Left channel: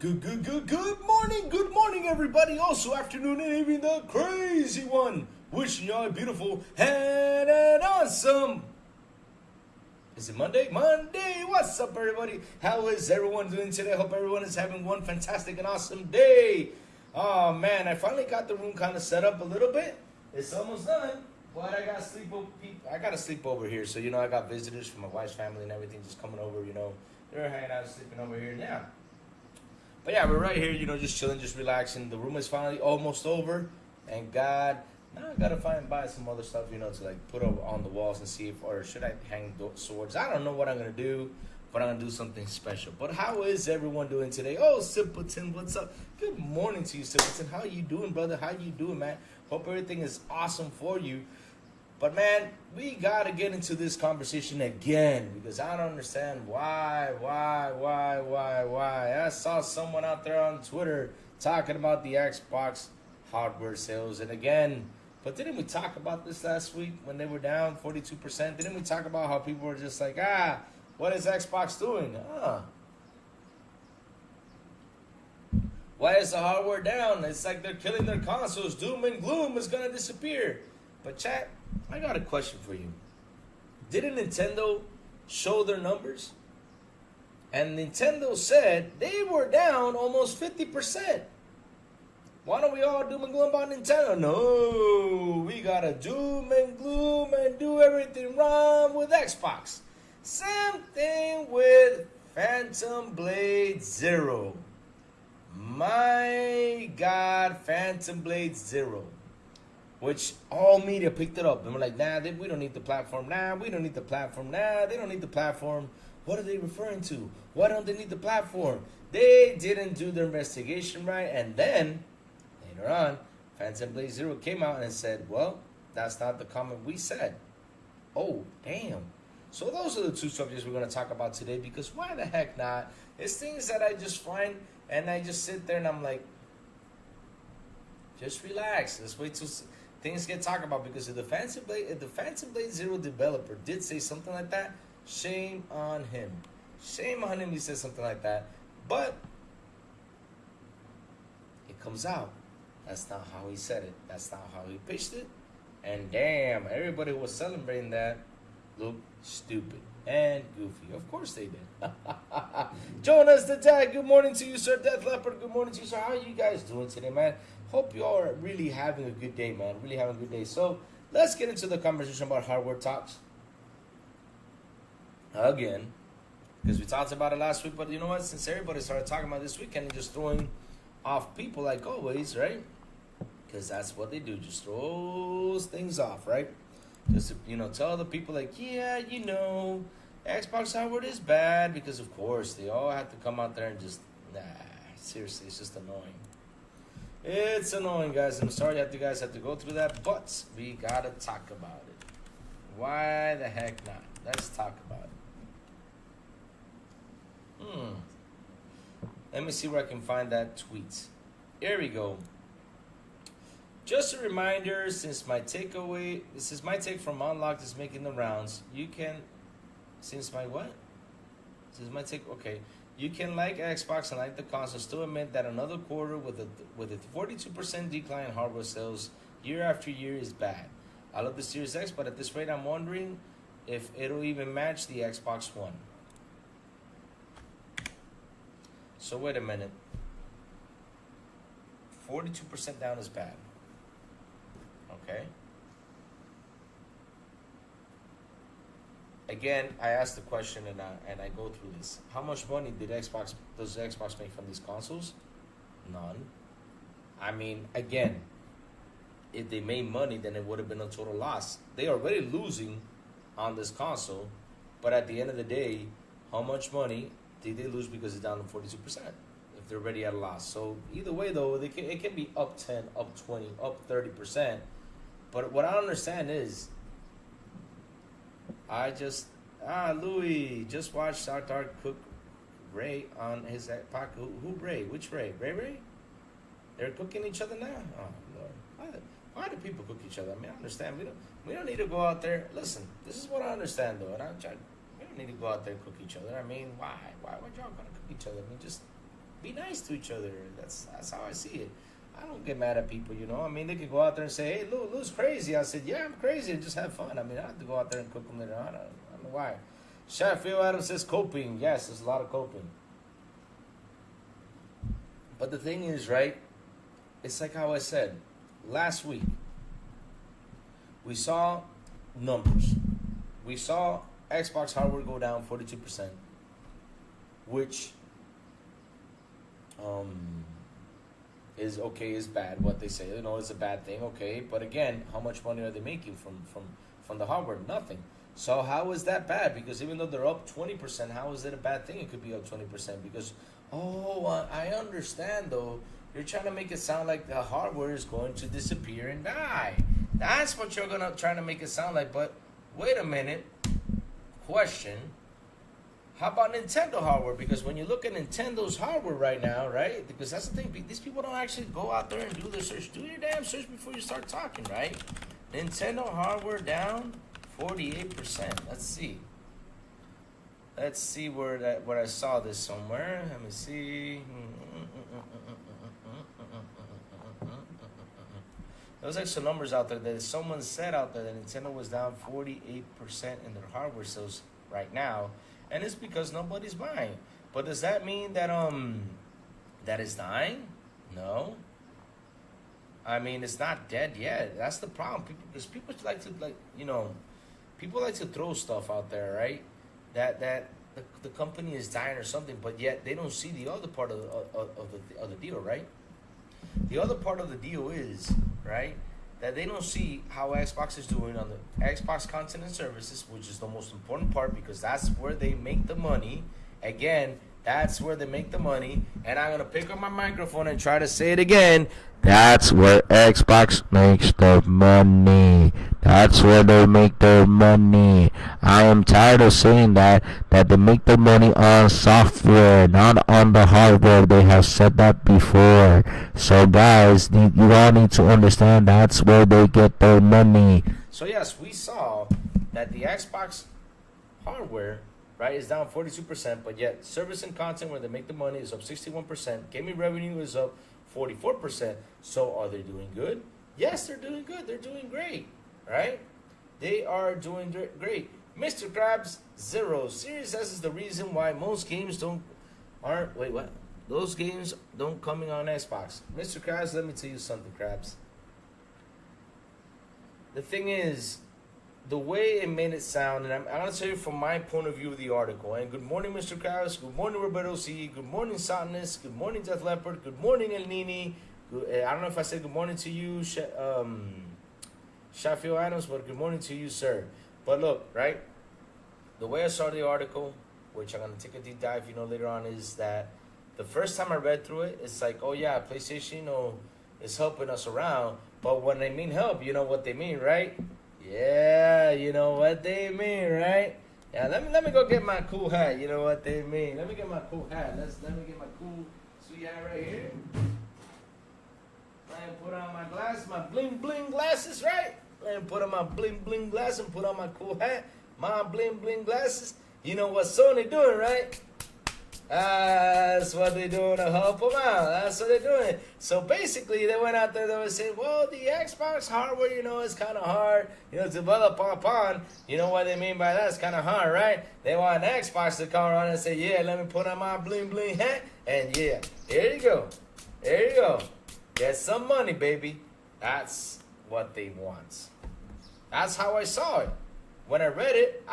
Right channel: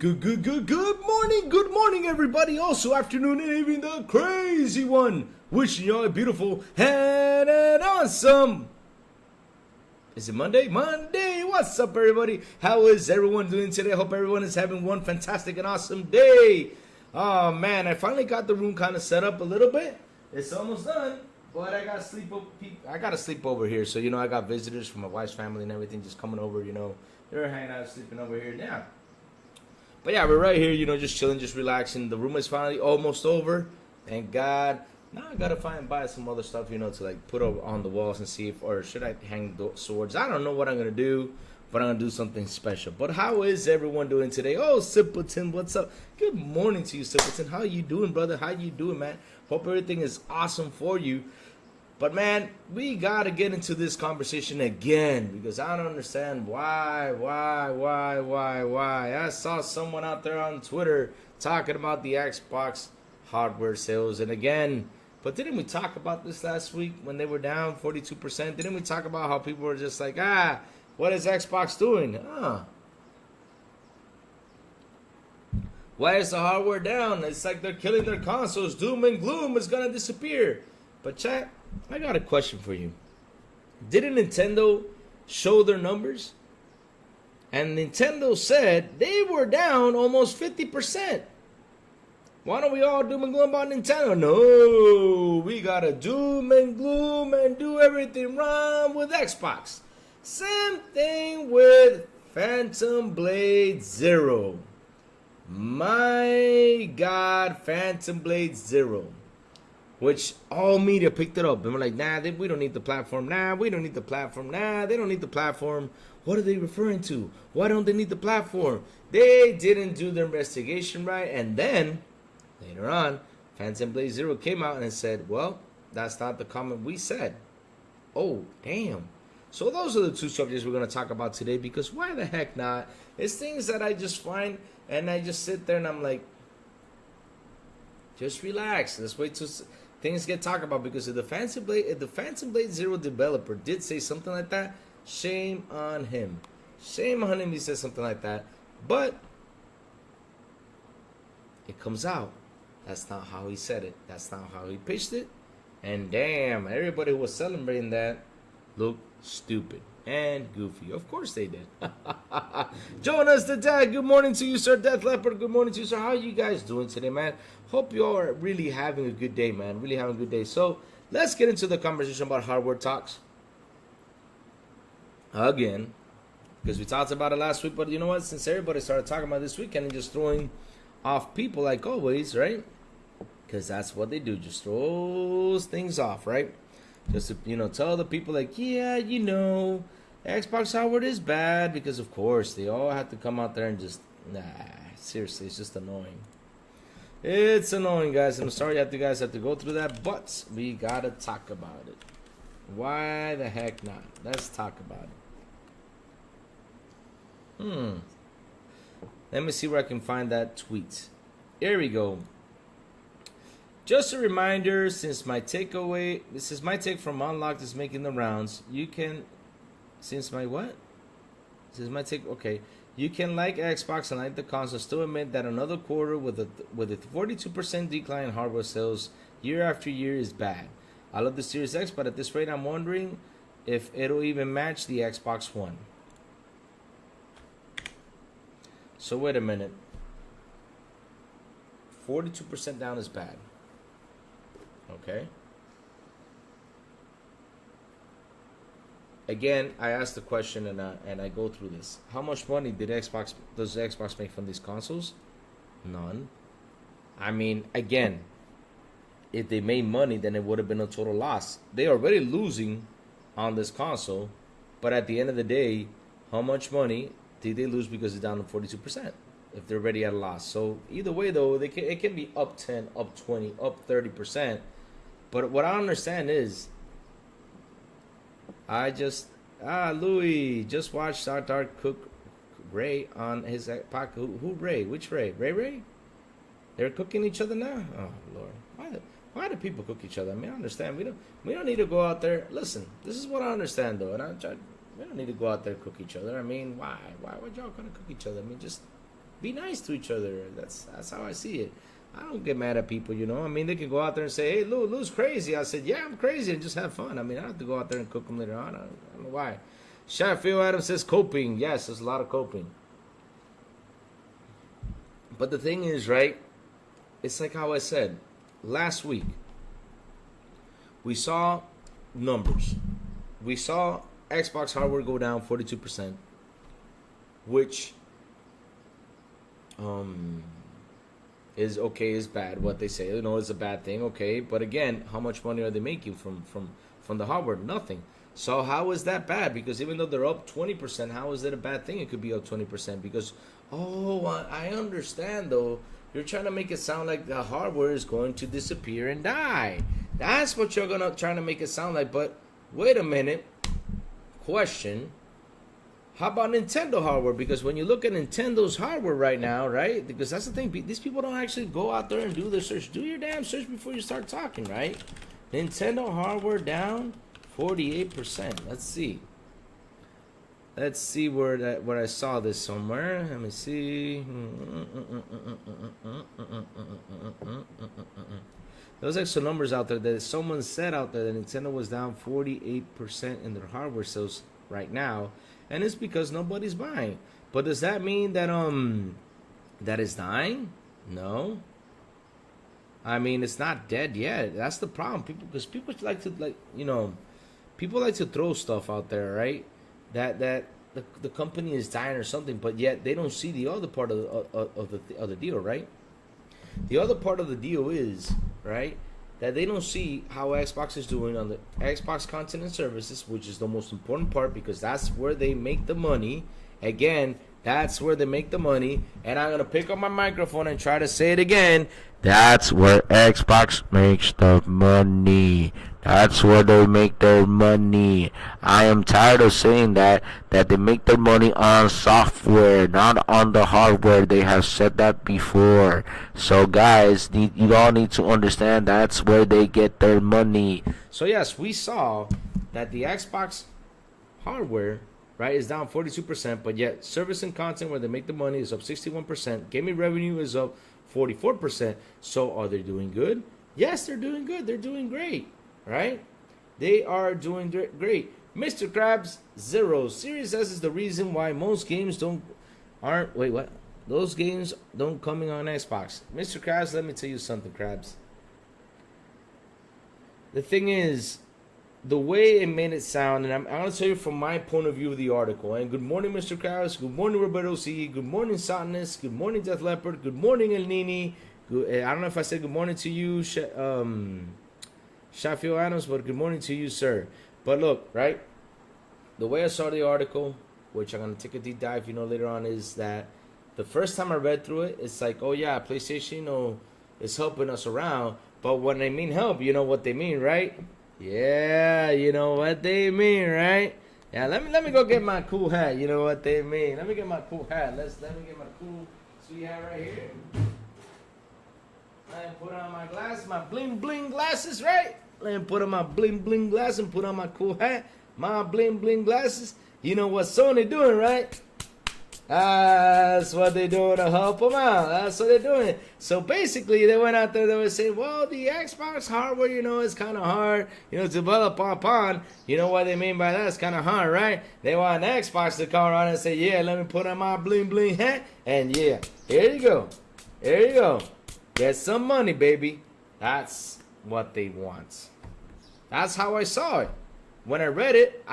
Good morning, everybody. Also, afternoon and evening, the crazy one. Wishing you all a beautiful and an awesome. Is it Monday? Monday. What's up, everybody? How is everyone doing today? I hope everyone is having one fantastic and awesome day. Oh man, I finally got the room kind of set up a little bit. It's almost done, but I got to sleep over here. So I got visitors from my wife's family and everything just coming over. They're hanging out, sleeping over here now. But yeah, we're right here, just chilling, just relaxing. The room is finally almost over. And God, now I gotta buy some other stuff, to put on the walls and see if, or should I hang the swords? I don't know what I'm gonna do, but I'm gonna do something special. But how is everyone doing today? Oh, Simpleton, what's up? Good morning to you, Simpleton. How you doing, brother? How you doing, man? Hope everything is awesome for you. But man, we gotta get into this conversation again because I don't understand why. I saw someone out there on Twitter talking about the Xbox hardware sales, and again, but didn't we talk about this last week when they were down 42%? Didn't we talk about how people were just like, what is Xbox doing? Why is the hardware down? It's like they're killing their consoles. Doom and gloom is gonna disappear. But chat, I got a question for you. Didn't Nintendo show their numbers? And Nintendo said they were down almost 50%. Why don't we all doom and gloom about Nintendo? No, we gotta doom and gloom and do everything wrong with Xbox. Same thing with Phantom Blade Zero. My God, Phantom Blade Zero. Which all media picked it up. And we're like, we don't need the platform. We don't need the platform. They don't need the platform. What are they referring to? Why don't they need the platform? They didn't do their investigation right. And then, later on, Phantom Blade Zero came out and said, well, that's not the comment we said. Oh, damn. So those are the two subjects we're going to talk about today, because why the heck not? It's things that I just find, and I just sit there and I'm like, just relax. Let's wait till things get talked about, because if the Phantom Blade Zero developer did say something like that, shame on him. Shame on him he said something like that. But it comes out. That's not how he said it. That's not how he pitched it. And damn, everybody was celebrating that. Looked stupid and goofy. Of course they did. Jonas the Dad, good morning to you, sir. Death Leopard, good morning to you, sir. How are you guys doing today, man? Hope you all are really having a good day, man. Really having a good day. So let's get into the conversation about hardware talks again, because we talked about it last week. But you know what? Since everybody started talking about this weekend and just throwing off people like always, right? Because that's what they do. Just throws things off, right? Just to, tell the people like, Xbox hardware is bad, because of course they all have to come out there and just, seriously, it's just annoying. It's annoying, guys. I'm sorry that you guys have to go through that, but we gotta talk about it. Why the heck not? Let's talk about it. Let me see where I can find that tweet. Here we go. Just a reminder, since my takeaway, this is my take from Unlocked is making the rounds. You can, since my what? This is my take. Okay, you can like Xbox and like the console, still admit that another quarter with a 42% decline in hardware sales year after year is bad. I love the Series X, but at this rate, I'm wondering if it'll even match the Xbox One. So wait a minute. 42% down is bad. Okay. Again, I asked the question and I go through this. How much money does Xbox make from these consoles? None. I mean, again, if they made money, then it would have been a total loss. They are already losing on this console, but at the end of the day, how much money did they lose because it's down to 42%? If they're already at a loss. So either way, though, it can be up 10, up 20, up 30%. But what I understand is, Louis just watched our Dark Cook Ray on his podcast. Who Ray? Which Ray? Ray? They're cooking each other now? Oh Lord, why do people cook each other? I mean, I understand. We don't need to go out there. Listen, this is what I understand though, we don't need to go out there and cook each other. I mean, why would y'all gonna cook each other? I mean, just be nice to each other. That's how I see it. I don't get mad at people, you know. I mean, they can go out there and say, "Hey, Lou's crazy." I said, "Yeah, I'm crazy," and just have fun. I mean, I don't have to go out there and cook them later on. I don't know why. Phil Adams says coping. Yes, there's a lot of coping. But the thing is, right? It's like how I said last week. We saw numbers. We saw Xbox hardware go down 42%, which is okay, is bad. What they say, you know, it's a bad thing. Okay, but again, how much money are they making from the hardware? Nothing. So how is that bad? Because even though they're up 20%, how is it a bad thing? It could be up 20% because, I understand though. You're trying to make it sound like the hardware is going to disappear and die. That's what you're trying to make it sound like. But wait a minute. Question. How about Nintendo hardware? Because when you look at Nintendo's hardware right now, right? Because that's the thing. These people don't actually go out there and do their search. Do your damn search before you start talking, right? Nintendo hardware down 48%. Let's see. Let's see where I saw this somewhere. Let me see. There's like some numbers out there that someone said out there that Nintendo was down 48% in their hardware sales right now, and it's because nobody's buying. But does that mean that that it's dying? No. I mean, it's not dead yet. That's the problem. Because people like to people like to throw stuff out there, right? That the company is dying or something, but yet they don't see the other part of the deal, right? The other part of the deal is, right, that they don't see how Xbox is doing on the Xbox content and services, which is the most important part because that's where they make the money. Again, that's where they make the money. And I'm going to pick up my microphone and try to say it again. That's where Xbox makes the money. That's where they make their money. I am tired of saying that they make their money on software, not on the hardware. They have said that before. So guys, you all need to understand that's where they get their money. So yes, we saw that the Xbox hardware, right, is down 42%, but yet service and content where they make the money is up 61%. Gaming revenue is up 44%. So are they doing good? Yes, they're doing good. They're doing great, right? They are doing great. Mr. Krabs 0. Series S is the reason why most games those games don't coming on Xbox. Mr. Krabs, let me tell you something, Krabs. The thing is, the way it made it sound, and I'm going to tell you from my point of view of the article. And good morning, Mr. Krabs. Good morning, Roberto C. Good morning, Satanist. Good morning, Death Leopard. Good morning, El Nini. I don't know if I said good morning to you, Shafio Adams, but good morning to you, sir. But look, right? The way I saw the article, which I'm going to take a deep dive, later on, is that the first time I read through it, it's like, oh yeah, PlayStation, is helping us around. But when they mean help, you know what they mean, right? Yeah, you know what they mean, right? Yeah, let me go get my cool hat. You know what they mean. Let me get my cool hat. Let me get my cool sweet hat right here. Let me put on my glasses, my bling bling glasses, right? Let me put on my bling bling glasses and put on my cool hat, my bling bling glasses. You know what Sony doing, right? That's what they're doing to help them out. That's what they're doing. So basically, they went out there, they were saying, well, the Xbox hardware, is kind of hard, to develop upon. You know what they mean by that? It's kind of hard, right? They want an Xbox to come around and say, yeah, let me put on my bling bling hat. And yeah, here you go. There you go. Get some money, baby. That's what they want. That's how I saw it. When I read it,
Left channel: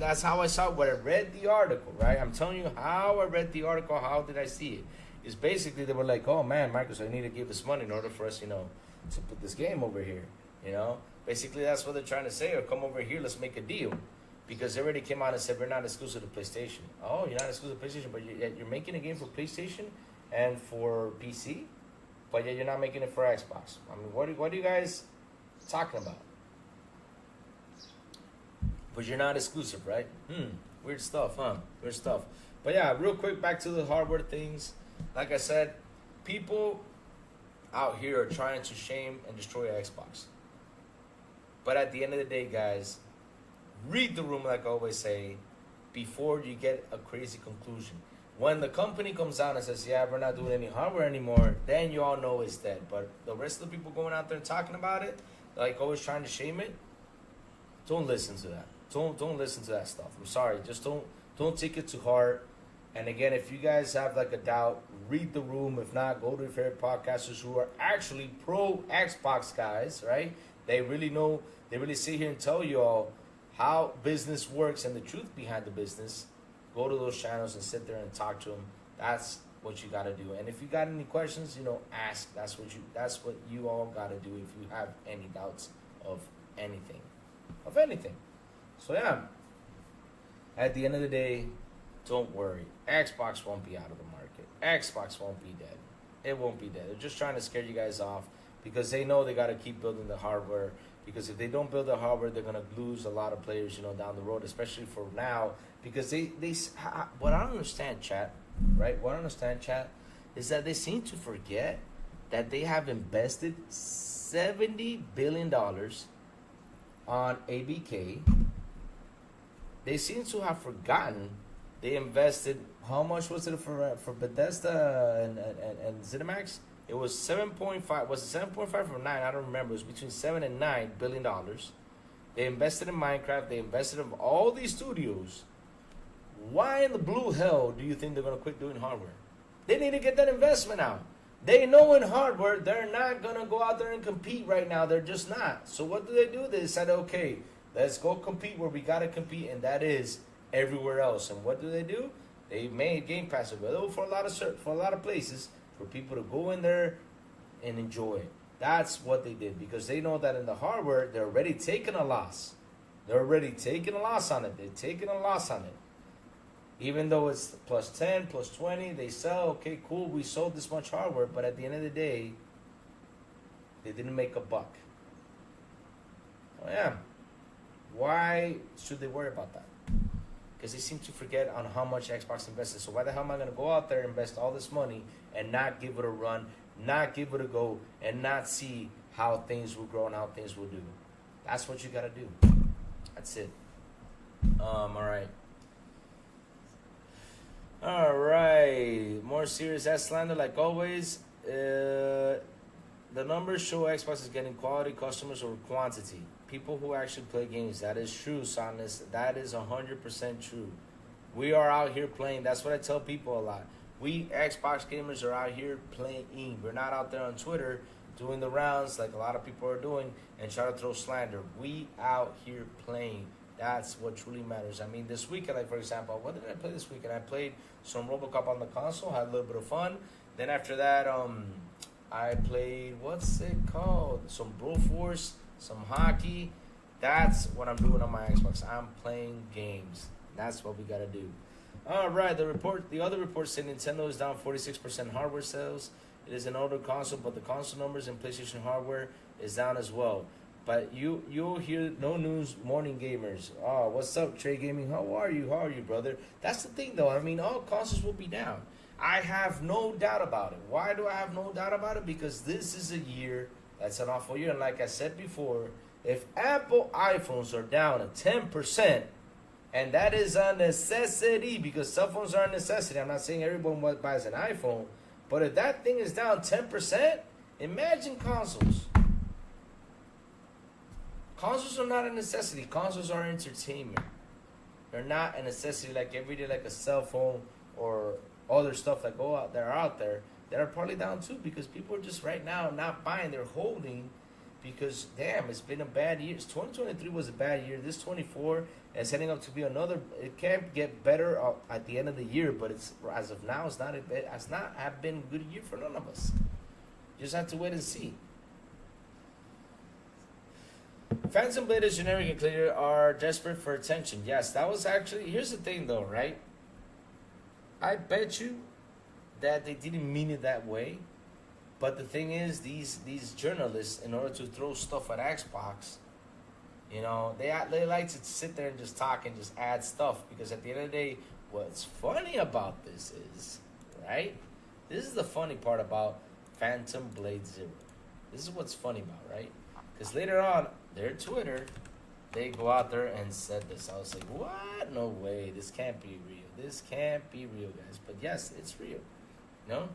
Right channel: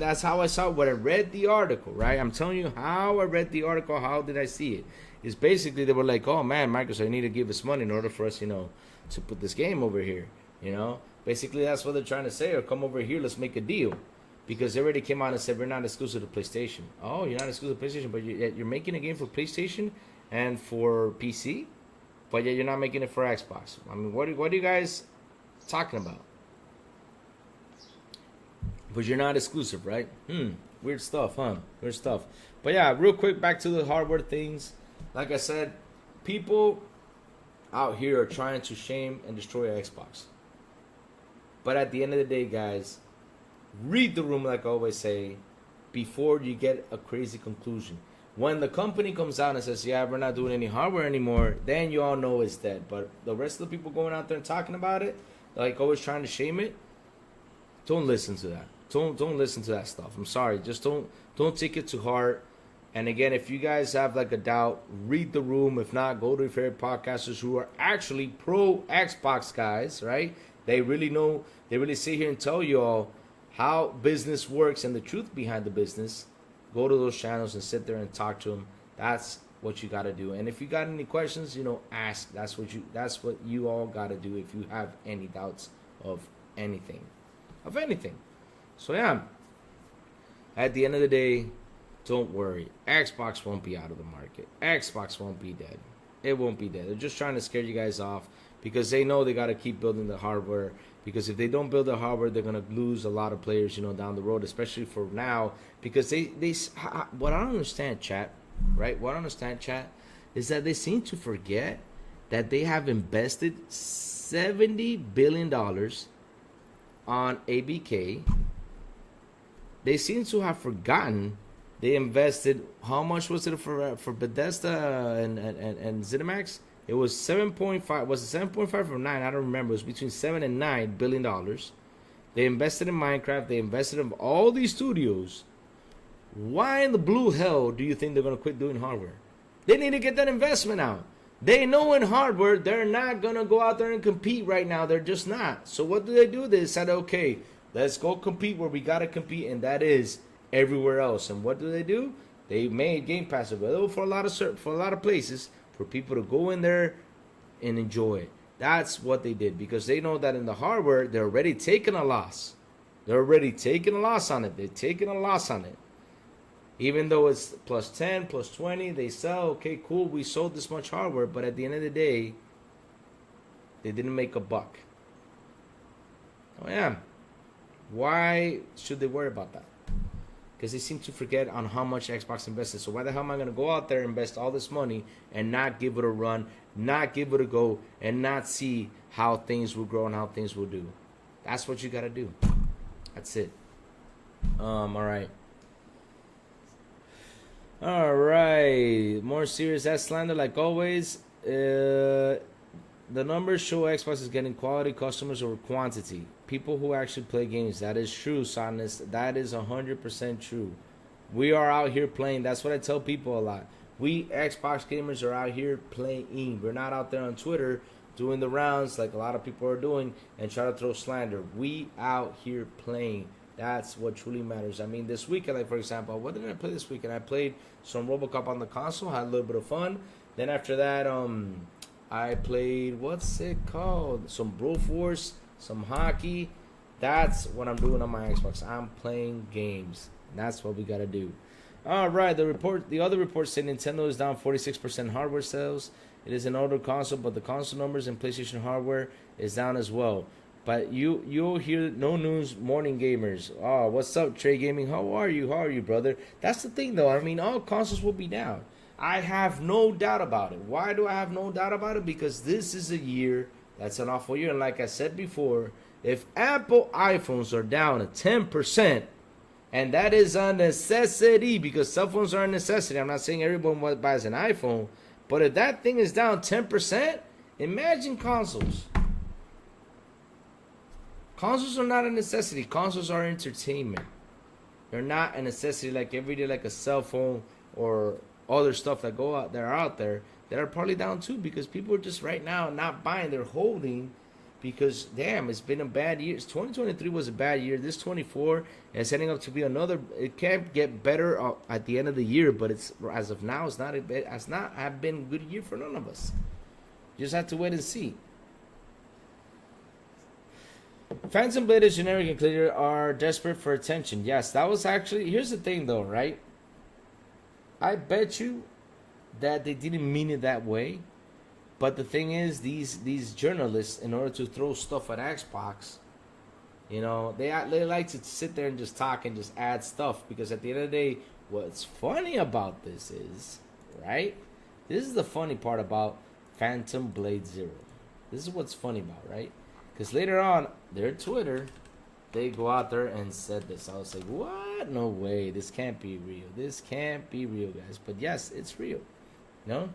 that's how I saw it when I read the article, right? I'm telling you how I read the article, how did I see it? It's basically, they were like, oh man, Microsoft, you need to give us money in order for us, to put this game over here, Basically, that's what they're trying to say, or come over here, let's make a deal. Because they already came out and said, we're not exclusive to PlayStation. Oh, you're not exclusive to PlayStation, but you're making a game for PlayStation and for PC? But yet you're not making it for Xbox. I mean, what are you guys talking about? But you're not exclusive, right? Weird stuff, huh? Weird stuff. But yeah, real quick, back to the hardware things. Like I said, people out here are trying to shame and destroy Xbox. But at the end of the day, guys, read the room like I always say before you get a crazy conclusion. When the company comes out and says, yeah, we're not doing any hardware anymore, then you all know it's dead. But the rest of the people going out there and talking about it, like always trying to shame it, don't listen to that. Don't listen to that stuff. I'm sorry. Just don't take it to heart. And again, if you guys have like a doubt, read the room. If not, go to your favorite podcasters who are actually pro Xbox guys, right? They really know, they really sit here and tell you all how business works and the truth behind the business. Go to those channels and sit there and talk to them. That's what you got to do. And if you got any questions, ask. That's what you all got to do if you have any doubts of anything. So yeah, at the end of the day, don't worry. Xbox won't be out of the market. Xbox won't be dead. It won't be dead. They're just trying to scare you guys off because they know they got to keep building the hardware. Because if they don't build the hardware, they're going to lose a lot of players, down the road, especially for now. Because what I don't understand, chat, right? What I understand, chat, is that they seem to forget that they have invested $70 billion on ABK. They seem to have forgotten they invested, how much was it for Bethesda and ZeniMax? It was 7.5. Was it 7.5 or 9? I don't remember. It was between 7 and 9 billion dollars. They invested in Minecraft. They invested in all these studios. Why in the blue hell do you think they're gonna quit doing hardware? They need to get that investment out. They know in hardware they're not gonna go out there and compete right now. They're just not. So what do? They said, okay, let's go compete where we gotta compete, and that is everywhere else. And what do? They made Game Pass available for a lot of places for people to go in there and enjoy it. That's what they did, because they know that in the hardware they're already taking a loss. They're already taking a loss on it. They're taking a loss on it. Even though it's plus 10, plus 20, they sell, okay, cool, we sold this much hardware, but at the end of the day, they didn't make a buck. Oh yeah. Why should they worry about that? Because they seem to forget on how much Xbox invested. So why the hell am I going to go out there and invest all this money and not give it a run, not give it a go, and not see how things will grow and how things will do? That's what you got to do. That's it. All right. All right. More serious ass slander like always. The numbers show Xbox is getting quality customers over quantity. People who actually play games. That is true, Sonis. That is 100% true. We are out here playing. That's what I tell people a lot. We Xbox gamers are out here playing. We're not out there on Twitter doing the rounds like a lot of people are doing and try to throw slander. We out here playing. That's what truly matters. I mean, this weekend, like for example, what did I play this weekend? I played some RoboCop on the console, had a little bit of fun. Then after that, I played, what's it called? Some Broforce, some hockey. That's what I'm doing on my Xbox. I'm playing games. That's what we gotta do. All right, the other report said Nintendo is down 46% hardware sales. It is an older console, but the console numbers and PlayStation hardware is down as well. But you'll hear no news, morning gamers. Oh, what's up, Trey Gaming? How are you, brother? That's the thing, though. I mean, all consoles will be down. I have no doubt about it. Why do I have no doubt about it? Because this is a year that's an awful year. And like I said before, if Apple iPhones are down at 10%, and that is a necessity, because cell phones are a necessity. I'm not saying everyone buys an iPhone, but if that thing is down 10%, imagine consoles. Consoles are not a necessity. Consoles are entertainment. They're not a necessity like every day, like a cell phone or other stuff that are out there. They're probably down too, because people are just right now not buying. They're holding because, damn, it's been a bad year. 2023 was a bad year. This 24 is setting up to be another. It can't get better at the end of the year, but it's as of now, it's not have been a good year for none of us. You just have to wait and see. Phantom Blade is generic and clear are desperate for attention. Yes, that was actually... Here's the thing, though, right? I bet you that they didn't mean it that way. But the thing is, these journalists, in order to throw stuff at Xbox, they like to sit there and just talk and just add stuff. Because at the end of the day, what's funny about this is, right? This is the funny part about Phantom Blade Zero. This is what's funny about, right? Because later on, their Twitter they go out there and said this. I was like, what? No way. This can't be real. This can't be real, guys. But yes, it's real. No?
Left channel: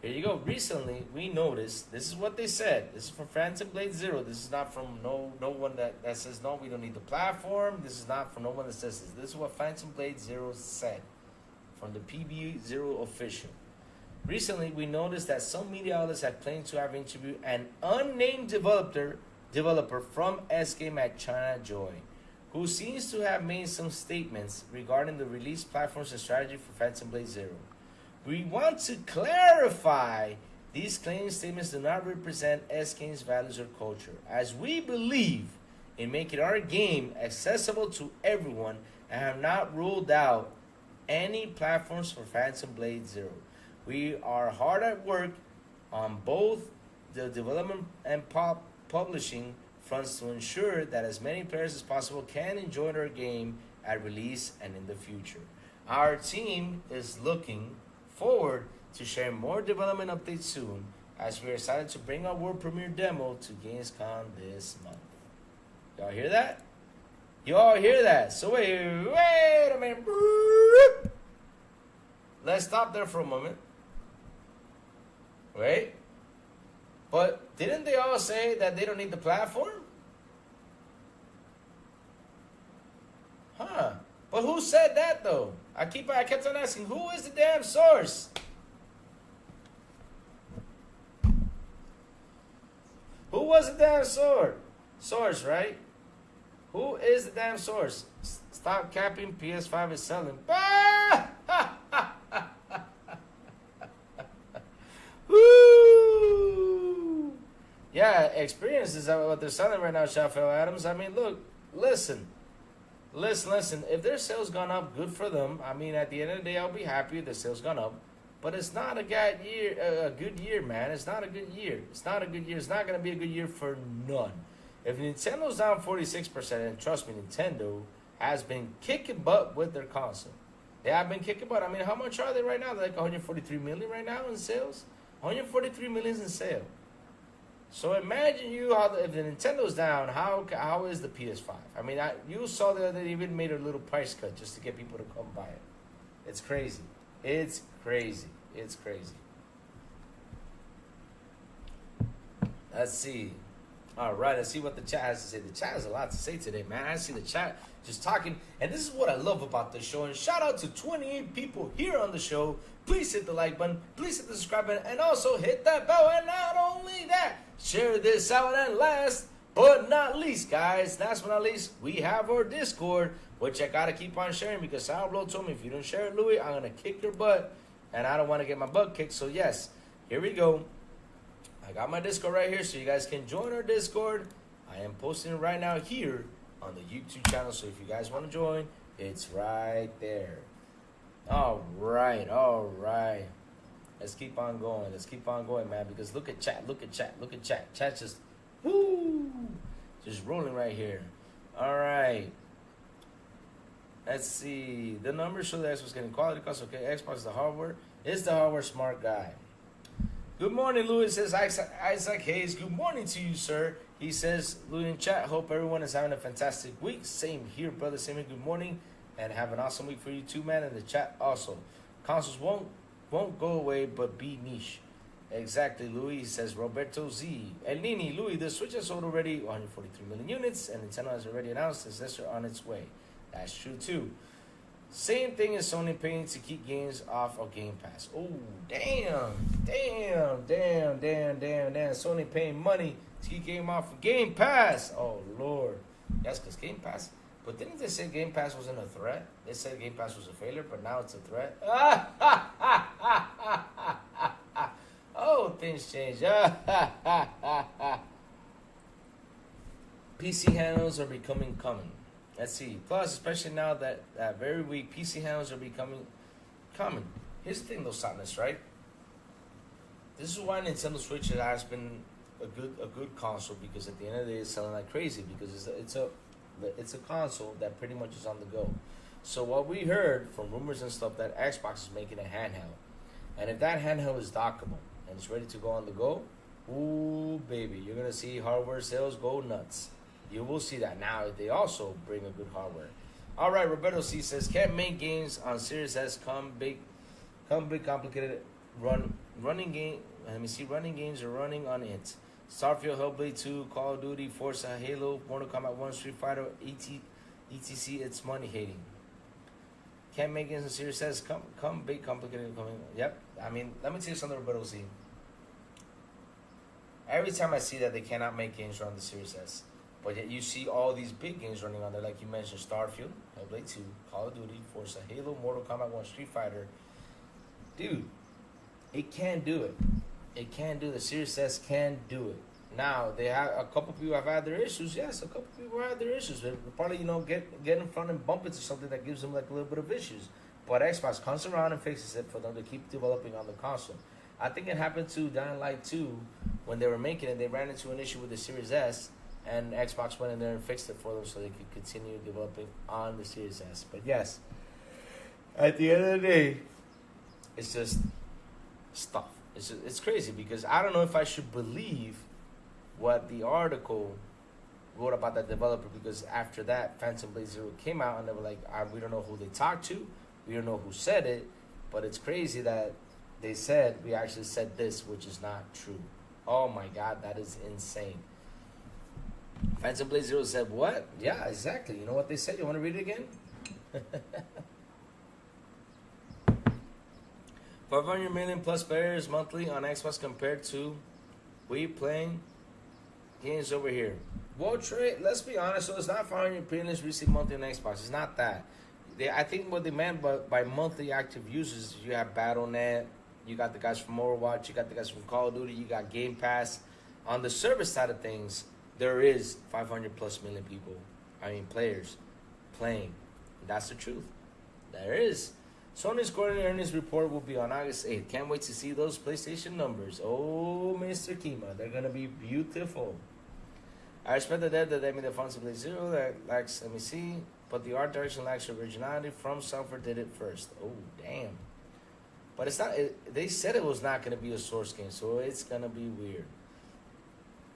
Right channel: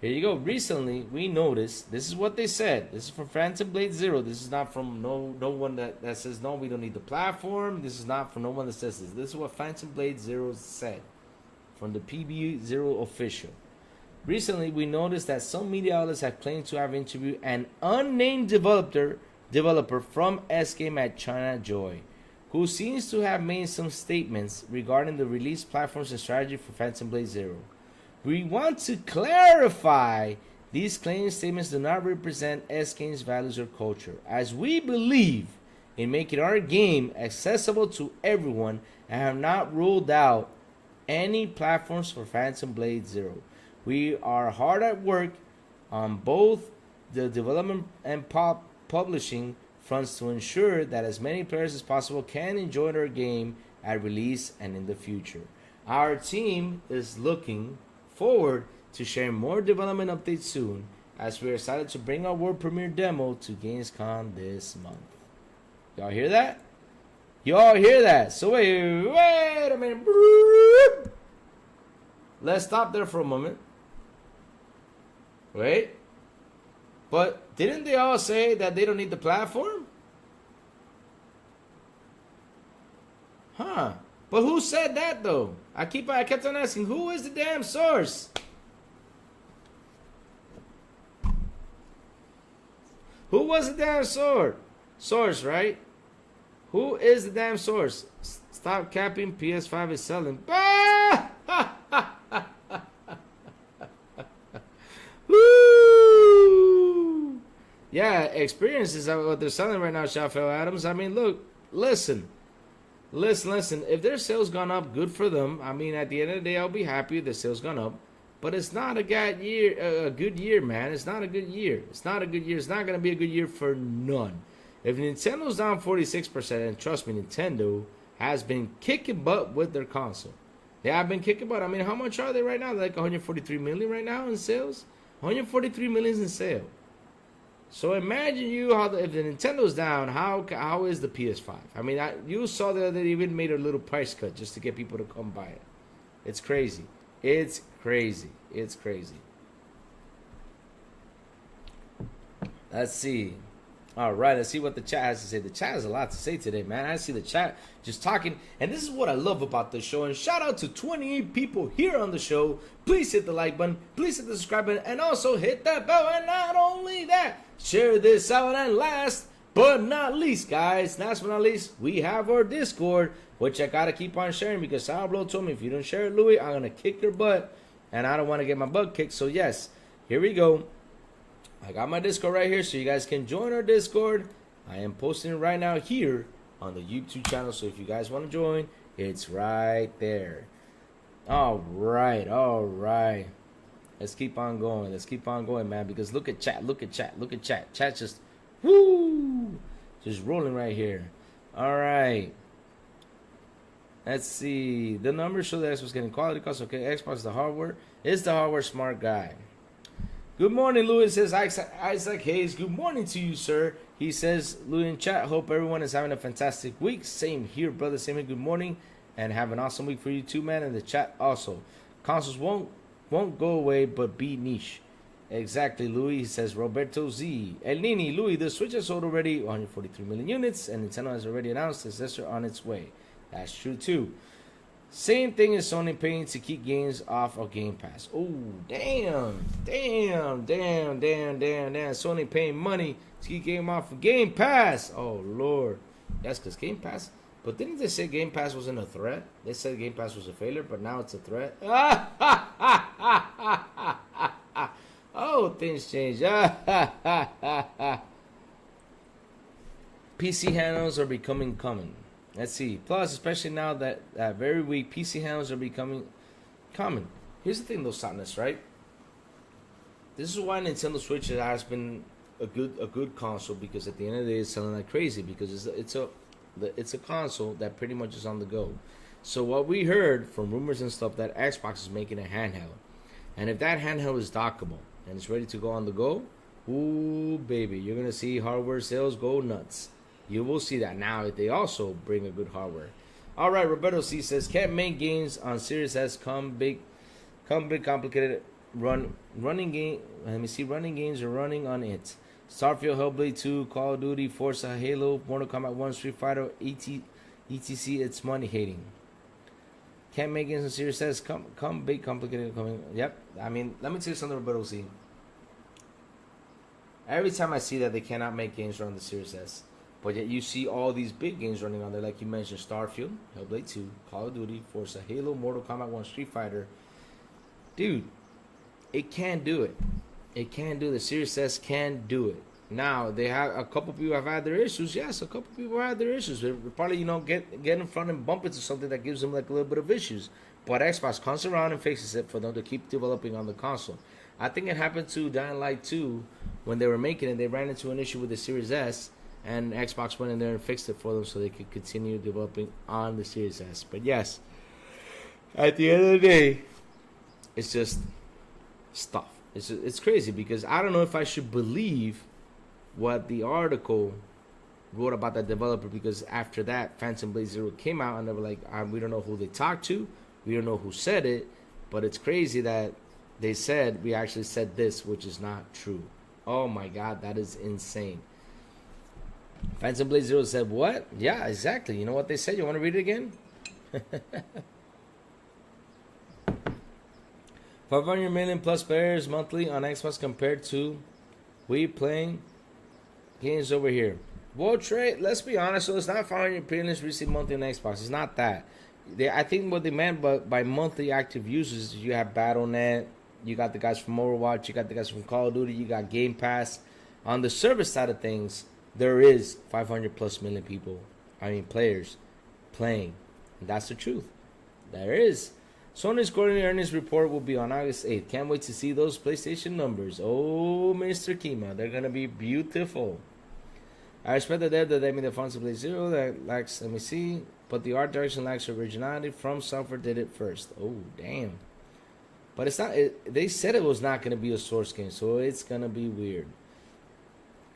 Here you go. Recently, we noticed, this is what they said. This is from Phantom Blade Zero. This is not from no one that says, no, we don't need the platform. This is not from no one that says this. This is what Phantom Blade Zero said from the PB Zero official. Recently, we noticed that some media outlets have claimed to have interviewed an unnamed developer from S-Game at China Joy, who seems to have made some statements regarding the release platforms and strategy for Phantom Blade Zero. We want to clarify these claim statements do not represent S-Game's values or culture, as we believe in making our game accessible to everyone and have not ruled out any platforms for Phantom Blade Zero. We are hard at work on both the development and publishing fronts to ensure that as many players as possible can enjoy our game at release and in the future. Our team is looking forward to sharing more development updates soon, as we are excited to bring our world premiere demo to Gamescom this month. Y'all hear that? Y'all hear that? So wait a minute. Let's stop there for a moment. Wait. But didn't they all say that they don't need the platform? Huh. But who said that though? I kept on asking, who is the damn source? Who was the damn source, right? Who is the damn source? Stop capping, PS5 is selling. Woo! Yeah, experience is what they're selling right now, Shafel Adams. I mean, look, listen. If their sales gone up, good for them. I mean, at the end of the day, I'll be happy if their sales gone up. But it's not a good year, man. It's not a good year. It's not a good year. It's not going to be a good year for none. If Nintendo's down 46%, and trust me, Nintendo has been kicking butt with their console. They have been kicking butt. I mean, how much are they right now? They're like 143 million right now in sales. 143 million in sale. So imagine if the Nintendo's down, how is the PS5? I mean, you saw that they even made a little price cut just to get people to come buy it. It's crazy. It's crazy. It's crazy. Let's see. All right, let's see what the chat has to say. The chat has a lot to say today, man. I see the chat just talking. And this is what I love about the show. And shout out to 28 people here on the show. Please hit the like button. Please hit the subscribe button. And also hit that bell. And not only that, share this out. And last but not least, guys, last but not least, we have our Discord, which I got to keep on sharing because Sourblow told me if you don't share it, Louis, I'm going to kick your butt. And I don't want to get my butt kicked. So, yes, here we go. I got my Discord right here so you guys can join our Discord. I am posting it right now here on the YouTube channel. So if you guys want to join, it's right there. All right. Let's keep on going, man. Because look at chat. Chat just, woo, just rolling right here. All right. Let's see. The numbers show that Xbox getting quality costs. Okay, Xbox the hardware. Is the hardware smart guy? Good morning, Louis, says Isaac Hayes. Good morning to you, sir. He says, Louis in chat, hope everyone is having a fantastic week. Same here, brother. Same here. Good morning. And have an awesome week for you too, man. In the chat also. Consoles won't go away, but be niche. Exactly, Louis. He says, Roberto Z. El Nini, Louis, the Switch has sold already 143 million units, and Nintendo has already announced the successor on its way. That's true, too. Same thing as Sony paying to keep games off of Game Pass. Oh, damn. Sony paying money to keep game off of Game Pass. Oh, Lord. That's because Game Pass. But didn't they say Game Pass wasn't a threat? They said Game Pass was a failure, but now it's a threat. Oh, things change. PC handles are becoming common. Let's see. Plus, especially now that very weak PC handles are becoming common. Here's the thing, though, Sadness, right? This is why Nintendo Switch has been a good console, because at the end of the day, it's selling like crazy because it's a console that pretty much is on the go. So what we heard from rumors and stuff that Xbox is making a handheld, and if that handheld is dockable and it's ready to go on the go, Ooh, baby, you're gonna see hardware sales go nuts. You will see that. Now they also bring a good hardware. All right, Roberto C says can't make games on Series S. Come big, complicated. Running game. Let me see. Running games are running on it. Starfield, Hellblade 2, Call of Duty, Forza, Halo, Mortal Kombat 1, Street Fighter, etc. It's money hating. Can't make games on Series S. Come big, complicated. Coming. Yep. I mean, let me tell you something, Roberto C. Every time I see that they cannot make games run the Series S, but yet you see all these big games running on there, like you mentioned, Starfield, Hellblade 2, Call of Duty, Forza, Halo, Mortal Kombat 1, Street Fighter. Dude, it can't do it. It can't do it. The Series S can't do it. Now, they have a couple people have had their issues. Yes, a couple people have had their issues. They probably, get in front and bump into something that gives them like a little bit of issues. But Xbox comes around and fixes it for them to keep developing on the console. I think it happened to Dying Light 2 when they were making it. They ran into an issue with the Series S, and Xbox went in there and fixed it for them so they could continue developing on the Series S. But yes, at the end of the day, it's just stuff. It's crazy because I don't know if I should believe what the article wrote about that developer, because after that, Phantom Blade Zero came out and they were like, we don't know who they talked to, we don't know who said it, but it's crazy that they said we actually said this, which is not true. Oh my God, that is insane. Phantom Blade Zero said what? Yeah, exactly. You know what they said? You want to read it again? 500 million plus players monthly on Xbox compared to we playing games over here. Well, Trey, let's be honest. So it's not 500 million receive monthly on Xbox. It's not that. I think what they meant by monthly active users, you have Battle.net, you got the guys from Overwatch, you got the guys from Call of Duty, you got Game Pass. On the service side of things, there is 500 plus million players playing. And that's the truth. There is. Sony's quarterly earnings report will be on August 8th. Can't wait to see those PlayStation numbers. Oh, Mr. Kima, they're going to be beautiful. I respect the dev that they made the Phantom Blade Zero that lacks, let me see, but the art direction lacks originality. From Cypher did it first. Oh, damn. But it's not, they said it was not going to be a Source game, so it's going to be weird.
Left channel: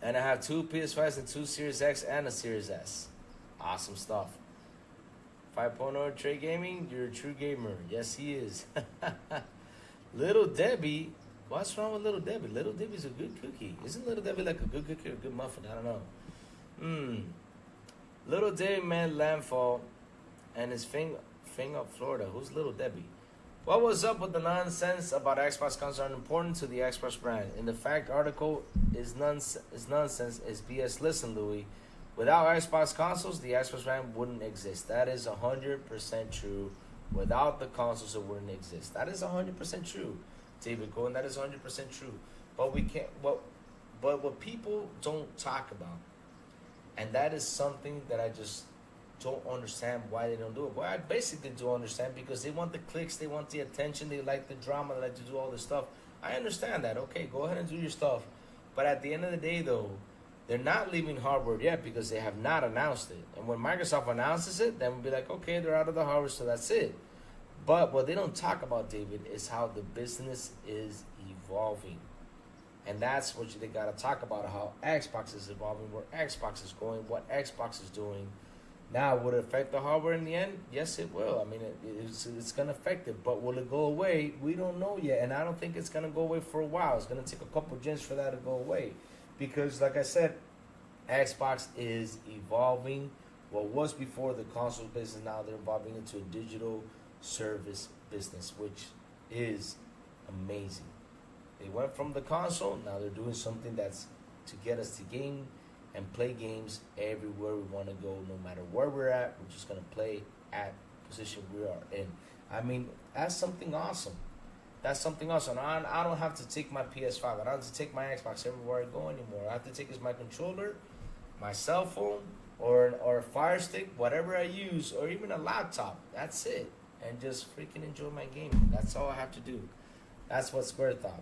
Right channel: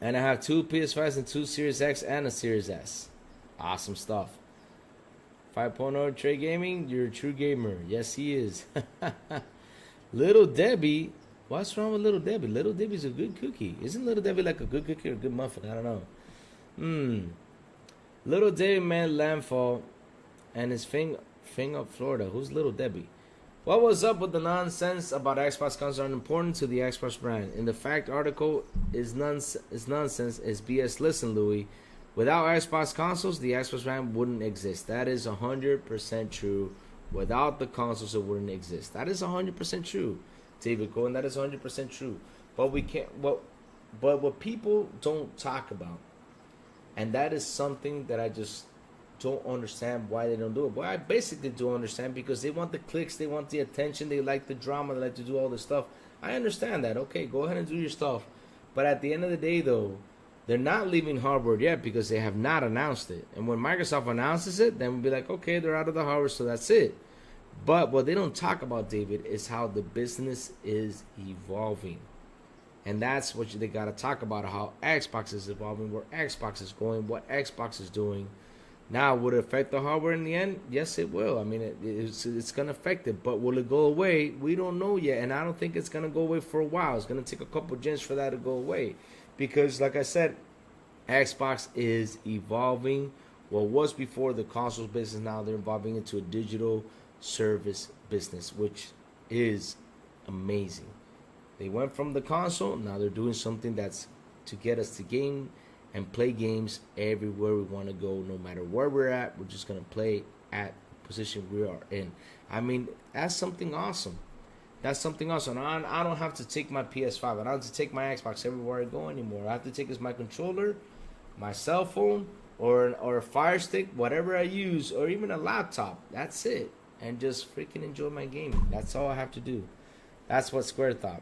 And I have 2 PS5s and 2 Series X and a Series S. Awesome stuff. 5.0 Trey Gaming, you're a true gamer. Yes, he is. Little Debbie, what's wrong with Little Debbie? Little Debbie's a good cookie. Isn't Little Debbie like a good cookie or a good muffin? I don't know. Little Debbie made landfall and his thing up Florida. Who's Little Debbie? What was up with the nonsense about Xbox consoles aren't important to the Xbox brand? In the fact article is nonsense, is BS. Listen, Louis. Without Xbox consoles, the Xbox brand wouldn't exist. That is 100% true. Without the consoles, it wouldn't exist. That is 100% true, David Cohen. That is 100% true. But we can't. But what people don't talk about, and that is something that I just don't understand why they don't do it. Well, I basically do understand, because they want the clicks, they want the attention, they like the drama, they like to do all this stuff. I understand that. Okay, go ahead and do your stuff. But at the end of the day, though, they're not leaving hardware yet because they have not announced it. And when Microsoft announces it, then we'll be like, okay, they're out of the hardware, so that's it. But what they don't talk about, David, is how the business is evolving. And that's what they got to talk about, how Xbox is evolving, where Xbox is going, what Xbox is doing. Now, would it affect the hardware in the end? Yes, it will. I mean, it's going to affect it. But will it go away? We don't know yet. And I don't think it's going to go away for a while. It's going to take a couple gens for that to go away. Because, like I said, Xbox is evolving. What was before the consoles business, now they're evolving into a digital service business, which is amazing. They went from the console, now they're doing something that's to get us to game and play games everywhere we want to go. No matter where we're at, we're just going to play at the position we are in. I mean, that's something awesome. That's something awesome. I don't have to take my PS5. I don't have to take my Xbox everywhere I go anymore. I have to take is my controller, my cell phone, or a Fire Stick, whatever I use, or even a laptop. That's it. And just freaking enjoy my game. That's all I have to do. That's what Square thought.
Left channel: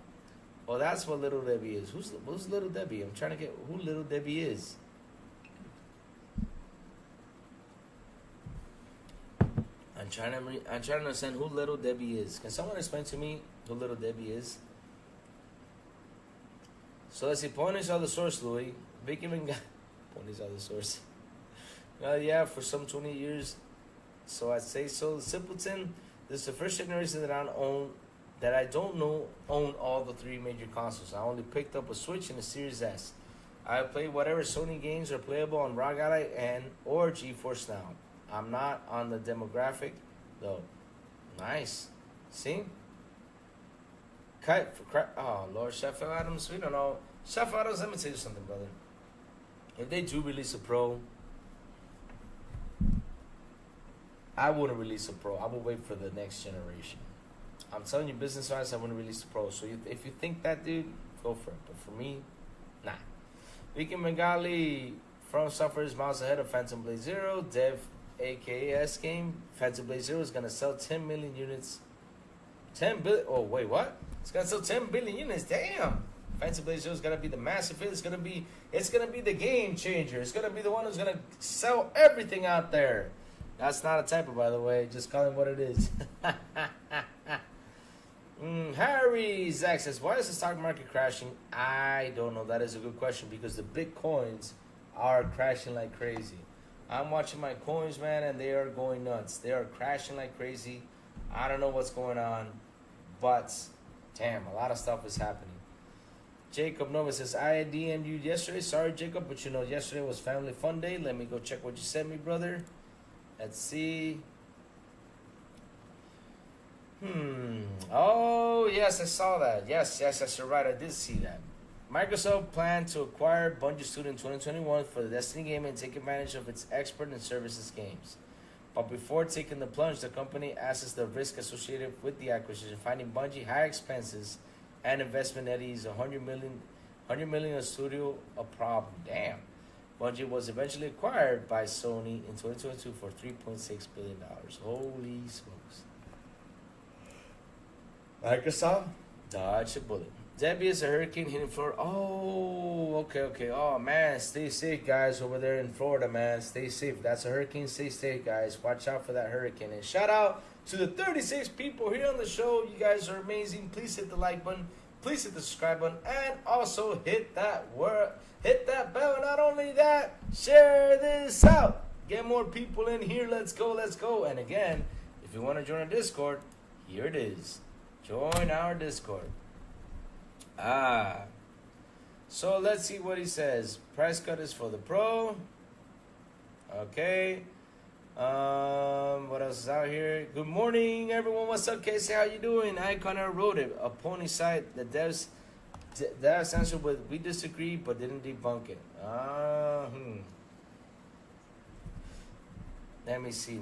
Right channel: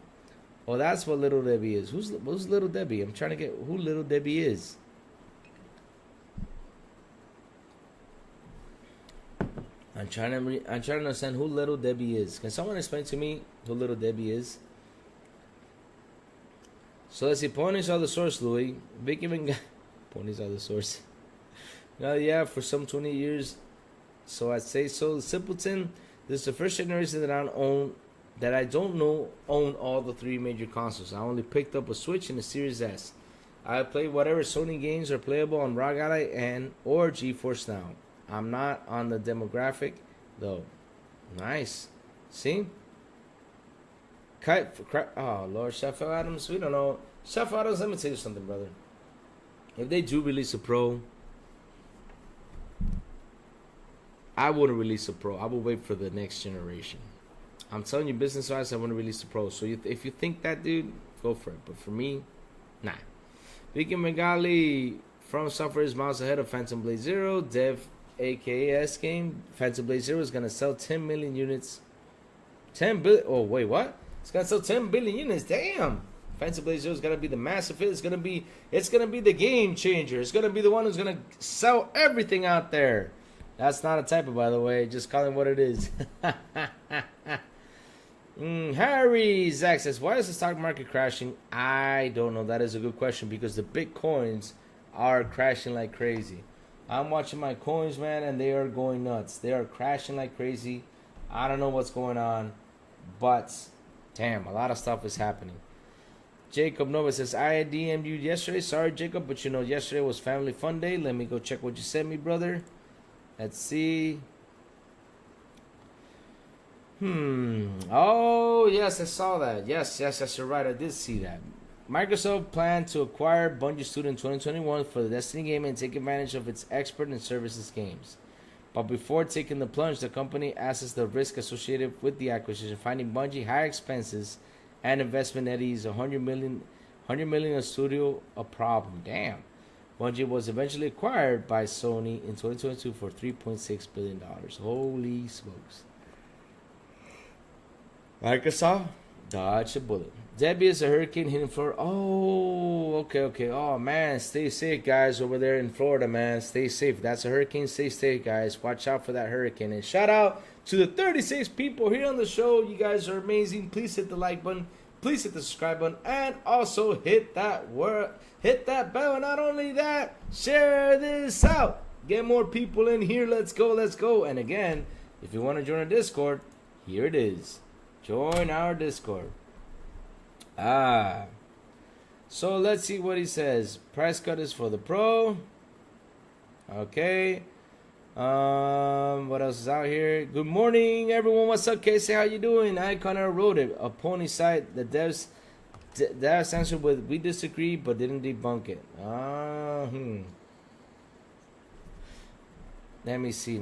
Well, that's what Little Debbie is. Who's Little Debbie? I'm trying to get who Little Debbie is. I'm trying to understand who Little Debbie is. Can someone explain to me who Little Debbie is? So let's see. Ponies are the source, Louis. Big even ponies are the source. Yeah, for some 20 years. So I'd say so. The Simpleton. This is the first generation that I own. That I don't know own all the 3 major consoles. I only picked up a Switch and a Series S. I play whatever Sony games are playable on ROG Ally and or GeForce Now. I'm not on the demographic though. Nice. See? Kite for crap. Oh Lord, Chef Adams. We don't know. Chef Adams, let me tell you something, brother. If they do release a Pro, I wouldn't release a Pro. I will wait for the next generation. I'm telling you, business-wise, I want to release the Pro. So if you think that, dude, go for it. But for me, nah. Vicky Megali from Software is miles ahead of Phantom Blade Zero. Dev AKS game. Phantom Blade Zero is going to sell 10 million units. 10 billion. Oh, wait, what? It's going to sell 10 billion units. Damn. Phantom Blade Zero is going to be the massive hit. It's going to be the game changer. It's going to be the one who's going to sell everything out there. That's not a typo, by the way. Just calling what it is. Harry Zach says, why is the stock market crashing? I don't know. That is a good question because the Bitcoins are crashing like crazy. I'm watching my coins, man, and they are going nuts. They are crashing like crazy. I don't know what's going on, but damn, a lot of stuff is happening. Jacob Nova says, I DM'd you yesterday. Sorry, Jacob, but you know, yesterday was Family Fun Day. Let me go check what you sent me, brother. Let's see. Oh, yes, I saw that. Yes, you're right. I did see that. Microsoft planned to acquire Bungie Studio in 2021 for the Destiny game and take advantage of its expert and services games. But before taking the plunge, the company assesses the risk associated with the acquisition, finding Bungie high expenses and investment eddies, $100 million a studio a problem. Damn. Bungie was eventually acquired by Sony in 2022 for $3.6 billion. Holy smokes. Microsoft, dodge a bullet. Debbie is a hurricane hitting Florida. Oh, okay. Oh, man, stay safe, guys, over there in Florida, man. Stay safe. That's a hurricane. Stay safe, guys. Watch out for that hurricane. And shout out to the 36 people here on the show. You guys are amazing. Please hit the like button. Please hit the subscribe button. And also hit that bell. And not only that, share this out. Get more people in here. Let's go. And again, if you want to join our Discord, here it is. Join our Discord. So let's see what he says. Price cut is for the Pro. Okay. What else is out here? Good morning, everyone. What's up, Casey? How you doing? I kind of wrote it. A pony site. The devs answered with we disagree, but didn't debunk it. Let me see.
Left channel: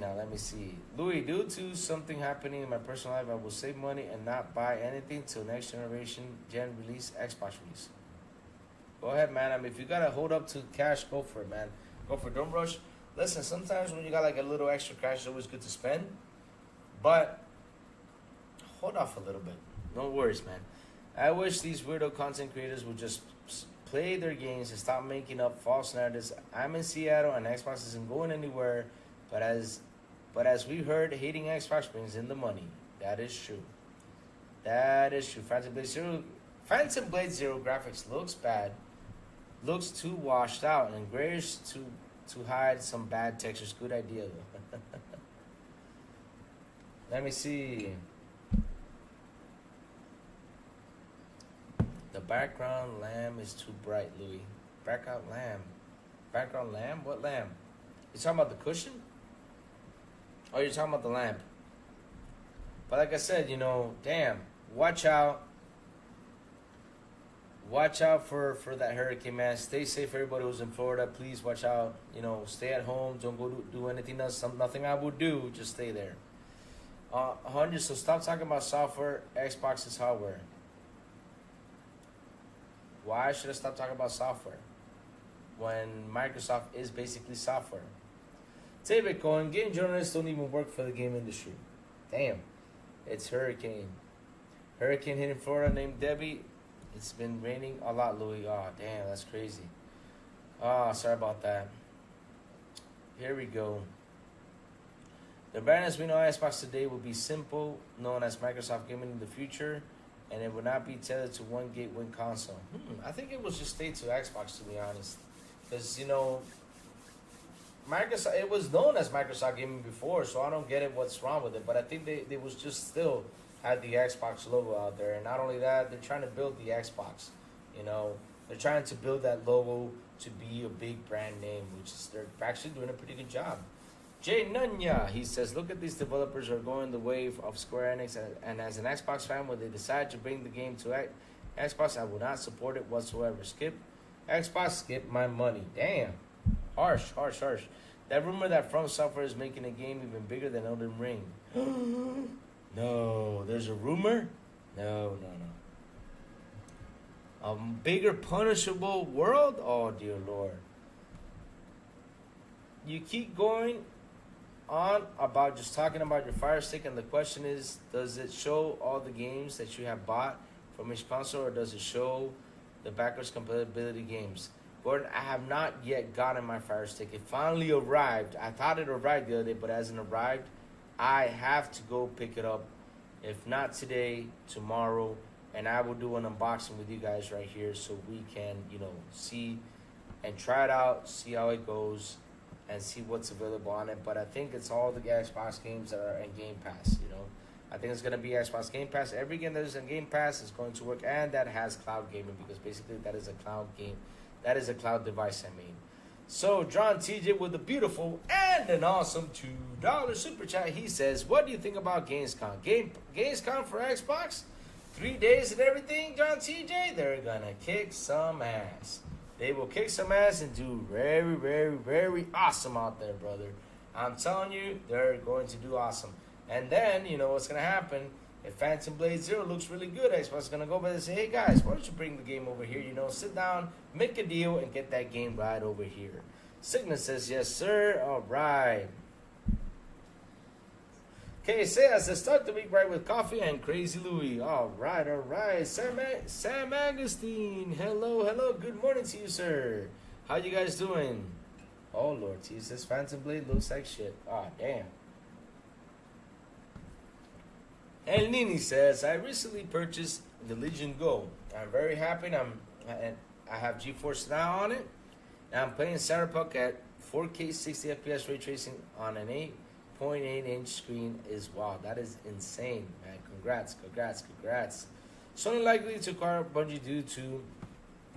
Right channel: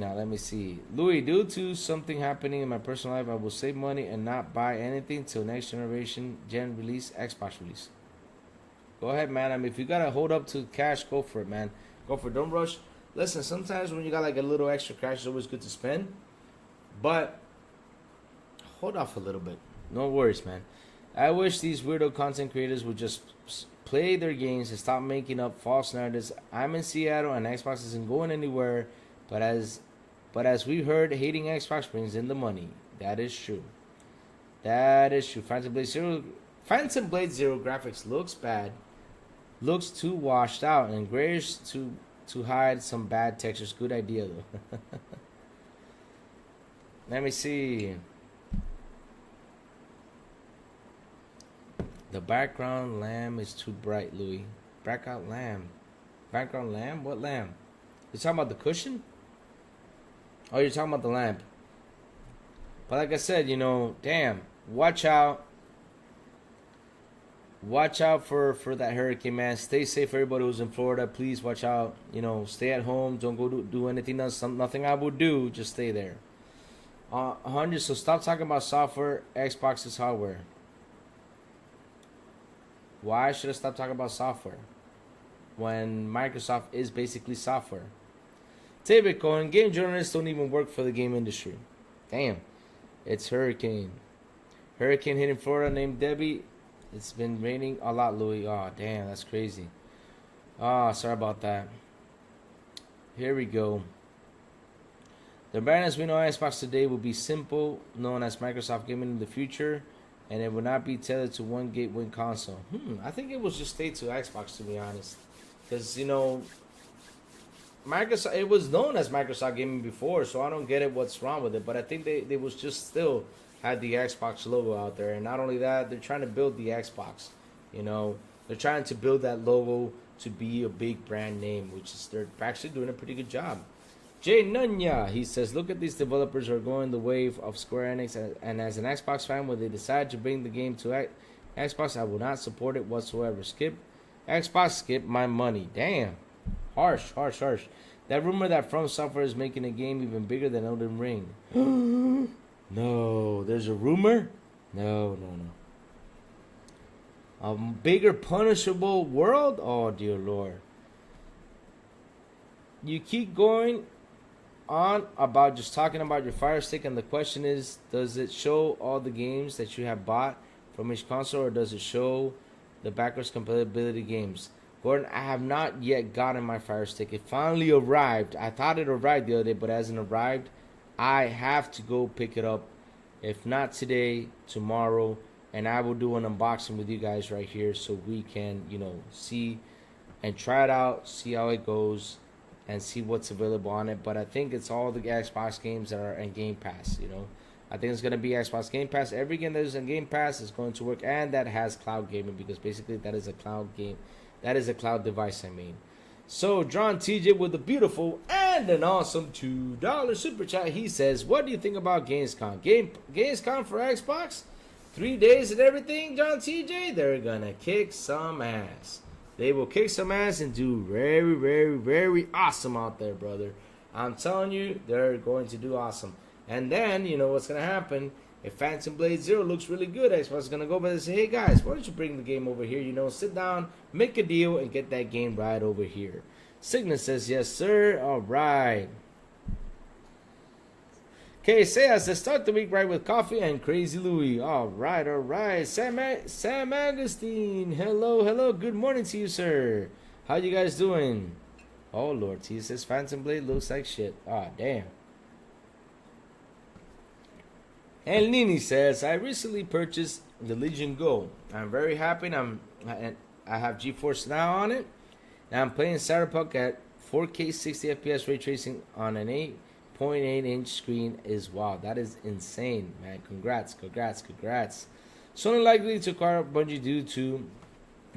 Louis, due to something happening in my personal life, I will save money and not buy anything till next generation release, Xbox release. Go ahead, man. I mean, if you gotta hold up to cash, go for it, man. Go for it. Don't rush. Listen, sometimes when you got like a little extra cash, it's always good to spend. But hold off a little bit. No worries, man. I wish these weirdo content creators would just play their games and stop making up false narratives. I'm in Seattle and Xbox isn't going anywhere. But as we heard, hating Xbox brings in the money. That is true. Phantom Blade Zero graphics looks bad. Looks too washed out and grayish to hide some bad textures. Good idea though. Let me see. The background lamp is too bright, Louis. Background lamp? What lamp? You talking about the cushion? Oh, you're talking about the lamp. But like I said, you know, damn, watch out. Watch out for that hurricane, man. Stay safe, everybody who's in Florida. Please watch out. You know, stay at home. Don't go do anything else. Nothing I would do. Just stay there. 100. So stop talking about software. Xbox is hardware. Why should I stop talking about software when Microsoft is basically software? Bitcoin, game journalists don't even work for the game industry. Damn. It's hurricane. Hurricane hitting Florida named Debbie. It's been raining a lot, Louis. Oh, damn, that's crazy. Sorry about that. Here we go. The brand as we know Xbox today will be simple, known as Microsoft Gaming in the future. and it would not be tailored to one gateway console. I think it was just stayed to Xbox, to be honest, because Microsoft, it was known as Microsoft Gaming before, so I don't get it what's wrong with it. But I think they was just still had the Xbox logo out there, and not only that, they're trying to build the Xbox. They're trying to build that logo to be a big brand name, which is they're actually doing a pretty good job. Jay Nunya, he says, look at these developers are going the wave of Square Enix, and as an Xbox fan, when they decide to bring the game to Xbox, I will not support it whatsoever. Skip Xbox, skip my money. Damn. Harsh. That rumor that From Software is making a game even bigger than Elden Ring. No, there's a rumor? No. A bigger punishable world? Oh, dear Lord. You keep going on about just talking about your Fire Stick, and the question is, does it show all the games that you have bought from each console, or does it show the backwards compatibility games? Gordon, I have not yet gotten my Fire Stick. It finally arrived. I thought it arrived the other day, but it hasn't arrived. I have to go pick it up. If not today, tomorrow, and I will do an unboxing with you guys right here so we can, see and try it out, see how it goes, and see what's available on it. But I think it's all the Xbox games that are in Game Pass, I think it's going to be Xbox Game Pass. Every game that is in Game Pass is going to work, and that has cloud gaming, because basically that is a cloud game. That is a cloud device, So, John TJ with a beautiful and an awesome $2 super chat. He says, what do you think about Gamescom? Gamescom for Xbox? 3 days and everything, John TJ? They're going to kick some ass. They will kick some ass and do very, very, very awesome out there, brother. I'm telling you, they're going to do awesome. And then, what's going to happen? If Phantom Blade Zero looks really good, Xbox is going to go by and say, hey guys, why don't you bring the game over here? Sit down, make a deal, and get that game right over here. Signet says, yes, sir. All right. Okay, says, let's start the week right with coffee and Crazy Louie. All right. Sam Agustin, hello. Good morning to you, sir. How you guys doing? Oh, Lord, he says Phantom Blade looks like shit. Ah, damn. El Nini says, I recently purchased the Legion Go. I'm very happy. I have GeForce Now on it. Now I'm playing Cyberpunk at 4K 60 FPS ray tracing on an 8.8-inch screen. Wow, that is insane, man. Congrats. Sony likely to acquire Bungie due to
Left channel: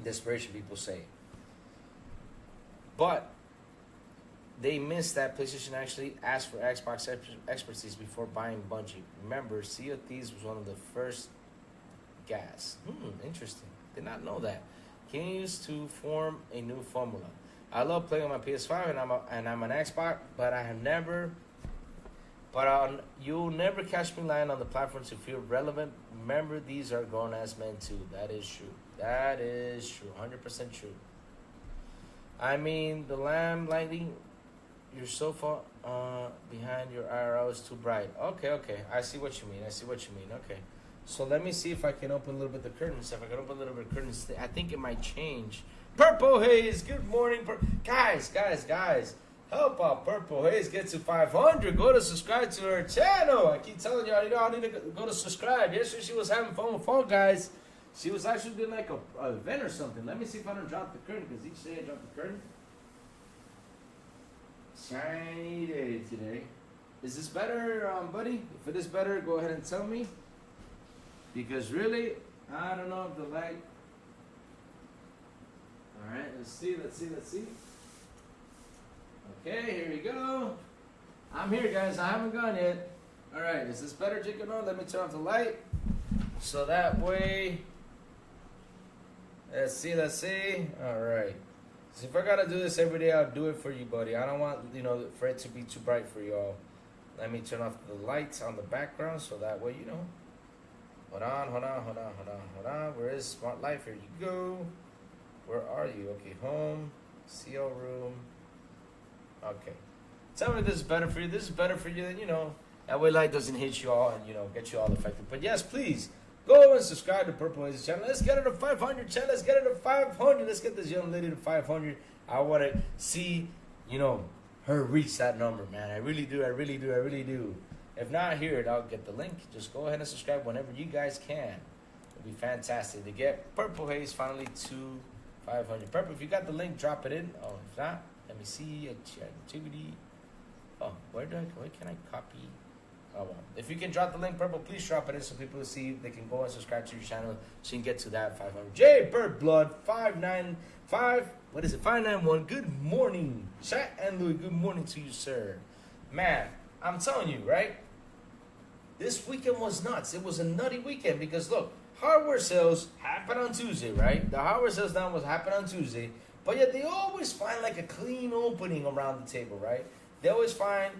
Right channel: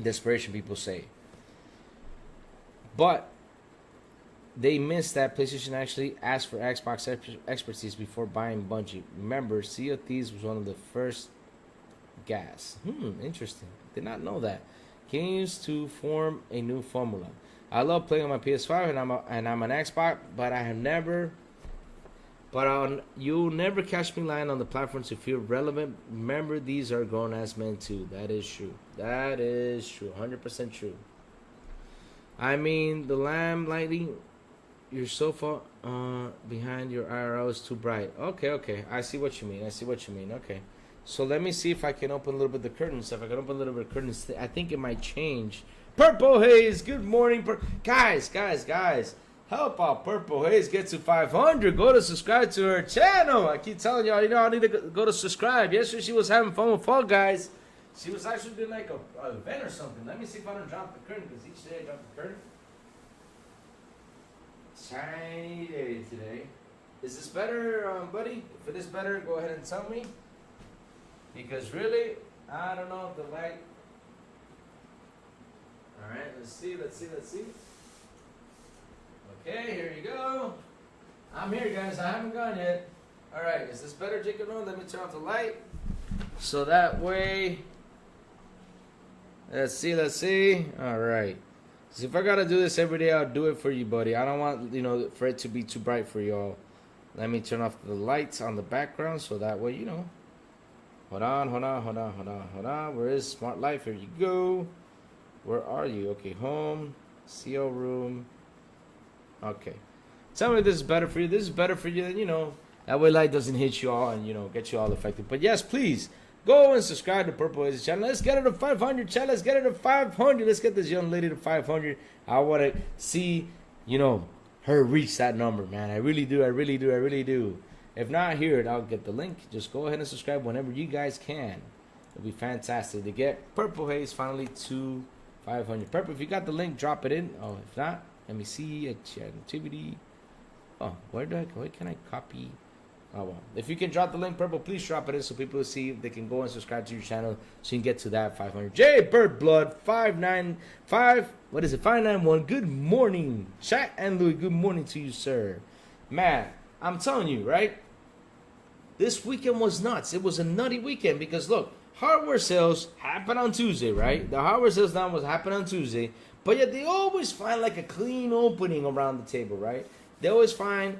desperation, people say. But they missed that PlayStation actually asked for Xbox expertise before buying Bungie. Remember, Sea of Thieves was one of the first gas. Interesting. Did not know that. Continues to form a new formula. I love playing on my PS5 and I'm an Xbox, but you'll never catch me lying on the platform to feel relevant. Remember, these are grown ass men too. That is true. 100% true. The lamp lighting your sofa behind your IRL is too bright. Okay. I see what you mean. Okay. So let me see if I can open a little bit of the curtains. If I can open a little bit of curtains, I think it might change. Purple Haze, good morning. Guys. Help out Purple Haze get to 500. Go to subscribe to her channel. I keep telling y'all, I need to go to subscribe. Yesterday she was having fun with Fall Guys. She was actually doing like a event or something. Let me see if I don't drop the curtain, because each day I drop the curtain. Shiny day today. Is this better, buddy? If it is better, go ahead and tell me. Because really, I don't know if the light. Alright, let's see. Okay, here you go. I'm here, guys. I haven't gone yet. Alright, is this better, Jacob? No, let me turn off the light. So that way. Let's see. Alright. So if I gotta do this every day, I'll do it for you, buddy. I don't want, for it to be too bright for y'all. Let me turn off the lights on the background so that way, Hold on. Where is Smart Life? Here you go. Where are you? Okay, home, CO room. Okay. Tell me if this is better for you. This is better for you than, that way light doesn't hit you all and, get you all affected. But yes, please, go and subscribe to Purple Haze channel. Let's get her to 500, channel. Let's get her to 500. Let's get this young lady to 500. I want to see, her reach that number, man. I really do. If not, here, I'll get the link. Just go ahead and subscribe whenever you guys can. It'll be fantastic to get Purple Haze finally to 500. Purple, if you got the link, drop it in. Oh, if not, let me see activity. Oh, where can I copy? Oh well, if you can drop the link, Purple, please drop it in so people see they can go and subscribe to your channel so you can get to that 500. J Bird Blood 595. What is it? 591. Good morning, Shaq and Louis. Good morning to you, sir. Man, I'm telling you, right? This weekend was nuts. It was a nutty weekend because look, hardware sales happen on Tuesday, right? The hardware sales now was happen on Tuesday, but yet they always find like a clean opening around the table, right? They always find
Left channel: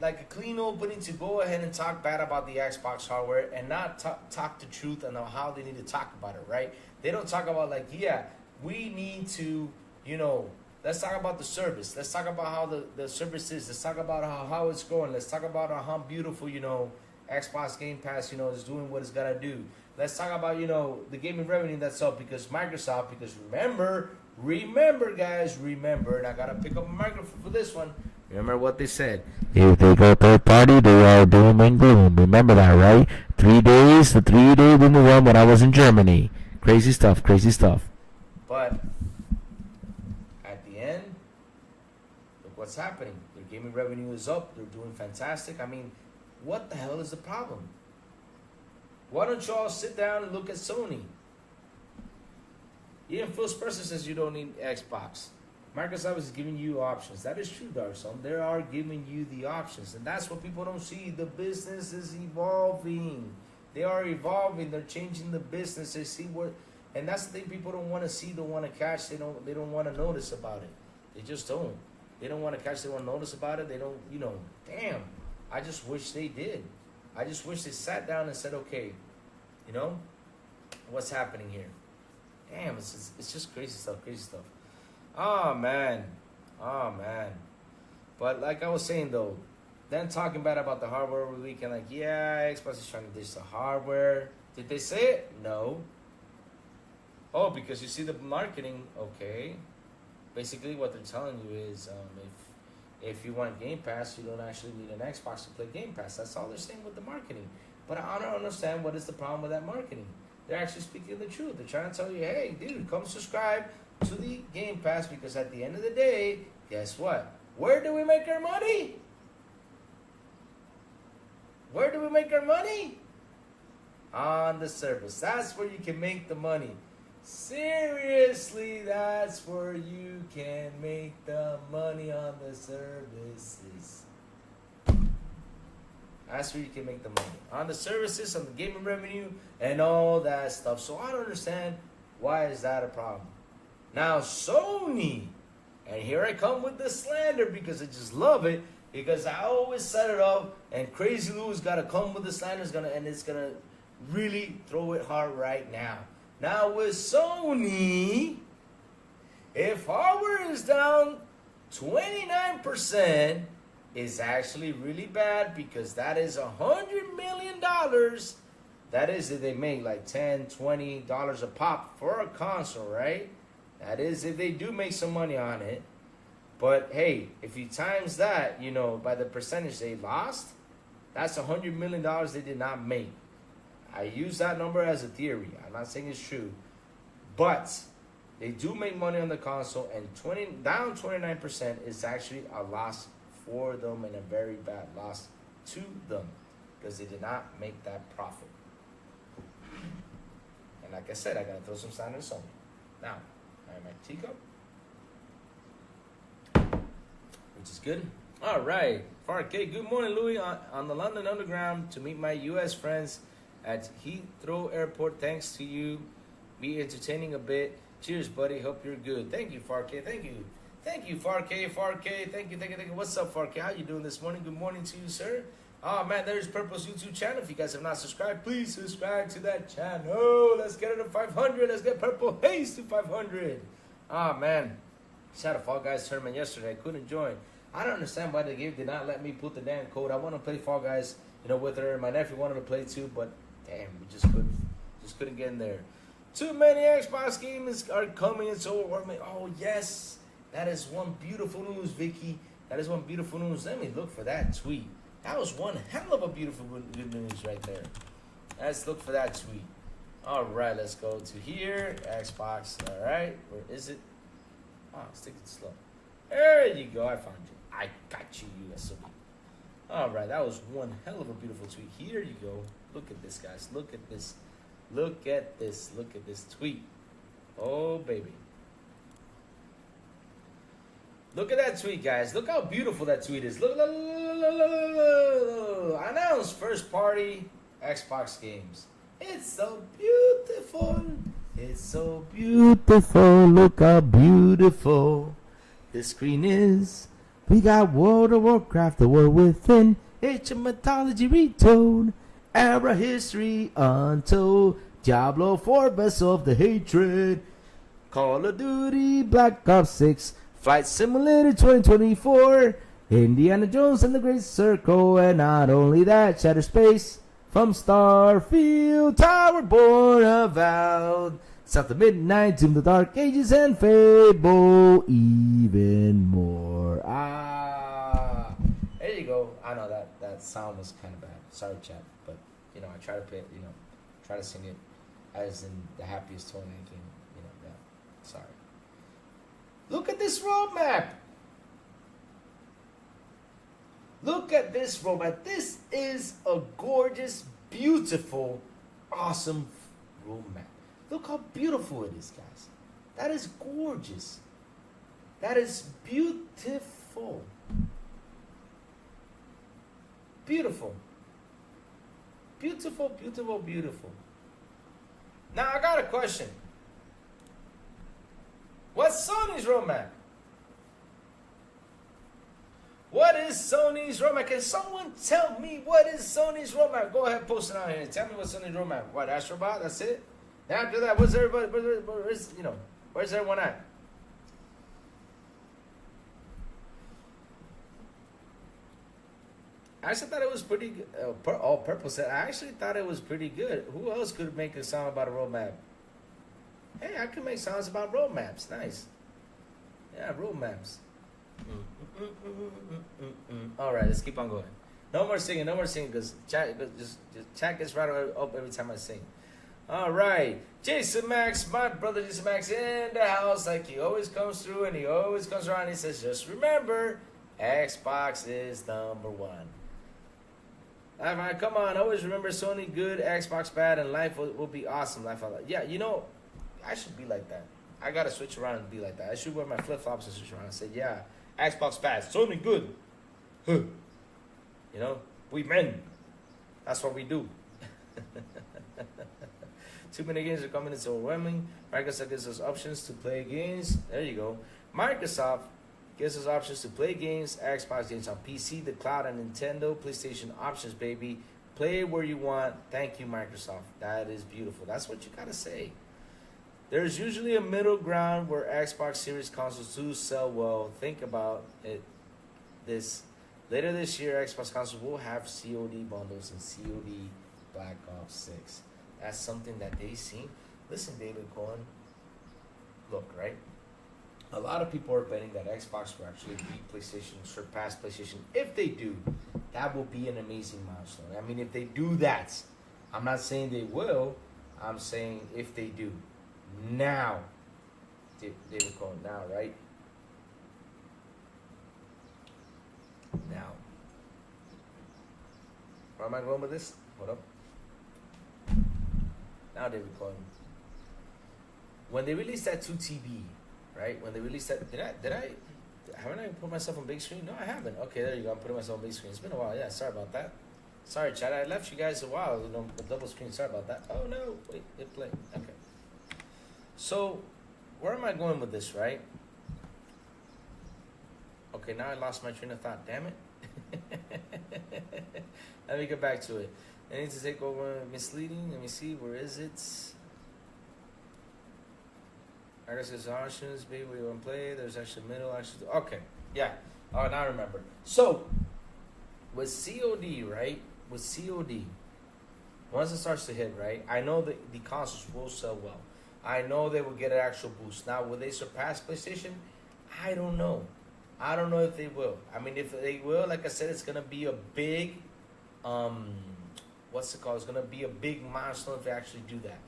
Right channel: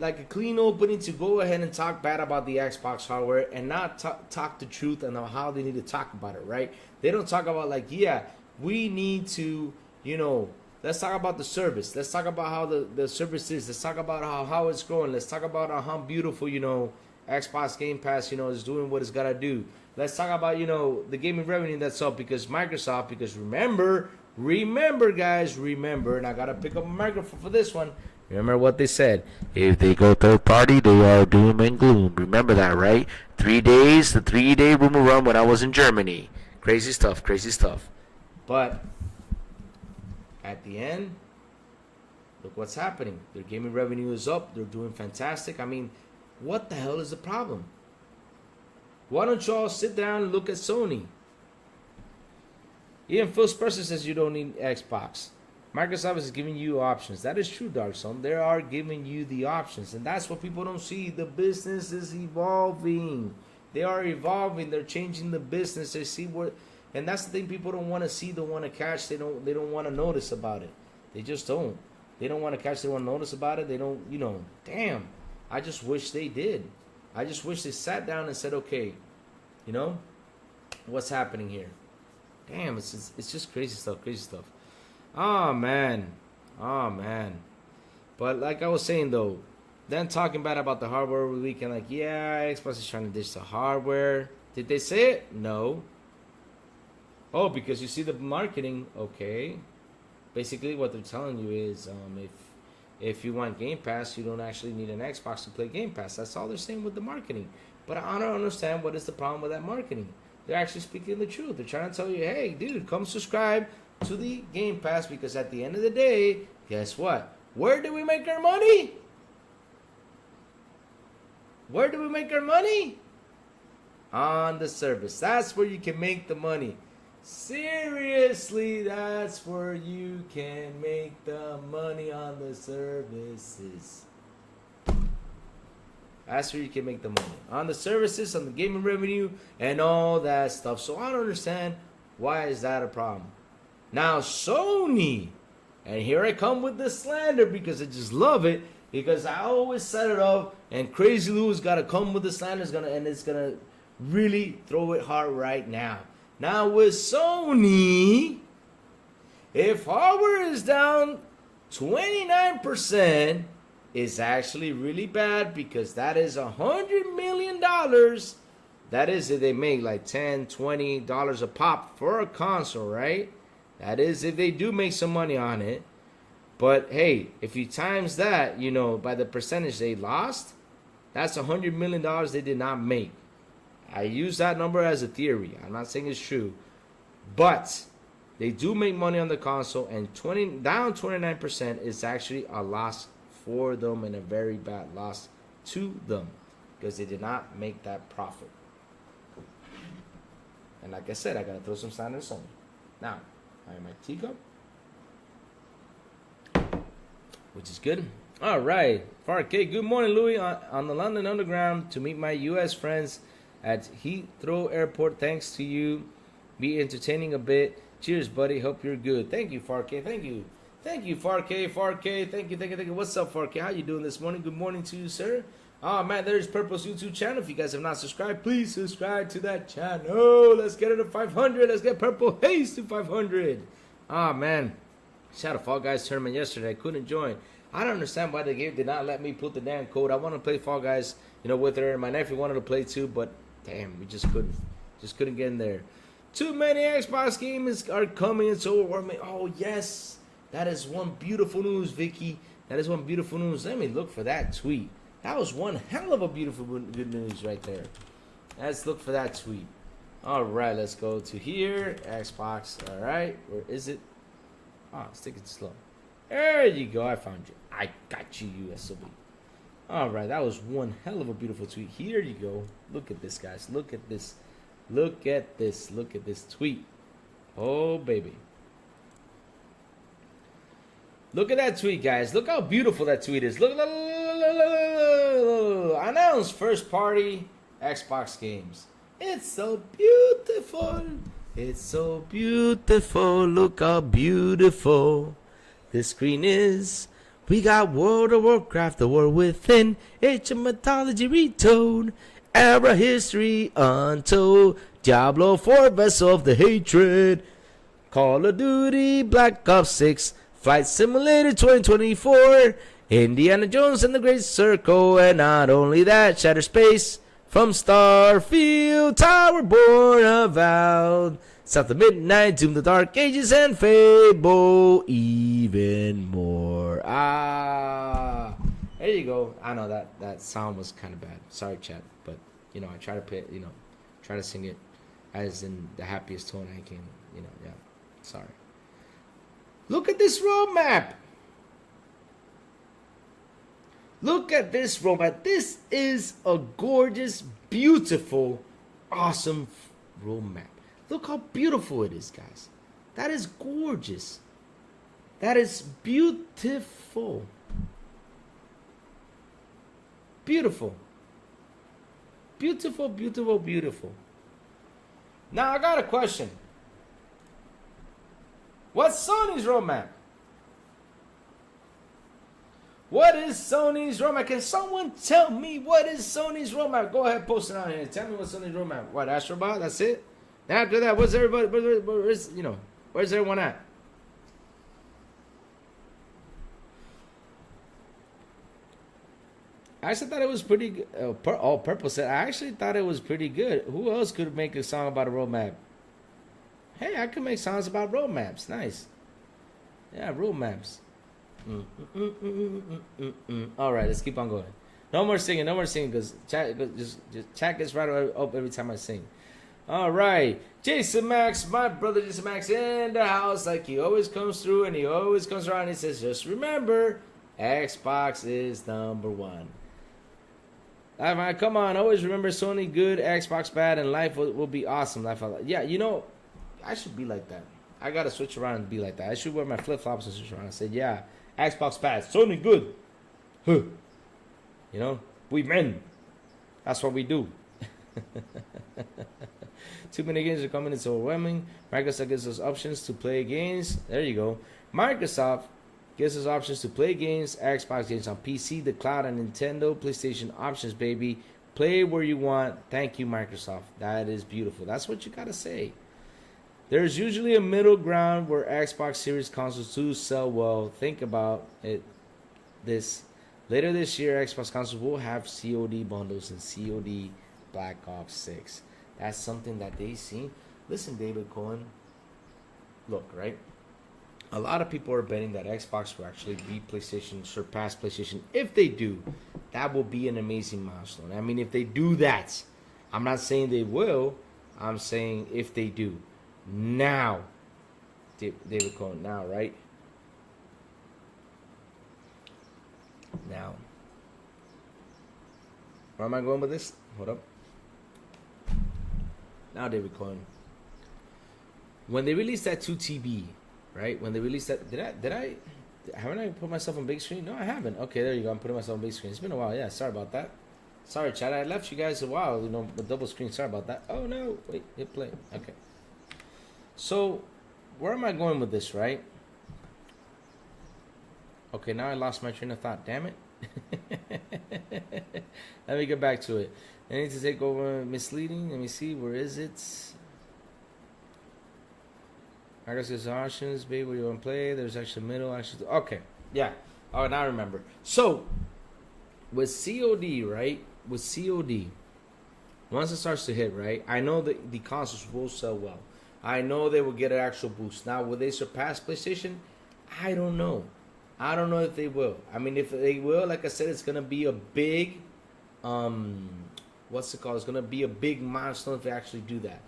like a clean opening to go ahead and talk bad about the Xbox hardware and not talk the truth and how they need to talk about it, right? They don't talk about like, yeah, we need to, let's talk about the service. Let's talk about how the service is. Let's talk about how it's growing. Let's talk about how beautiful, Xbox Game Pass, is doing what it's got to do. Let's talk about, the gaming revenue that's up because remember, guys, and I got to pick up a microphone for this one. Remember what they said. If they go third party, they are doom and gloom. Remember that, right? 3 days, the 3-day rumor run when I was in Germany. Crazy stuff. But at the end, look what's happening. Their gaming revenue is up. They're doing fantastic. I mean, what the hell is the problem? Why don't y'all sit down and look at Sony? Even Phil Spencer says you don't need Xbox. Microsoft is giving you options. That is true, Dark Zone. They are giving you the options. And that's what people don't see. The business is evolving. They are evolving. They're changing the business. They see what, and that's the thing people don't want to see, don't want to catch. They don't want to notice about it. They just don't. They don't want to catch, they want to notice about it. They don't, damn. I just wish they did. I just wish they sat down and said, okay, what's happening here? Damn, it's just crazy stuff. Oh man. But like I was saying though, then talking bad about the hardware over the weekend, like, yeah, Xbox is trying to ditch the hardware. Did they say it? No. Oh, because you see the marketing, okay. Basically what they're telling you is if you want Game Pass, you don't actually need an Xbox to play Game Pass. That's all they're saying with the marketing. But I don't understand what is the problem with that marketing. They're actually speaking the truth. They're trying to tell you, hey, dude, come subscribe to the Game Pass because at the end of the day, guess what? Where do we make our money? On the service. That's where you can make the money. Seriously, that's where you can make the money on the services. That's where you can make the money. On the services, on the gaming revenue, and all that stuff. So I don't understand why is that a problem. Now Sony, and here I come with the slander because I just love it. Because I always set it up, and Crazy Lou's got to come with the slander, and it's gonna really throw it hard right now. Now with Sony, if hardware is down 29%, it's actually really bad because that is $100 million. That is if they make like $10, $20 a pop for a console, right? That is if they do make some money on it. But hey, if you times that, by the percentage they lost, that's $100 million they did not make. I use that number as a theory. I'm not saying it's true. But they do make money on the console, and down 29% is actually a loss for them and a very bad loss to them because they did not make that profit. And like I said, I got to throw some standards on. Now, I have my teacup, which is good. All right. Farkey, good morning, Louis. On the London Underground to meet my U.S. friends at Heathrow Airport. Thanks to you. Be entertaining a bit. Cheers, buddy. Hope you're good. Thank you, Farkey. Thank you, Farkey. Thank you. What's up, Farkey? How you doing this morning? Good morning to you, sir. Oh, man, there's Purple's YouTube channel. If you guys have not subscribed, please subscribe to that channel. Let's get it to 500. Let's get Purple Haze to 500. Ah, man. Just had a Fall Guys tournament yesterday. I couldn't join. I don't understand why the game did not let me put the damn code. I want to play Fall Guys, with her. My nephew wanted to play too, but damn, we just couldn't. Just couldn't get in there. Too many Xbox games are coming. It's overwhelming. Oh, yes. That is one beautiful news, Vicky. That is one beautiful news. Let me look for that tweet. That was one hell of a beautiful good news right there. Let's look for that tweet. All right, let's go to here. Xbox. All right, where is it? It's taking slow. There you go. I found you. I got you, USOB. All right, that was one hell of a beautiful tweet. Here you go. Look at this, guys. Look at this. Look at this. Look at this tweet. Oh, baby. Look at that tweet, guys. Look how beautiful that tweet is. Look. Announce first party Xbox games. It's so beautiful. It's so beautiful. Look how beautiful this screen is. We got World of Warcraft, The War Within, ancient mythology retold, era history untold, Diablo 4, Vessel of the Hatred, Call of Duty, Black Ops 6, Flight Simulator 2024, Indiana Jones and the Great Circle, and not only that, Shattered Space, from Starfield, Tower Born Avowed, South of Midnight, Tomb of the Dark Ages, and Fable, even more. There you go. I know that sound was kind of bad. Sorry, chat, but I try to try to sing it as in the happiest tone I can. Yeah. Sorry. Look at this roadmap. Look at this roadmap. This is a gorgeous, beautiful, awesome roadmap. Look how beautiful it is, guys. That is gorgeous. That is beautiful. Beautiful. Beautiful, beautiful, beautiful. Now I got a question. What's Sony's roadmap? What is Sony's roadmap? Can someone tell me what is Sony's roadmap? Go ahead, post it out here. Tell me what's Sony's roadmap. What, Astrobot? That's it? Now after that, what's everybody? Where's everyone at? I actually thought it was pretty good. Purple said, I actually thought it was pretty good. Who else could make a song about a roadmap? Hey, I could make songs about roadmaps. Nice. Yeah, roadmaps. All right, let's keep on going. No more singing, because chat gets right up every time I sing. All right, Jason Max, my brother Jason Max in the house, like he always comes through and he always comes around. And he says, just remember, Xbox is #1. Come on, always remember Sony good, Xbox bad, and life will be awesome. Yeah, I should be like that. I gotta switch around and be like that. I should wear my flip flops and switch around and say, yeah, Xbox bad, Sony good. Huh. We men. That's what we do. Too many games are coming, it's overwhelming. Microsoft gives us options to play games. There you go. Microsoft gives us options to play games, Xbox games on PC, the cloud, and Nintendo, PlayStation options, baby. Play where you want. Thank you, Microsoft. That is beautiful. That's what you gotta say. There's usually a middle ground where Xbox Series consoles do sell well. Think about it. Later this year, Xbox consoles will have COD bundles and COD Black Ops 6. That's something that they seen. Listen, David Cohen. Look, right? A lot of people are betting that Xbox will actually beat PlayStation, surpass PlayStation. If they do, that will be an amazing milestone. I mean, if they do that, I'm not saying they will. I'm saying if they do. Now, David Cohen, now, right? Now. Where am I going with this? Hold up. Now, David Cohen. When they released that 2TB, right? When they released that, haven't I put myself on big screen? No, I haven't. Okay, there you go. I'm putting myself on big screen. It's been a while. Yeah, sorry about that. Sorry, chat. I left you guys a while, with double screen. Sorry about that. Oh, no. Wait, hit play. Okay. So, where am I going with this, right? Okay, now I lost my train of thought. Damn it. Let me get back to it. I need to take over misleading. Let me see. Where is it? I guess there's options. Baby, where you want to play. There's actually middle. Actually, okay. Yeah. Oh, now I remember. So, with COD, right? With COD, once it starts to hit, right? I know that the consoles will sell well. I know they will get an actual boost. Now, will they surpass PlayStation? I don't know. I don't know if they will. I mean, if they will, like I said, it's gonna be a big, what's it called? It's gonna be a big milestone if they actually do that.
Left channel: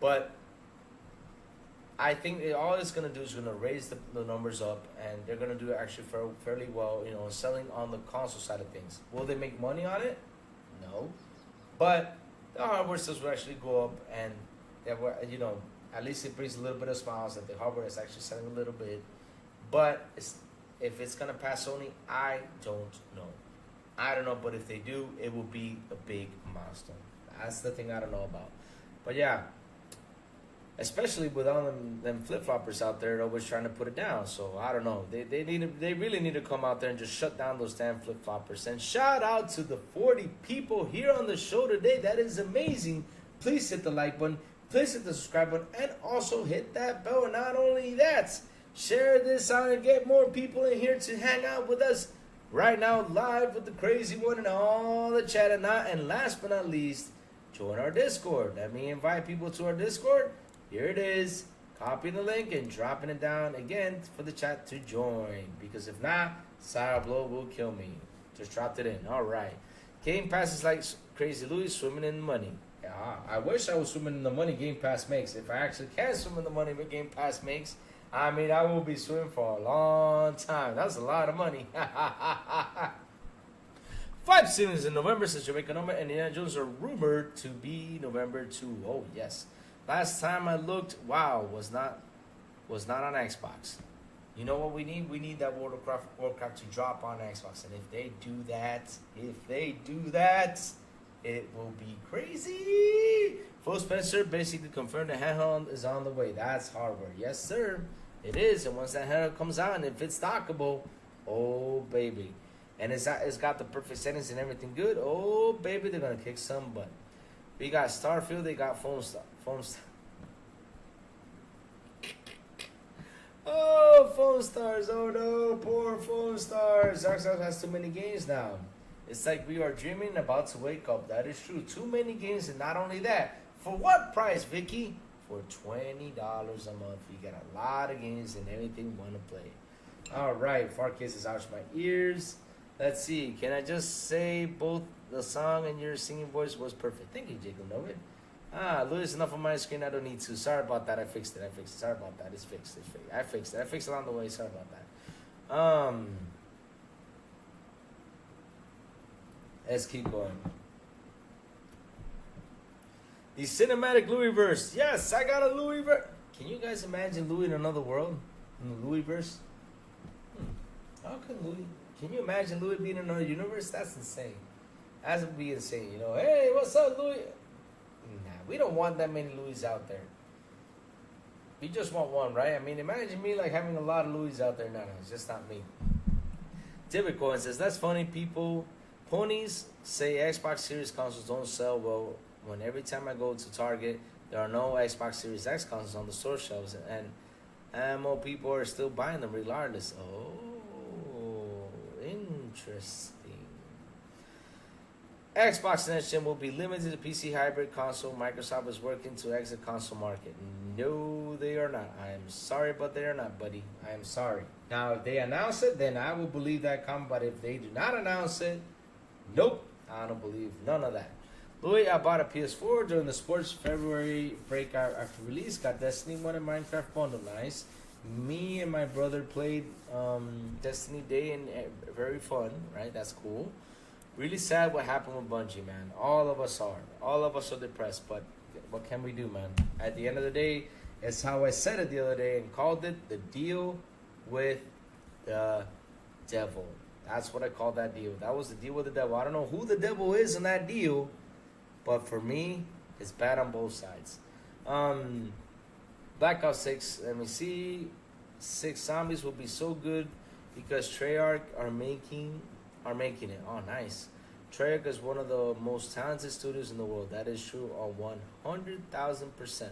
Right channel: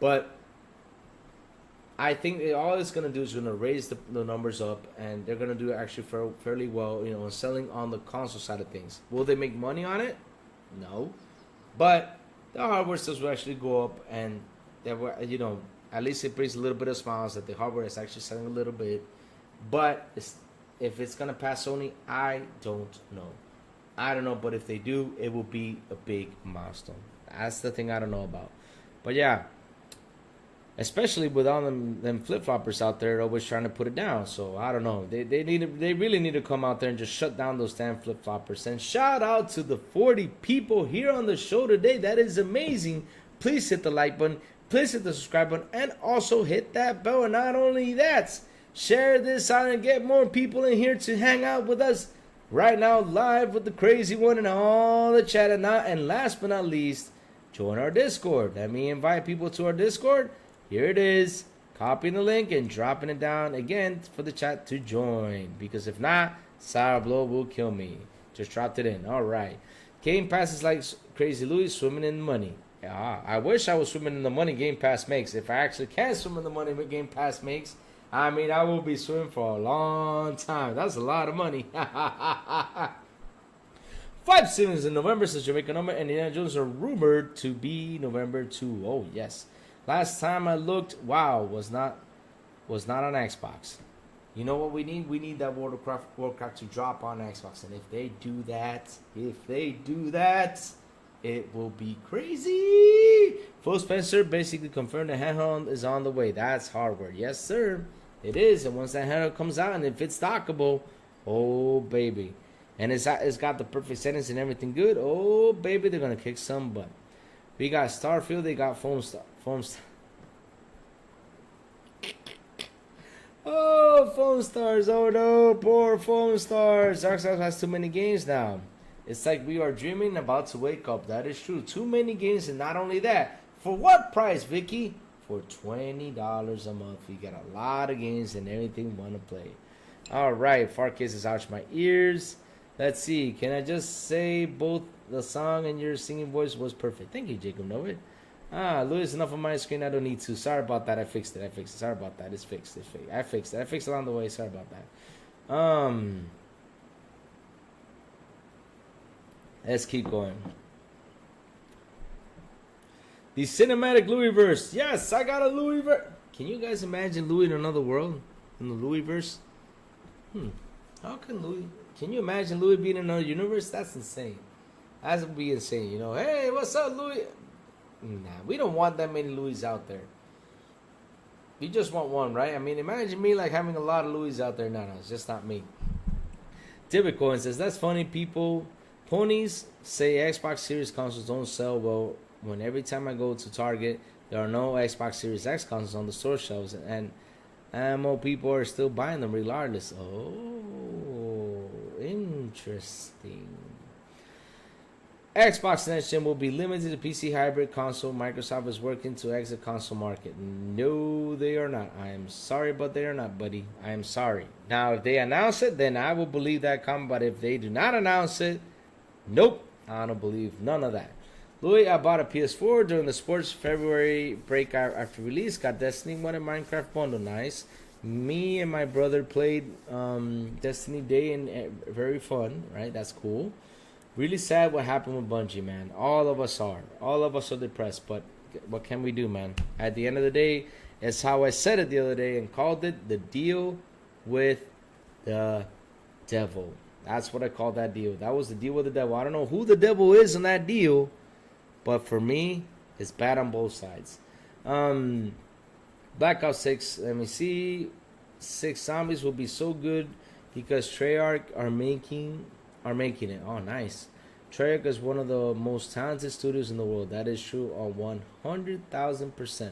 But I think all it's going to do is going to raise the numbers up, and they're going to do actually fairly well, selling on the console side of things. Will they make money on it? No. But the hardware sales will actually go up, and at least it brings a little bit of smiles that the hardware is actually selling a little bit. But if it's going to pass Sony, I don't know. But if they do, it will be a big milestone. That's the thing I don't know about. But yeah, especially with all them flip-floppers out there always trying to put it down. So I don't know. They really need to come out there and just shut down those damn flip-floppers. And shout out to the 40 people here on the show today. That is amazing. Please hit the like button. Please hit the subscribe button. And also hit that bell. And not only that, share this out and get more people in here to hang out with us right now live with the crazy one and all the chat. And last but not least, join our Discord. Let me invite people to our Discord. Here it is. Copying the link and dropping it down again for the chat to join. Because if not, Sourblow will kill me. Just dropped it in. All right. Game Pass is like Crazy Louis swimming in money. Yeah, I wish I was swimming in the money Game Pass makes. If I actually can swim in the money Game Pass makes, I will be swimming for a long time. That's a lot of money. 5 seasons in November since Jamaica number and Indiana Jones are rumored to be November 2. Oh, yes. Last time I looked, WoW was not on Xbox. You know what we need? We need that World of Warcraft to drop on Xbox. And if they do that, it will be crazy. Phil Spencer basically confirmed the handheld is on the way. That's hardware. Yes, sir. It is. And once that handheld comes out and if it's dockable, oh, baby. And it's got the perfect settings and everything good. Oh, baby, they're going to kick some butt. We got Starfield. They got Foam Star. Oh, Foam Stars. Oh, no. Poor Foam Stars. Dark Souls has too many games now. It's like we are dreaming about to wake up. That is true. Too many games, and not only that. For what price, Vicky? For $20 a month. You get a lot of games and everything you want to play. All right. Far Kisses out my ears. Let's see. Can I just say both the song and your singing voice was perfect? Thank you, Jacob Novid. Louis, enough on my screen. I don't need to. Sorry about that. I fixed it. Sorry about that. It's fixed. I fixed it. I fixed it along the way. Sorry about that. Let's keep going. The cinematic Louis verse. Yes, I got a Louis verse. Can you guys imagine Louis in another world? In the Louis verse? How can Louis... Can you imagine Louis being in another universe? That's insane. That would be insane. Hey, what's up, Louis? Nah, we don't want that many Louis out there. We just want one, right? Imagine me like having a lot of Louis out there. No, it's just not me. David Cohen says, that's funny, people. Ponies say Xbox Series consoles don't sell well when every time I go to Target, there are no Xbox Series X consoles on the store shelves, and more people are still buying them regardless. Oh, interesting. Xbox Next Gen will be limited to PC hybrid console. Microsoft is working to exit console market. No, they are not. I am sorry, but they are not, buddy. I am sorry. Now, if they announce it, then I will believe that comment. But if they do not announce it, nope, I don't believe none of that. Louis, I bought a PS4 during the sports February break after release. Got Destiny 1 and Minecraft bundle. Nice. Me and my brother played Destiny Day and very fun, right? That's cool. Really sad what happened with Bungie, man. All of us are. All of us are depressed, but what can we do, man? At the end of the day, it's how I said it the other day and called it the deal with the devil. That's what I called that deal. That was the deal with the devil. I don't know who the devil is in that deal, but for me, it's bad on both sides. Black Ops 6, let me see. 6 Zombies will be so good because Treyarch are making it. Oh, nice. Treyarch is one of the most talented studios in the world. That is true on 100,000%.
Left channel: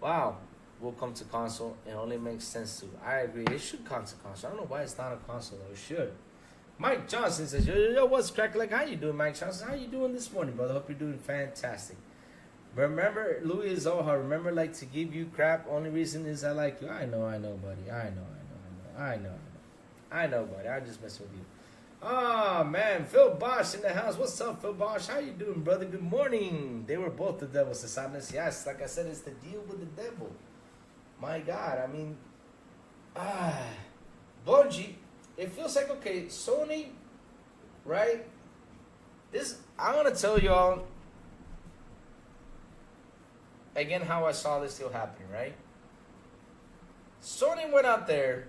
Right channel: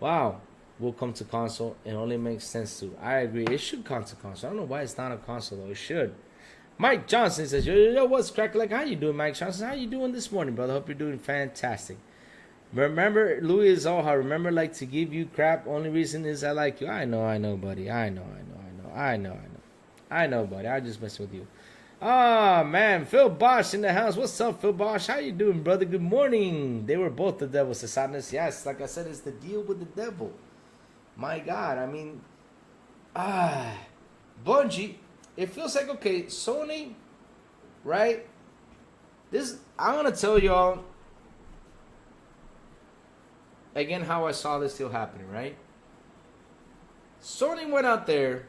Wow. Will come to console. It only makes sense to. I agree. It should come to console. I don't know why it's not a console though. It should. Mike Johnson says, yo, what's crack? Like, how you doing, Mike Johnson? How you doing this morning, brother? Hope you're doing fantastic. Remember, Louis Zoha, remember, like, to give you crap. Only reason is I like you. I know, buddy. I know, buddy. I just mess with you. Ah, man, Phil Bosch in the house. What's up, Phil Bosch? How you doing, brother? Good morning. They were both the devils, the sadness. Yes, like I said, it's the deal with the devil. My God, I mean, Bungie. It feels like okay, Sony, right? This I'm gonna tell y'all again how I saw this deal happening, right? Sony went out there.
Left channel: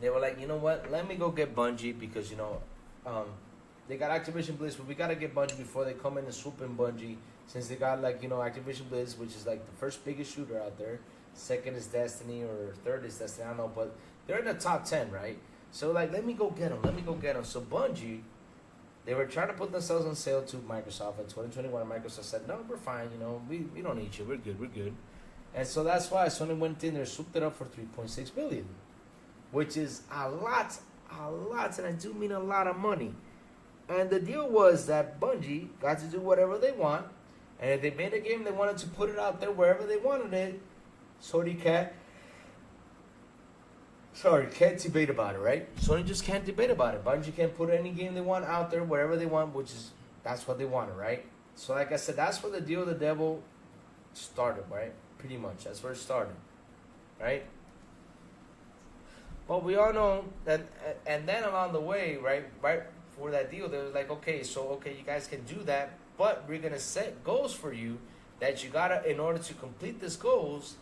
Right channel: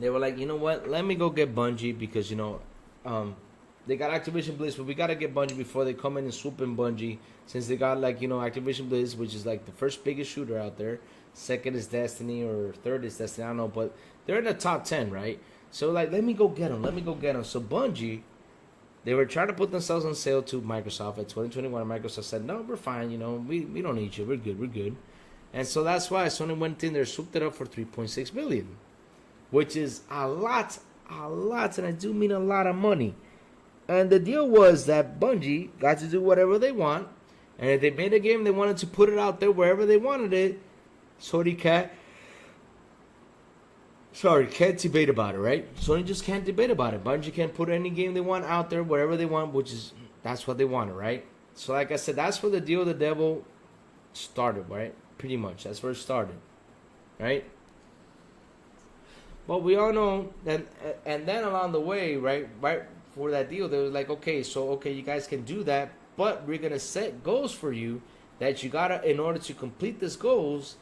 They were like, you know what? Let me go get Bungie because they got Activision Blizz, but we gotta get Bungie before they come in and swoop in Bungie. Since they got Activision Blizz, which is like the first biggest shooter out there. Second is Destiny or third is Destiny. I don't know, but they're in the top 10, right? So like, let me go get them. Let me go get them. So Bungie, they were trying to put themselves on sale to Microsoft in 2021. Microsoft said, no, we're fine. We don't need you. We're good. And so that's why Sony went in there, swooped it up for $3.6 billion. Which is a lot, and I do mean a lot of money. And the deal was that Bungie got to do whatever they want, and if they made a game, they wanted to put it out there wherever they wanted it. Sony can't debate about it, right? Sony just can't debate about it. Bungie can put any game they want out there wherever they want, that's what they wanted, right? So like I said, that's where the deal with the devil started, right? Pretty much, that's where it started, right? Well, we all know that, and then along the way, right for that deal, they were like, okay, you guys can do that, but we're gonna set goals for you that you gotta, in order to complete these goals,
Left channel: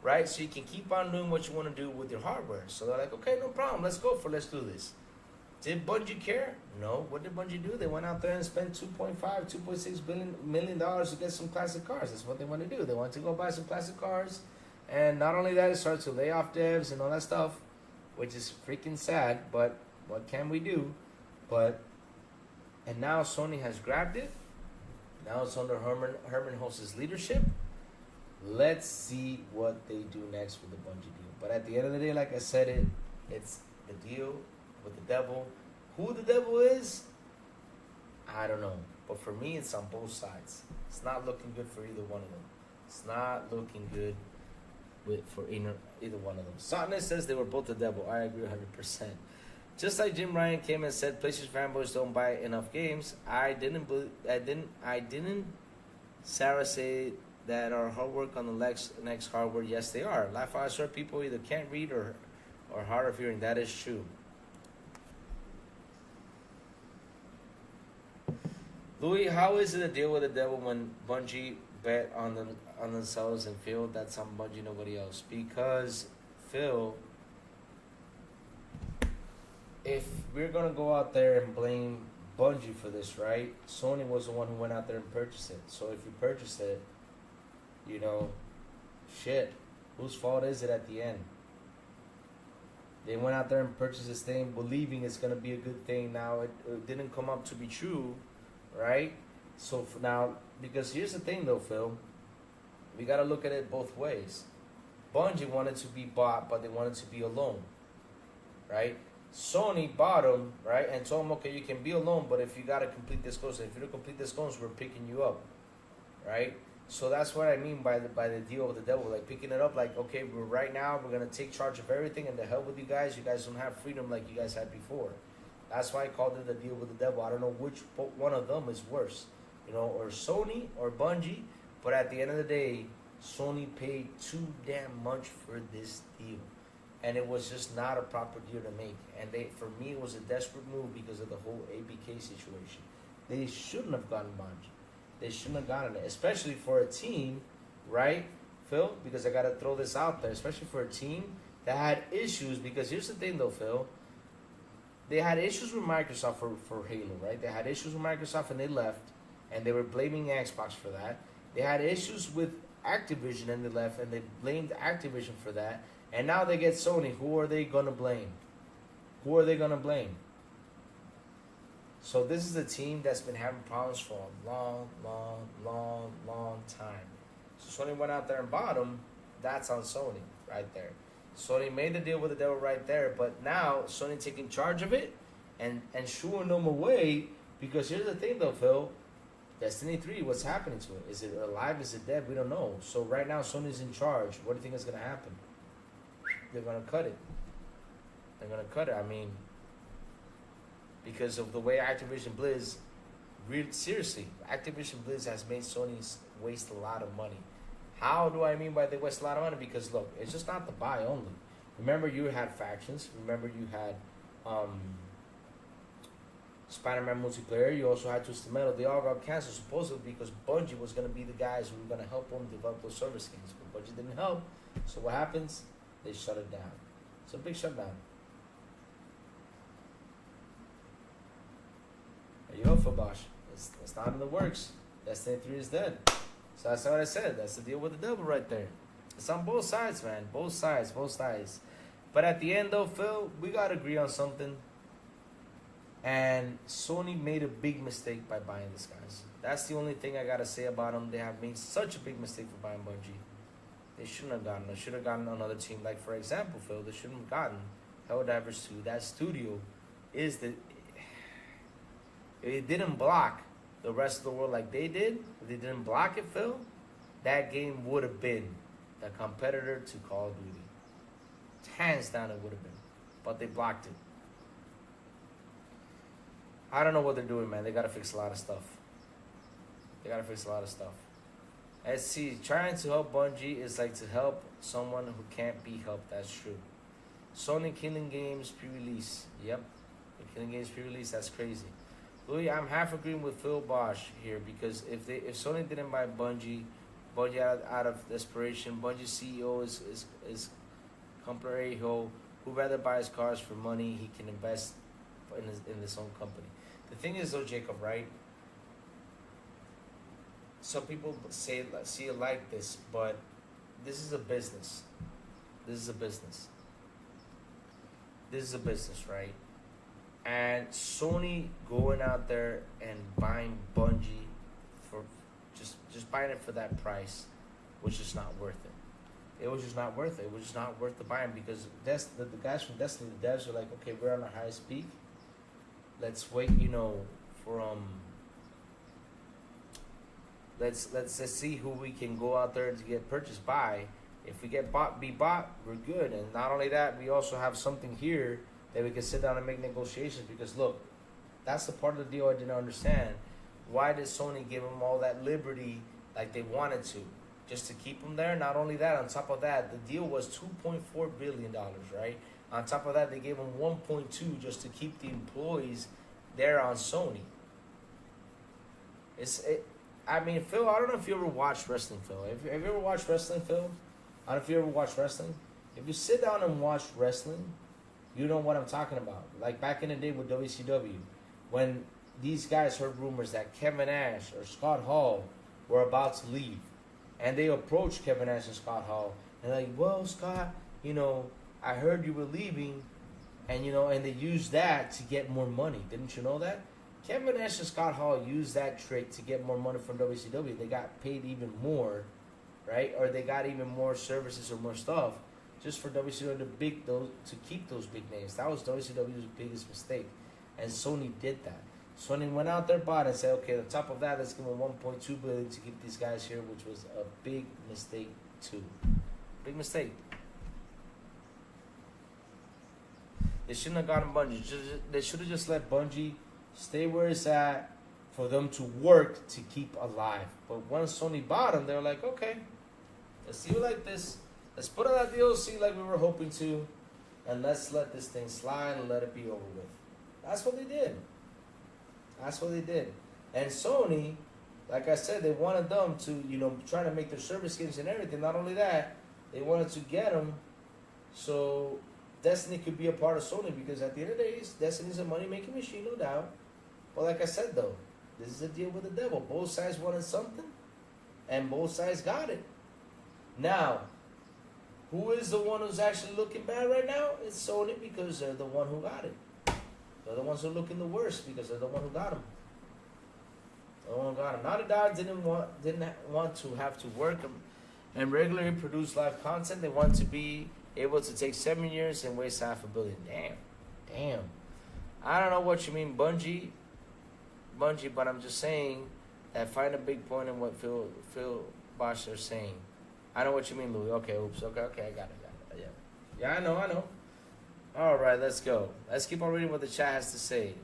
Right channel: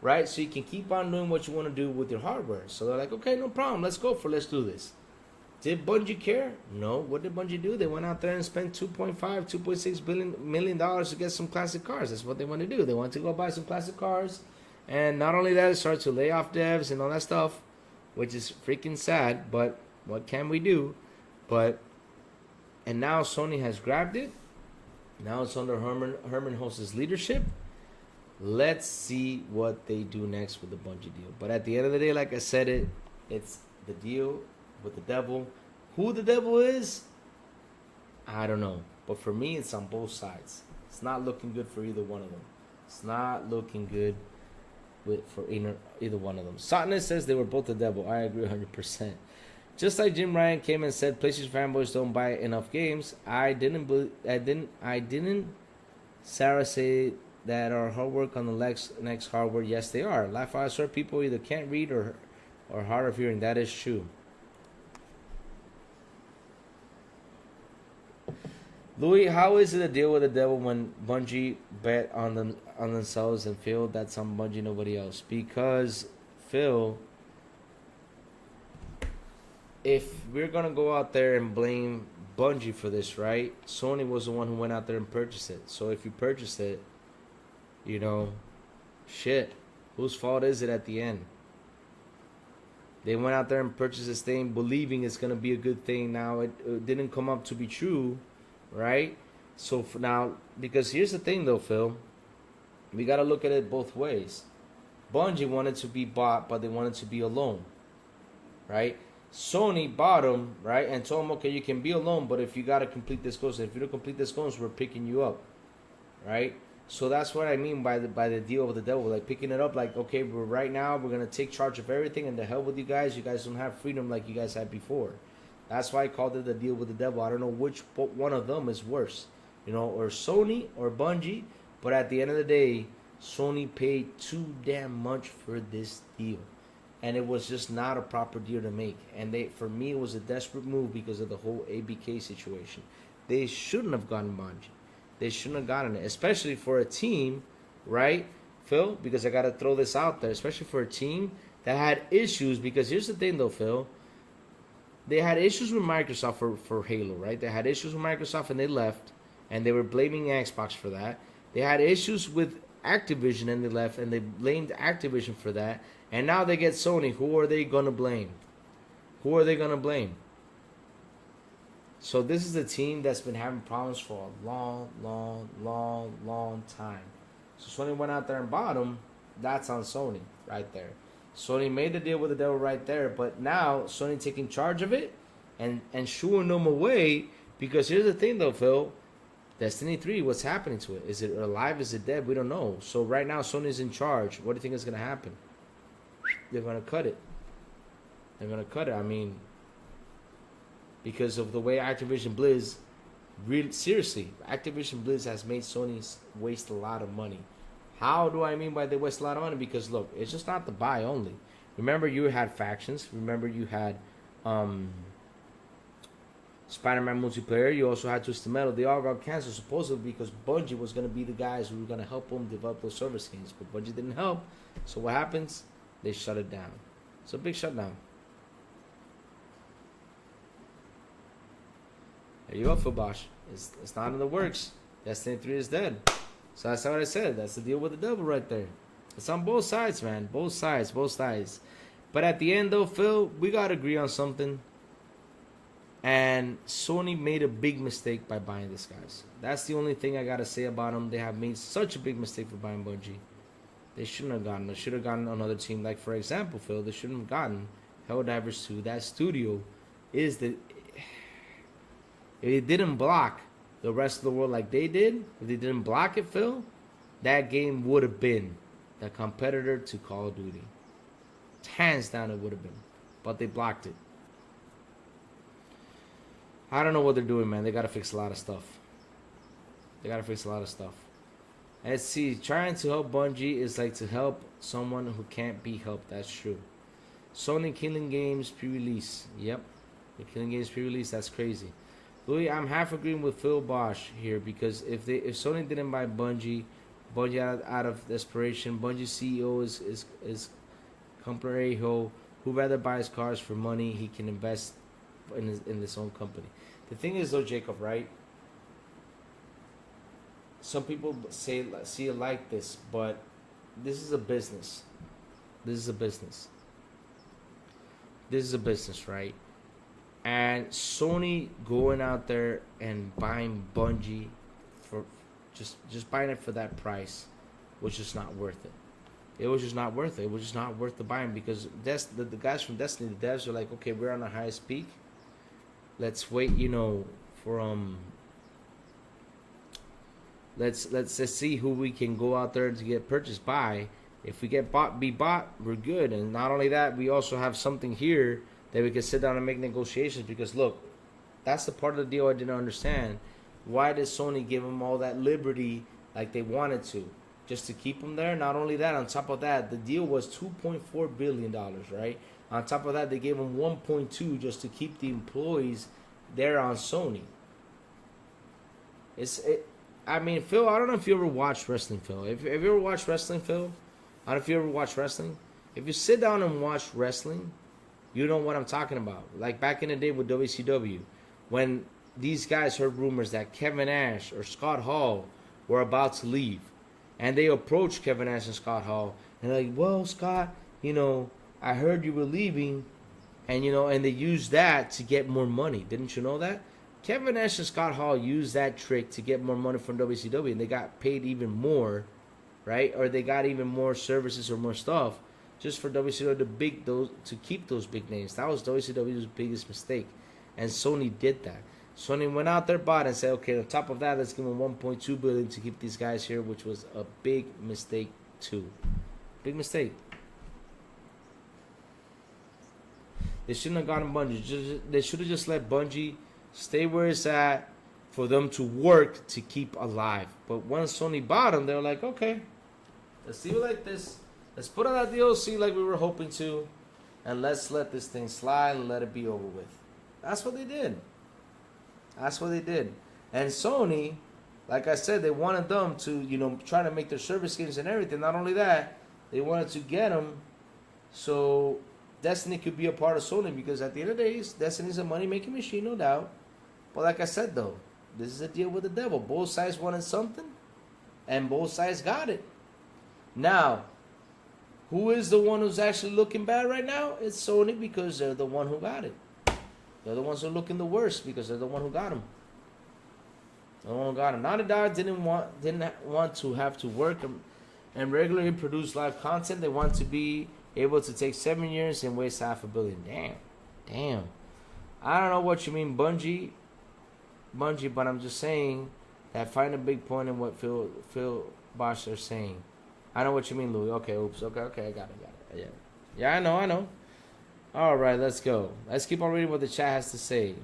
right? So you can keep on doing what you want to do with your hardware. So they're like, okay, no problem, let's do this. Did Bungie care? No. What did Bungie do? They went out there and spent $2.6 million to get some classic cars. That's what they want to do. They want to go buy some classic cars, and not only that, start to lay off devs and all that stuff, which is freaking sad, but what can we do? And now Sony has grabbed it. Now it's under Herman Hulst's leadership. Let's see what they do next with the Bungie deal. But at the end of the day, like I said, it's the deal with the devil. Who the devil is, I don't know. But for me, it's on both sides. It's not looking good for either one of them. It's not looking good for either one of them. Satnus says they were both the devil. I agree 100%. Just like Jim Ryan came and said, PlayStation fanboys don't buy enough games. I didn't. Sarah say that our hard work on the next hardware. Yes, they are. I saw people either can't read or hard of hearing. That is true. Louis, how is it a deal with the devil when Bungie bet on themselves and Phil that's on Bungie, nobody else? Because Phil, if we're gonna go out there and blame Bungie for this, right? Sony was the one who went out there and purchased it. So if you purchased it, shit, whose fault is it at the end? They went out there and purchased this thing believing it's gonna be a good thing. Now it didn't come up to be true. Right? So for now, because here's the thing though, Phil, we got to look at it both ways. Bungie wanted to be bought, but they wanted to be alone. Right? Sony bought them, right? And told them, okay, you can be alone, but if you got to complete this goals, if you don't complete this goals, we're picking you up. Right? So that's what I mean by the deal with the devil. Like picking it up, like, okay, right now we're going to take charge of everything and the hell with you guys. You guys don't have freedom like you guys had before. That's why I called it the deal with the devil. I don't know which one of them is worse, or Sony or Bungie. But at the end of the day, Sony paid too damn much for this deal, and it was just not a proper deal to make. And for me, it was a desperate move because of the whole ABK situation. They shouldn't have gotten Bungie. They shouldn't have gotten it, especially for a team, right, Phil? Because I got to throw this out there, especially for a team that had issues. Because here's the thing, though, Phil. They had issues with Microsoft for Halo, right? They had issues with Microsoft and they left, and they were blaming Xbox for that. They had issues with Activision and they left, and they blamed Activision for that. And now they get Sony. Who are they going to blame? So this is a team that's been having problems for a long time. So Sony went out there and bought them. That's on Sony right there. Sony made the deal with the devil right there, but now Sony taking charge of it and shooing them away. Because here's the thing, though, Phil, Destiny 3, what's happening to it? Is it alive? Is it dead? We don't know. So right now, Sony's in charge. What do you think is going to happen? They're going to cut it. I mean, because of the way Activision Blizz, seriously, Activision Blizz has made Sony waste a lot of money. How do I mean by they waste a lot of money? Because look, it's just not the buy only. Remember, you had factions. Remember, you had Spider-Man multiplayer. You also had Twisted Metal. They all got canceled supposedly because Bungie was going to be the guys who were going to help them develop those service games. But Bungie didn't help. So what happens? They shut it down. It's a big shutdown. There you go, Phil Bosch. It's not in the works. Destiny 3 is dead. So that's not what I said. That's the deal with the devil right there. It's on both sides, man. Both sides. But at the end, though, Phil, we got to agree on something. And Sony made a big mistake by buying these guys. That's the only thing I got to say about them. They have made such a big mistake for buying Bungie. They shouldn't have gotten. They should have gotten another team. Like, for example, Phil, they shouldn't have gotten Helldivers 2. That studio is the... If they didn't block the rest of the world like they did, if they didn't block it, Phil, that game would have been the competitor to Call of Duty. Hands down, it would have been. But they blocked it. I don't know what they're doing, man. They got to fix a lot of stuff. Let's see. Trying to help Bungie is like to help someone who can't be helped. That's true. Sony Killing Games pre-release. Yep. The Killing Games pre-release. That's crazy. Louis, I'm half agreeing with Phil Bosch here because if Sony didn't buy Bungie out of desperation, Bungie CEO is Comprarejo, who rather buys cars for money he can invest in his own company. The thing is, though, Jacob, right? Some people see it like this, but this is a business. This is a business, right? And Sony going out there and buying Bungie for just buying it for that price was just not worth it. It was just not worth it. It was just not worth the buying because the guys from Destiny, the devs, are like, okay, we're on the highest peak. Let's wait, for let's see who we can go out there to get purchased by. If we get bought, we're good. And not only that, we also have something here that we can sit down and make negotiations. Because look, that's the part of the deal I didn't understand. Why did Sony give them all that liberty like they wanted to? Just to keep them there? Not only that, on top of that, the deal was $2.4 billion, right? On top of that, they gave them 1.2 just to keep the employees there on Sony. I mean, Phil, I don't know if you ever watched wrestling, Phil. Have you ever watched wrestling, Phil? I don't know if you ever watched wrestling. If you sit down and watch wrestling, you know what I'm talking about. Like back in the day with WCW, when these guys heard rumors that Kevin Nash or Scott Hall were about to leave, and they approached Kevin Nash and Scott Hall, and they're like, well, Scott, I heard you were leaving, and and they used that to get more money. Didn't you know that? Kevin Nash and Scott Hall used that trick to get more money from WCW, and they got paid even more, right? Or they got even more services or more stuff just for WCW to keep those big names. That was WCW's biggest mistake, and Sony did that. Sony went out there, bought, and said, okay, on top of that, let's give them $1.2 billion to keep these guys here, which was a big mistake too. Big mistake. They shouldn't have gotten Bungie. They should have just let Bungie stay where it's at for them to work to keep alive. But once Sony bought them, they were like, okay, let's see it like this. Let's put on that DLC like we were hoping to, and let's let this thing slide and let it be over with. That's what they did. And Sony, like I said, they wanted them to, try to make their service games and everything. Not only that, they wanted to get them so Destiny could be a part of Sony, because at the end of the day, Destiny's a money-making machine, no doubt. But like I said, though, this is a deal with the devil. Both sides wanted something, and both sides got it. Now, who is the one who's actually looking bad right now? It's Sony, because they're the one who got it. They're the ones who are looking the worst, because they're the one who got them. The one who got them. Naughty Dog didn't want to have to work and regularly produce live content. They want to be able to take 7 years and waste $500 million. Damn. I don't know what you mean, Bungie, but I'm just saying that find a big point in what Phil Bosch are saying. I know what you mean, Louis. Okay, oops. Okay, I got it. Yeah, I know. All right, let's go. Let's keep on reading what the chat has to say.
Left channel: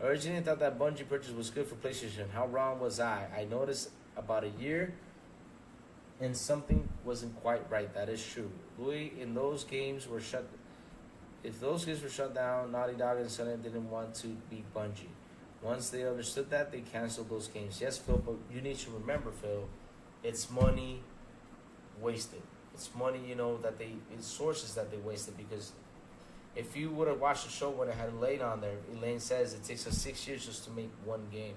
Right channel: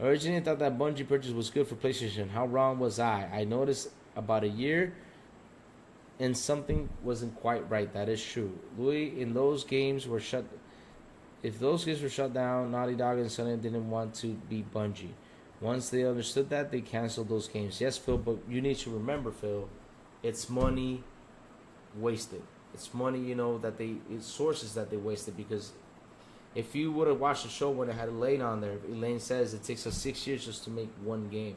Originally, I thought that Bungie purchase was good for PlayStation. How wrong was I? I noticed about a year and something wasn't quite right. That is true. Louis, in those games were shut. If those games were shut down, Naughty Dog and Sony didn't want to be Bungie. Once they understood that, they canceled those games. Yes, Phil, but you need to remember, Phil, it's money wasted. It's money, it's sources that they wasted, because if you would have watched the show when it had Elaine on there, Elaine says it takes us 6 years just to make one game.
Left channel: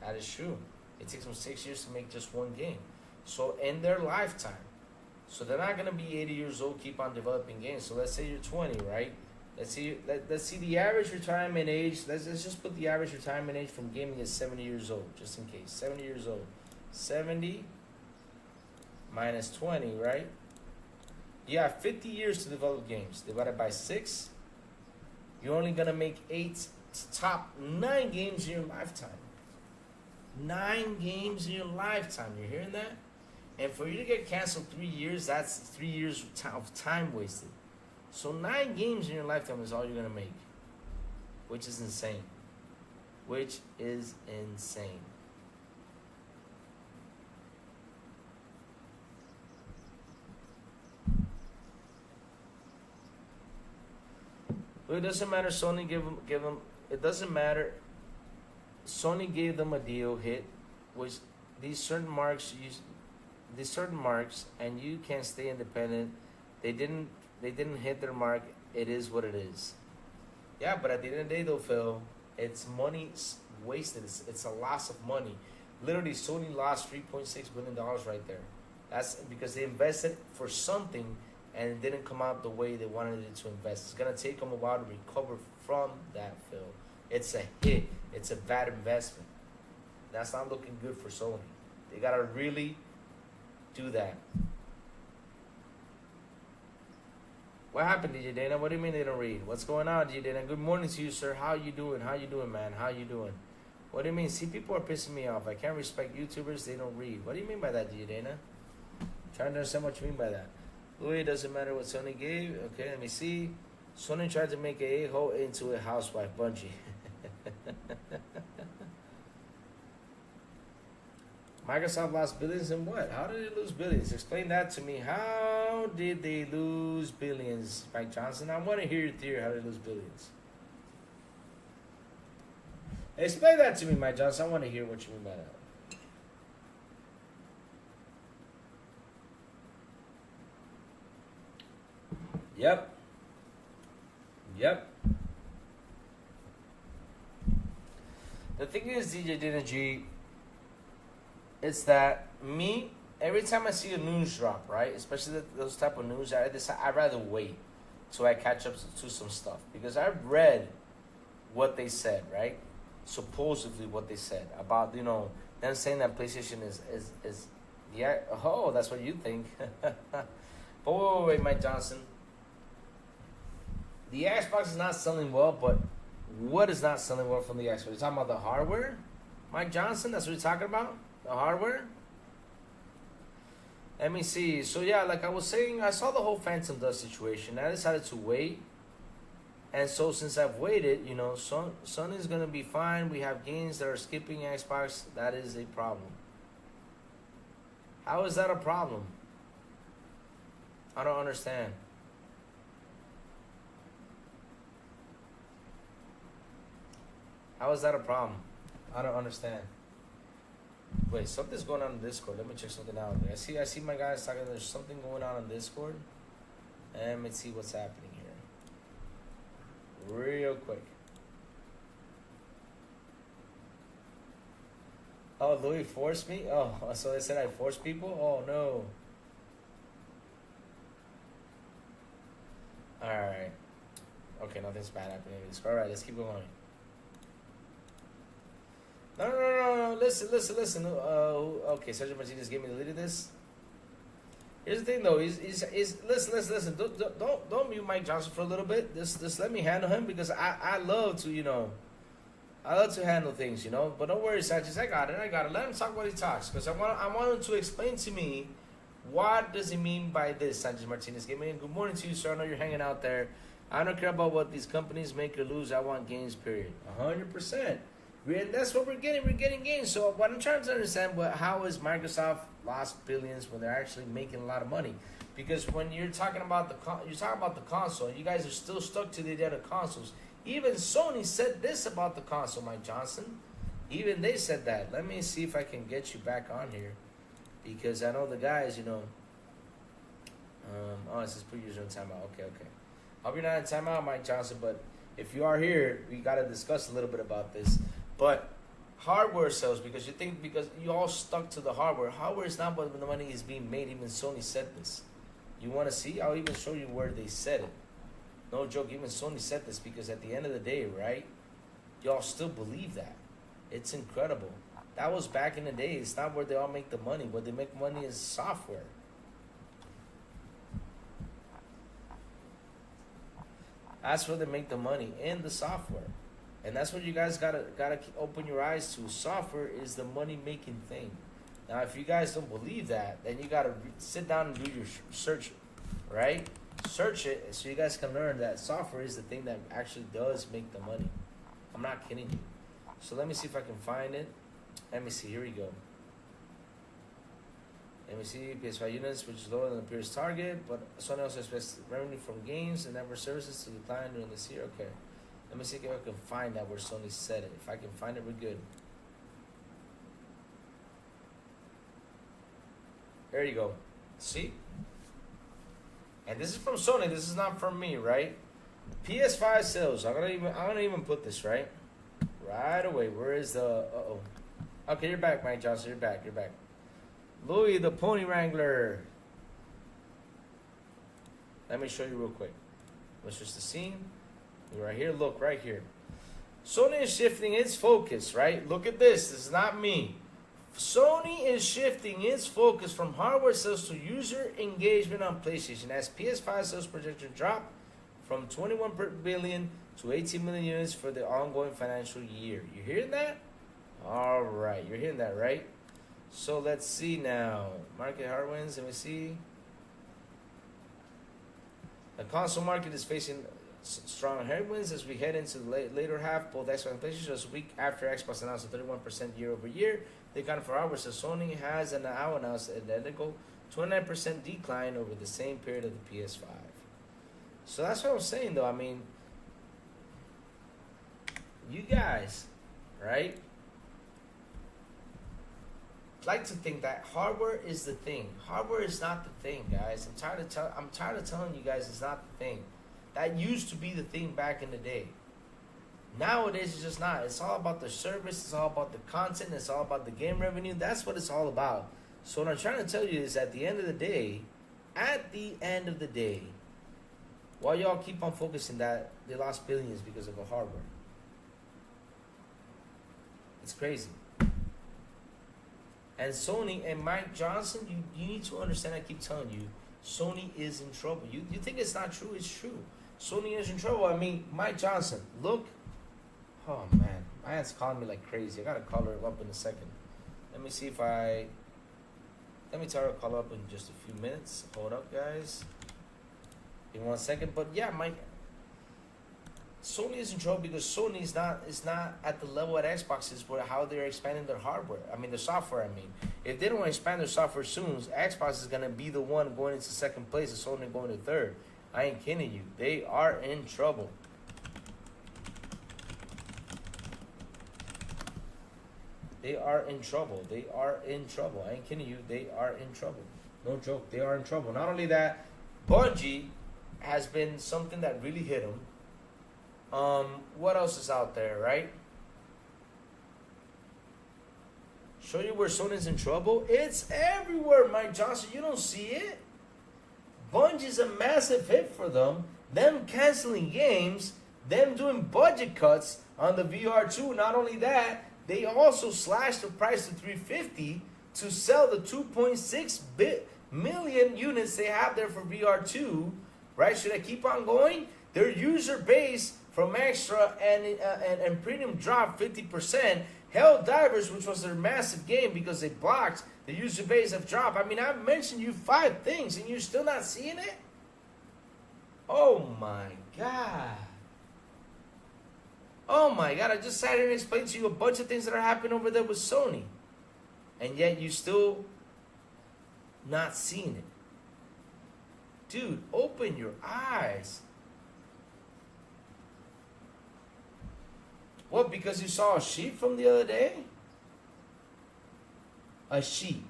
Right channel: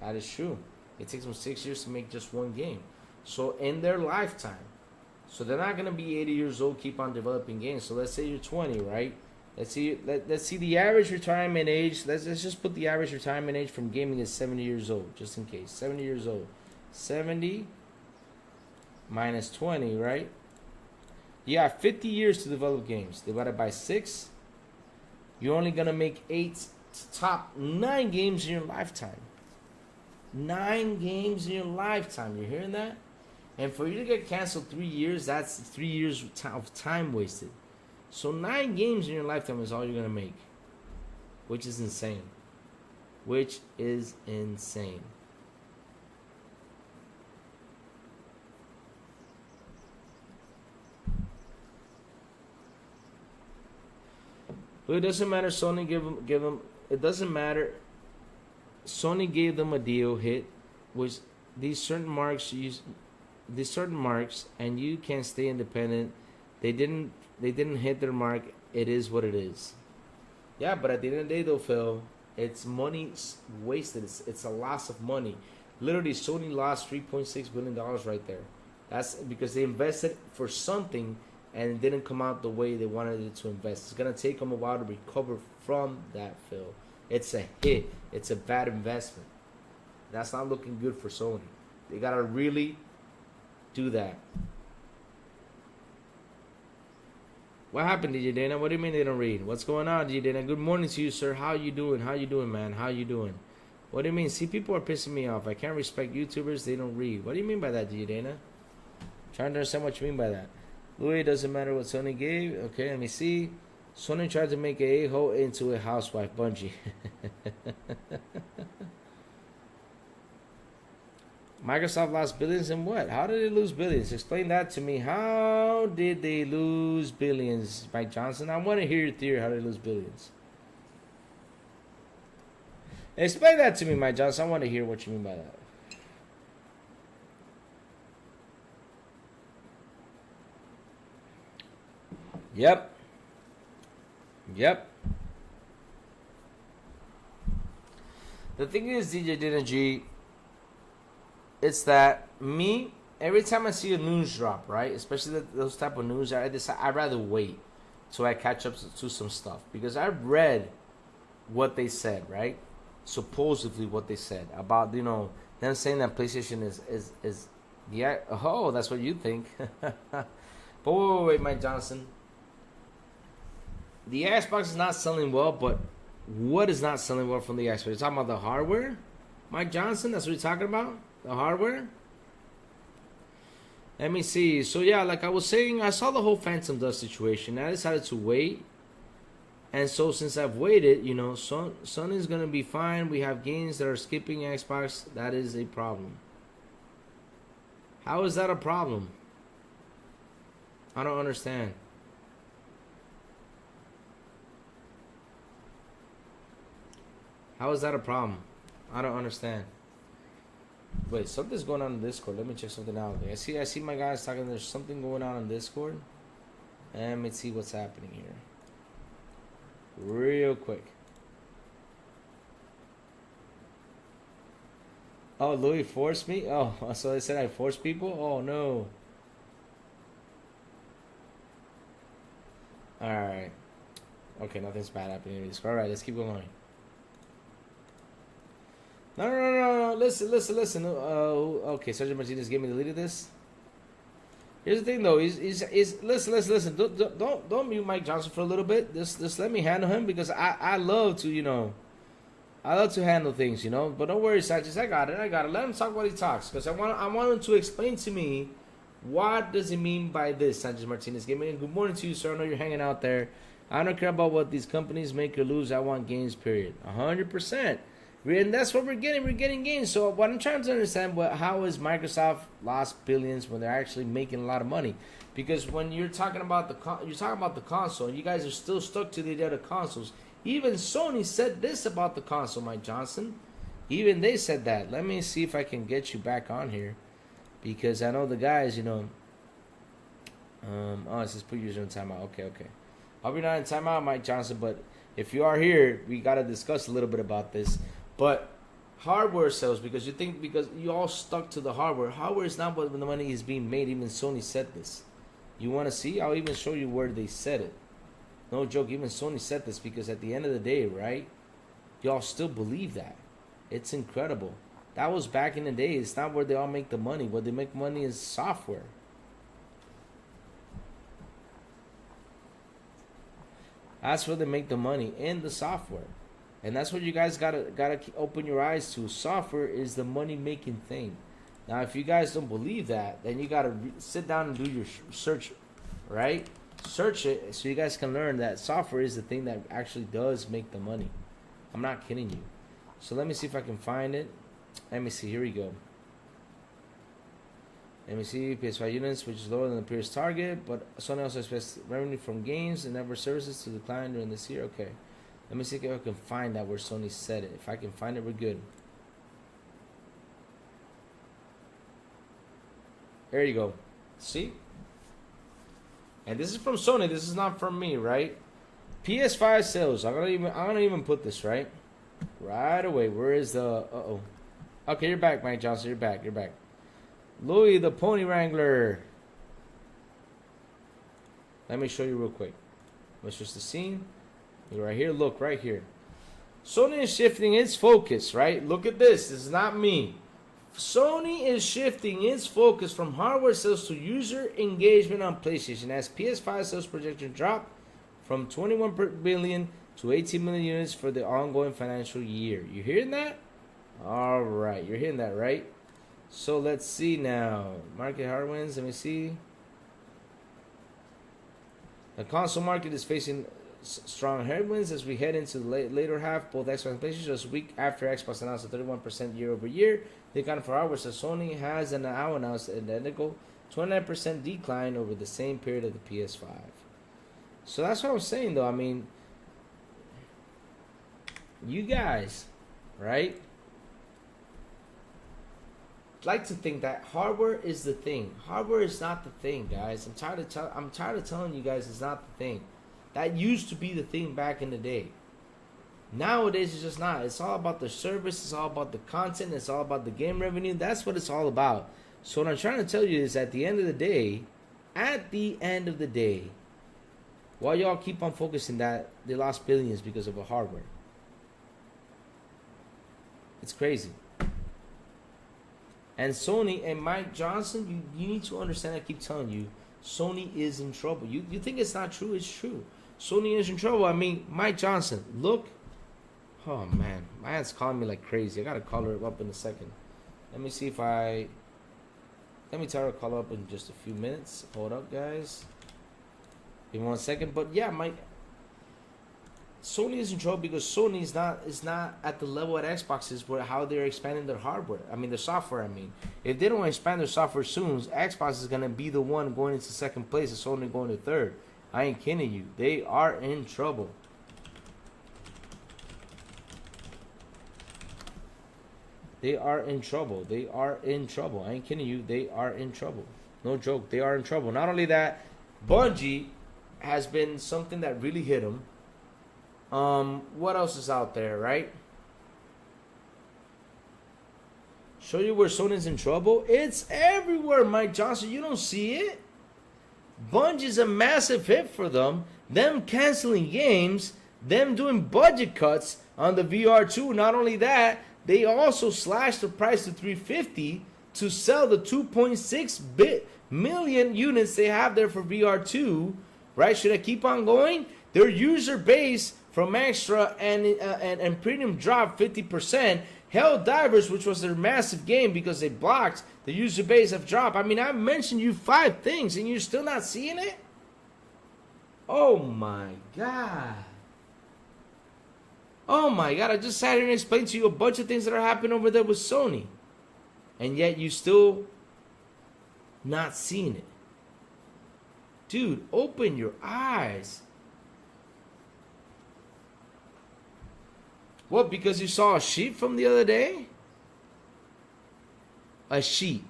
That is true. It takes them 6 years to make just one game. So in their lifetime, so they're not going to be 80 years old, keep on developing games. So let's say you're 20, right? Let's see the average retirement age. Let's just put the average retirement age from gaming is 70 years old, just in case. 70 years old. 70 minus 20, right? You have 50 years to develop games. Divided by 6, you're only going to make 8 to top 9 games in your lifetime. 9 games in your lifetime. You hearing that? And for you to get canceled 3 years, that's 3 years of time wasted. So 9 games in your lifetime is all you're going to make. Which is insane. Which is insane. But it doesn't matter. Sony give them. It doesn't matter. Sony gave them a deal hit, which these certain marks, and you can't stay independent. They didn't hit their mark. It is what it is. Yeah, but at the end of the day, though, Phil, it's money wasted. It's a loss of money. Literally, Sony lost $3.6 billion right there. That's because they invested for something and it didn't come out the way they wanted it to invest. It's gonna take them a while to recover from that, Phil. It's a hit. It's a bad investment. That's not looking good for Sony. They gotta really do that. What happened, DJ Dana? What do you mean they don't read? What's going on, DJ Dana? Good morning to you, sir. How you doing? How you doing, man? How you doing? What do you mean? See, people are pissing me off. I can't respect YouTubers. They don't read. What do you mean by that, DJ Dana? Trying to understand what you mean by that. Louis, doesn't matter what Sony gave. Okay, let me see. Sony tried to make a a-hole into a housewife, Bungie. Microsoft lost billions in what? How did they lose billions? Explain that to me. How did they lose billions, Mike Johnson? I want to hear your theory how they lose billions. Explain that to me, Mike Johnson. I want to hear what you mean by that. Yep. The thing is, DJ Dina G, it's that every time I see a news drop, right, especially those type of news, I'd rather wait till I catch up to some stuff. Because I've read what they said, right? Supposedly what they said about, them saying that PlayStation is yeah, oh, that's what you think. But wait, Mike Johnson. The Xbox is not selling well, but what is not selling well from the Xbox? You're talking about the hardware? Mike Johnson, that's what you're talking about? The hardware? Let me see. So yeah, like I was saying, I saw the whole Phantom Dust situation. I decided to wait. And so since I've waited, Sony's going to be fine. We have games that are skipping Xbox. That is a problem. How is that a problem? I don't understand. How is that a problem? I don't understand. Wait, something's going on in Discord. Let me check something out. I see my guys talking. There's something going on in Discord. And let me see what's happening here. Real quick. Oh, Louis forced me? Oh, so they said I forced people? Oh, no. Alright. Okay, nothing's bad happening in Discord. Alright, let's keep going. No. Listen. Okay, Sergio Martinez gave me the lead of this. Here's the thing, though. Listen. Don't mute Mike Johnson for a little bit. Just let me handle him because I love to, I love to handle things, But don't worry, Sanchez. I got it. Let him talk while he talks because I want him to explain to me what does he mean by this. Sanchez Martinez gave me good morning to you, sir. I know you're hanging out there. I don't care about what these companies make or lose. I want games, period. 100%. And that's what we're getting. We're getting games. So what I'm trying to understand, how is Microsoft lost billions when they're actually making a lot of money? Because when you're talking about the console, and you guys are still stuck to the idea of consoles. Even Sony said this about the console, Mike Johnson. Even they said that. Let me see if I can get you back on here, because I know the guys, you know. It says put user in timeout. Okay. I'll be not in timeout, Mike Johnson, but if you are here, we got to discuss a little bit about this. But hardware sales, because you all stuck to the hardware. Hardware is not what the money is being made. Even Sony said this. You want to see? I'll even show you where they said it. No joke, even Sony said this, because at the end of the day, right, y'all still believe that. It's incredible. That was back in the day. It's not where they all make the money. Where they make money is software. That's where they make the money, in the software. And that's what you guys gotta open your eyes to. Software is the money-making thing. Now, if you guys don't believe that, then you gotta sit down and do your search, right? Search it so you guys can learn that software is the thing that actually does make the money. I'm not kidding you. So let me see if I can find it. Let me see. Here we go. Let me see, PS5 units, which is lower than the previous target, but Sony also expects revenue from games and network services to decline during this year. Okay. Let me see if I can find that where Sony said it. If I can find it, we're good. There you go. See? And this is from Sony. This is not from me, right? PS5 sales. I'm gonna even put this right away. Where is the? Okay, you're back, Mike Johnson. You're back. Louis the Pony Wrangler. Let me show you real quick. Let's just the scene. Right here. Look right here. Sony is shifting its focus. Right. Look at this. This is not me. Sony is shifting its focus from hardware sales to user engagement on PlayStation as PS5 sales projection drop from 21 billion to 18 million units for the ongoing financial year. You hearing that? All right, you're hearing that, right? So let's see now. Market headwinds. Let me see. The console market is facing strong headwinds as we head into the later half. Both Xbox and PlayStation just a week after Xbox announced a 31% year-over-year decline for hardware. So Sony has now announced an identical 29% decline over the same period of the PS5. So that's what I'm saying, though. I mean, you guys, right, like to think that hardware is the thing. Hardware is not the thing, guys. I'm tired of telling you guys it's not the thing. That used to be the thing back in the day. Nowadays, it's just not. It's all about the service. It's all about the content. It's all about the game revenue. That's what it's all about. So what I'm trying to tell you is at the end of the day, while y'all keep on focusing that they lost billions because of a hardware. It's crazy. And Sony and Mike Johnson, you need to understand, I keep telling you, Sony is in trouble. You think it's not true? It's true. Sony is in trouble. I mean, Mike Johnson, look. Oh, man. My aunt's calling me like crazy. I got to call her up in a second. Let me see if let me tell her to call up in just a few minutes. Hold up, guys. Give me 1 second. But, yeah, Sony is in trouble because Sony is not at the level at Xbox is where how they're expanding their hardware. I mean, their software. I mean, if they don't expand their software soon, Xbox is gonna be the one going into second place and Sony going to third. I ain't kidding you. They are in trouble. They are in trouble. They are in trouble. I ain't kidding you. They are in trouble. No joke. They are in trouble. Not only that, Bungie has been something that really hit them. What else is out there, right? Show you where Sony's in trouble. It's everywhere, Mike Johnson. You don't see it. Bungie's a massive hit for them. Them canceling games. Them doing budget cuts on the VR2. Not only that, they also slashed the price to $350 to sell the 2.6 million units they have there for VR2. Right? Should I keep on going? Their user base from Extra and Premium dropped 50%. Helldivers, which was their massive game because they blocked, the user base have dropped. I mean, I mentioned you 5 things and you're still not seeing it? Oh my god. Oh my god, I just sat here and explained to you a bunch of things that are happening over there with Sony. And yet you still not seeing it. Dude, open your eyes. What, because you saw a sheet from the other day? A sheet.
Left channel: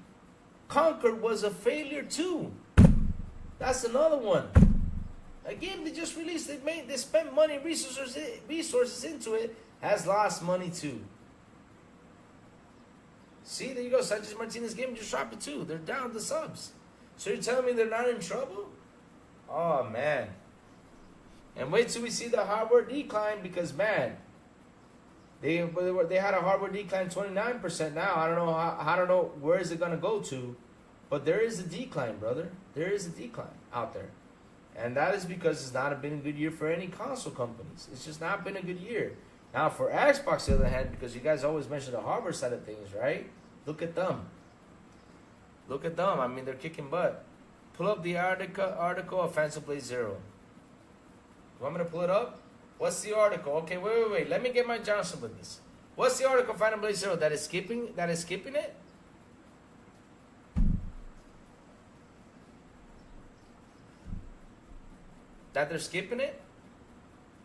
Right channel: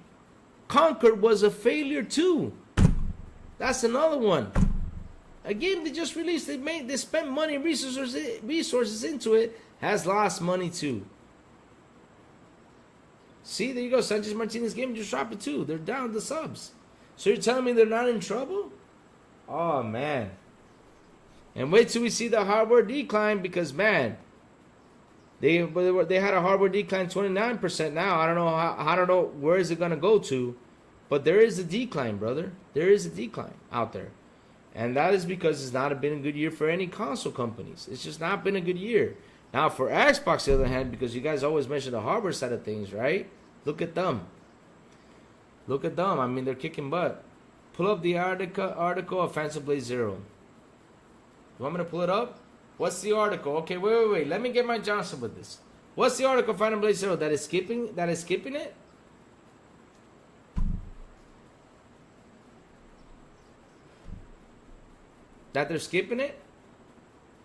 Concord was a failure too. That's another one. A game they just released, they spent money and resources into it, has lost money too. See, there you go. Sanchez Martinez game just dropped it too. They're down the subs. So you're telling me they're not in trouble? Oh man. And wait till we see the hardware decline, because man, they had a hardware decline 29% now. I don't know where is it gonna go to, but there is a decline, brother. There is a decline out there. And that is because it's not been a good year for any console companies. It's just not been a good year. Now for Xbox, on the other hand, because you guys always mention the hardware side of things, right? Look at them. Look at them. I mean, they're kicking butt. Pull up the article of Phantom Blade Zero. You want me to pull it up? What's the article? Okay, wait. Let me get my Johnson with this. What's the article of Phantom Blade Zero? That is skipping it? That they're skipping it?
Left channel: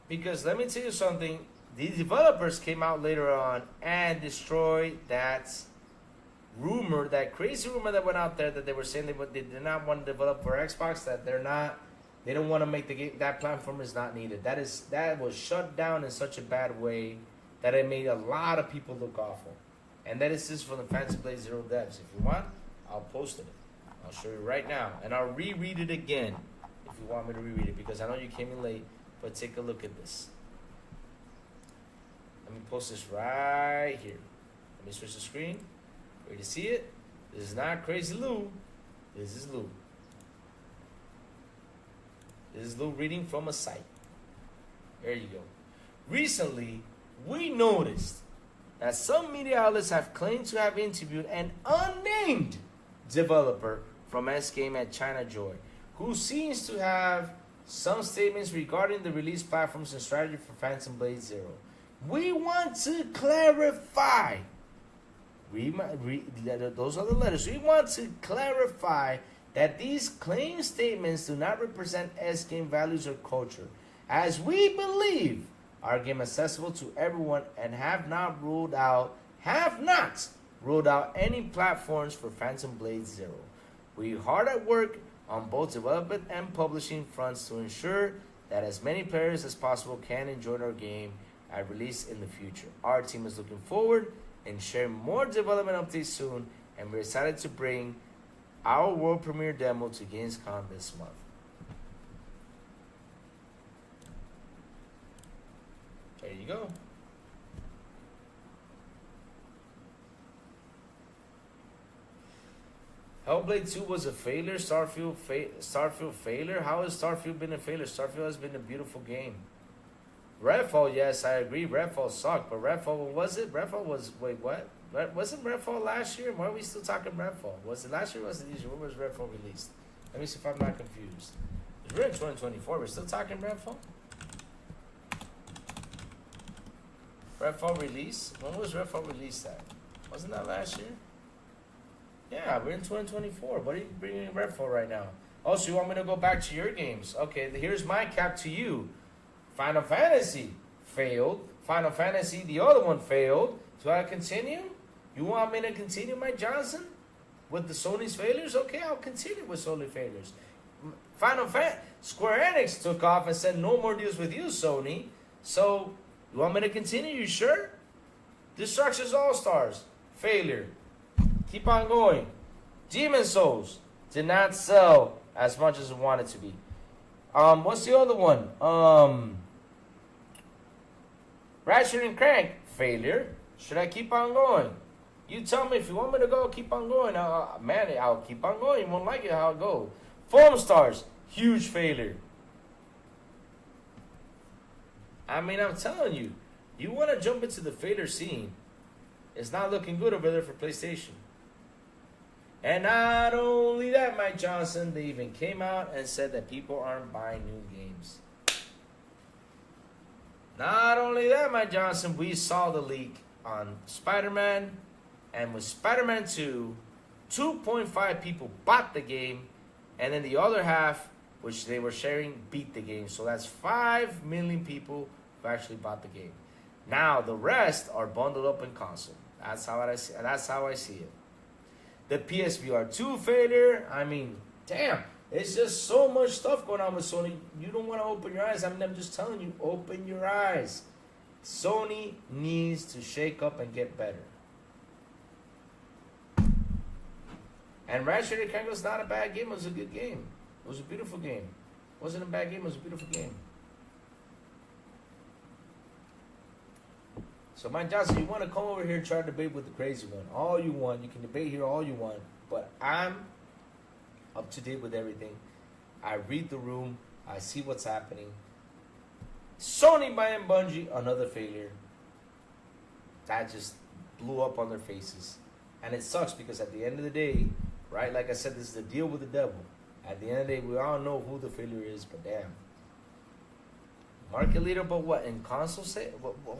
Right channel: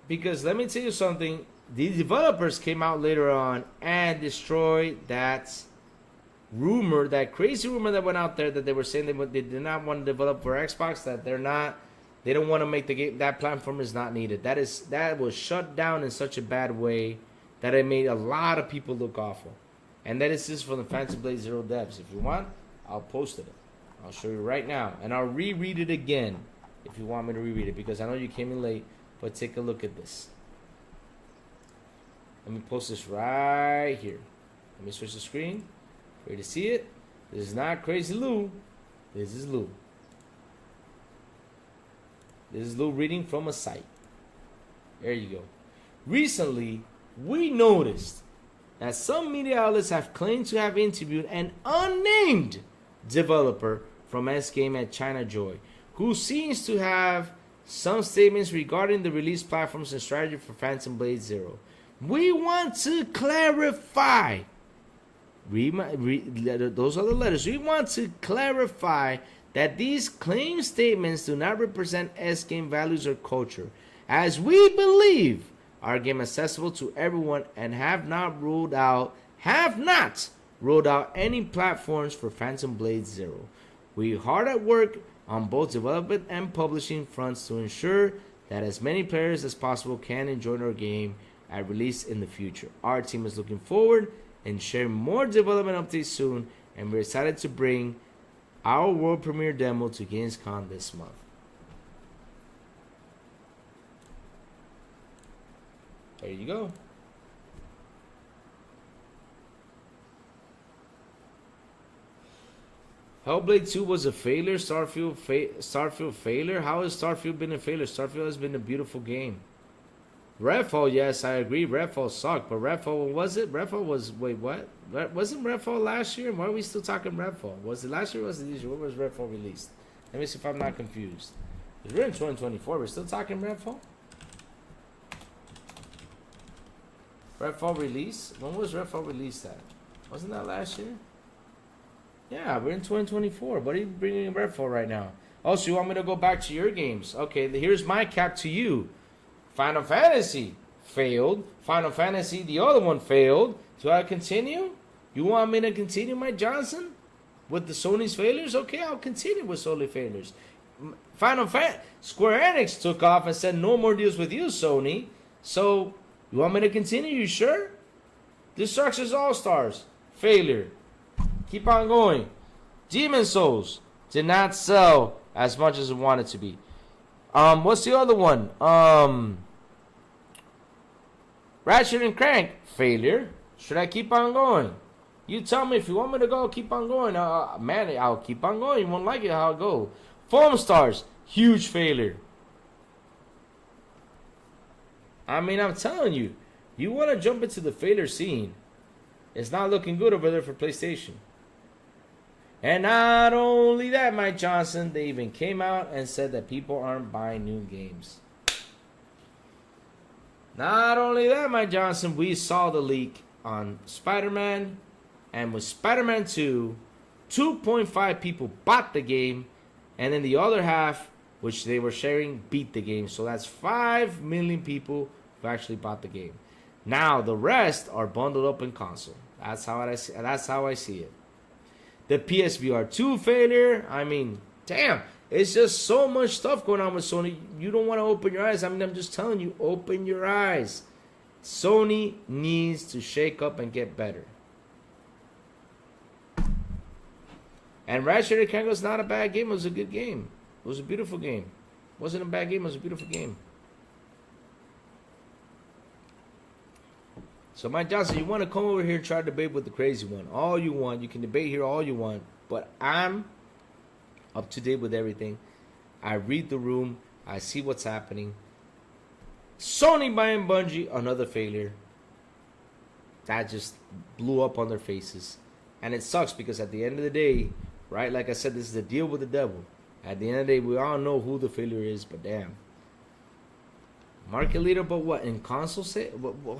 Because let me tell you something. The developers came out later on and destroyed that rumor, that crazy rumor that went out there that they were saying they did not want to develop for Xbox, that they don't want to make the game, that platform is not needed. That was shut down in such a bad way that it made a lot of people look awful. And that is just from the Phantom Blade Zero devs. If you want, I'll post it. I'll show you right now. And I'll reread it again if you want me to reread it, because I know you came in late, but take a look at this. Let me post this right here. Let me switch the screen for you to see it. This is not Crazy Lou. This is Lou. This is Lou reading from a site. There you go. Recently, we noticed that some media outlets have claimed to have interviewed an unnamed developer from S-Game at China Joy, who seems to have some statements regarding the release platforms and strategy for Phantom Blade Zero. We want to clarify. Those are the letters. We want to clarify that these claim statements do not represent S-Game values or culture, as we believe our game is accessible to everyone and have not ruled out any platforms for Phantom Blade Zero. We are hard at work on both development and publishing fronts to ensure that as many players as possible can enjoy our game at release in the future. Our team is looking forward and sharing more development updates soon, and we're excited to bring our world premiere demo to Gamescom this month. There you go. Hellblade 2 was a failure. Starfield failure. How has Starfield been a failure? Starfield has been a beautiful game. Redfall, yes, I agree. Redfall sucked, but Redfall, what was it? Redfall was, wait, what? Wasn't Redfall last year? Why are we still talking Redfall? Was it last year or was it this year? When was Redfall released? Let me see if I'm not confused. We're in 2024. We're still talking Redfall? Redfall release? When was Redfall released at? Wasn't that last year? Yeah, we're in 2024. What are you bringing Redfall right now? Oh, so you want me to go back to your games? Okay, here's my cap to you. Final Fantasy failed. Final Fantasy, the other one failed. So I continue? You want me to continue, Mike Johnson? With the Sony's failures? Okay, I'll continue with Sony failures. Square Enix took off and said no more deals with you, Sony. So, you want me to continue? You sure? Destruction's All-Stars. Failure. Keep on going. Demon Souls did not sell as much as it wanted to be. What's the other one? Ratchet and Clank. Failure. Should I keep on going? You tell me if you want me to go, keep on going. Man, I'll keep on going. You won't like it how it go. Foam Stars. Huge failure. I mean, I'm telling you. You want to jump into the failure scene. It's not looking good over there for PlayStation. And not only that, Mike Johnson, they even came out and said that people aren't buying new games. Not only that, Mike Johnson, we saw the leak on Spider-Man, and with Spider-Man 2, 2.5 people bought the game, and then the other half, which they were sharing, beat the game. So that's 5 million people who actually bought the game. Now the rest are bundled up in console. That's how I see it. The PSVR 2 failure. I mean, damn, it's just so much stuff going on with Sony. You don't want to open your eyes. I mean, I'm just telling you, open your eyes. Sony needs to shake up and get better. And Ratchet & Clank was not a bad game. It was a good game. It was a beautiful game. It wasn't a bad game. It was a beautiful game. So, Mike Johnson, you want to come over here and try to debate with the crazy one. All you want. You can debate here all you want. But I'm up to date with everything. I read the room. I see what's happening. Sony buying Bungie, another failure. That just blew up on their faces. And it sucks because at the end of the day, right, like I said, this is a deal with the devil. At the end of the day, we all know who the failure is, but damn. Market leader, but what? In console say?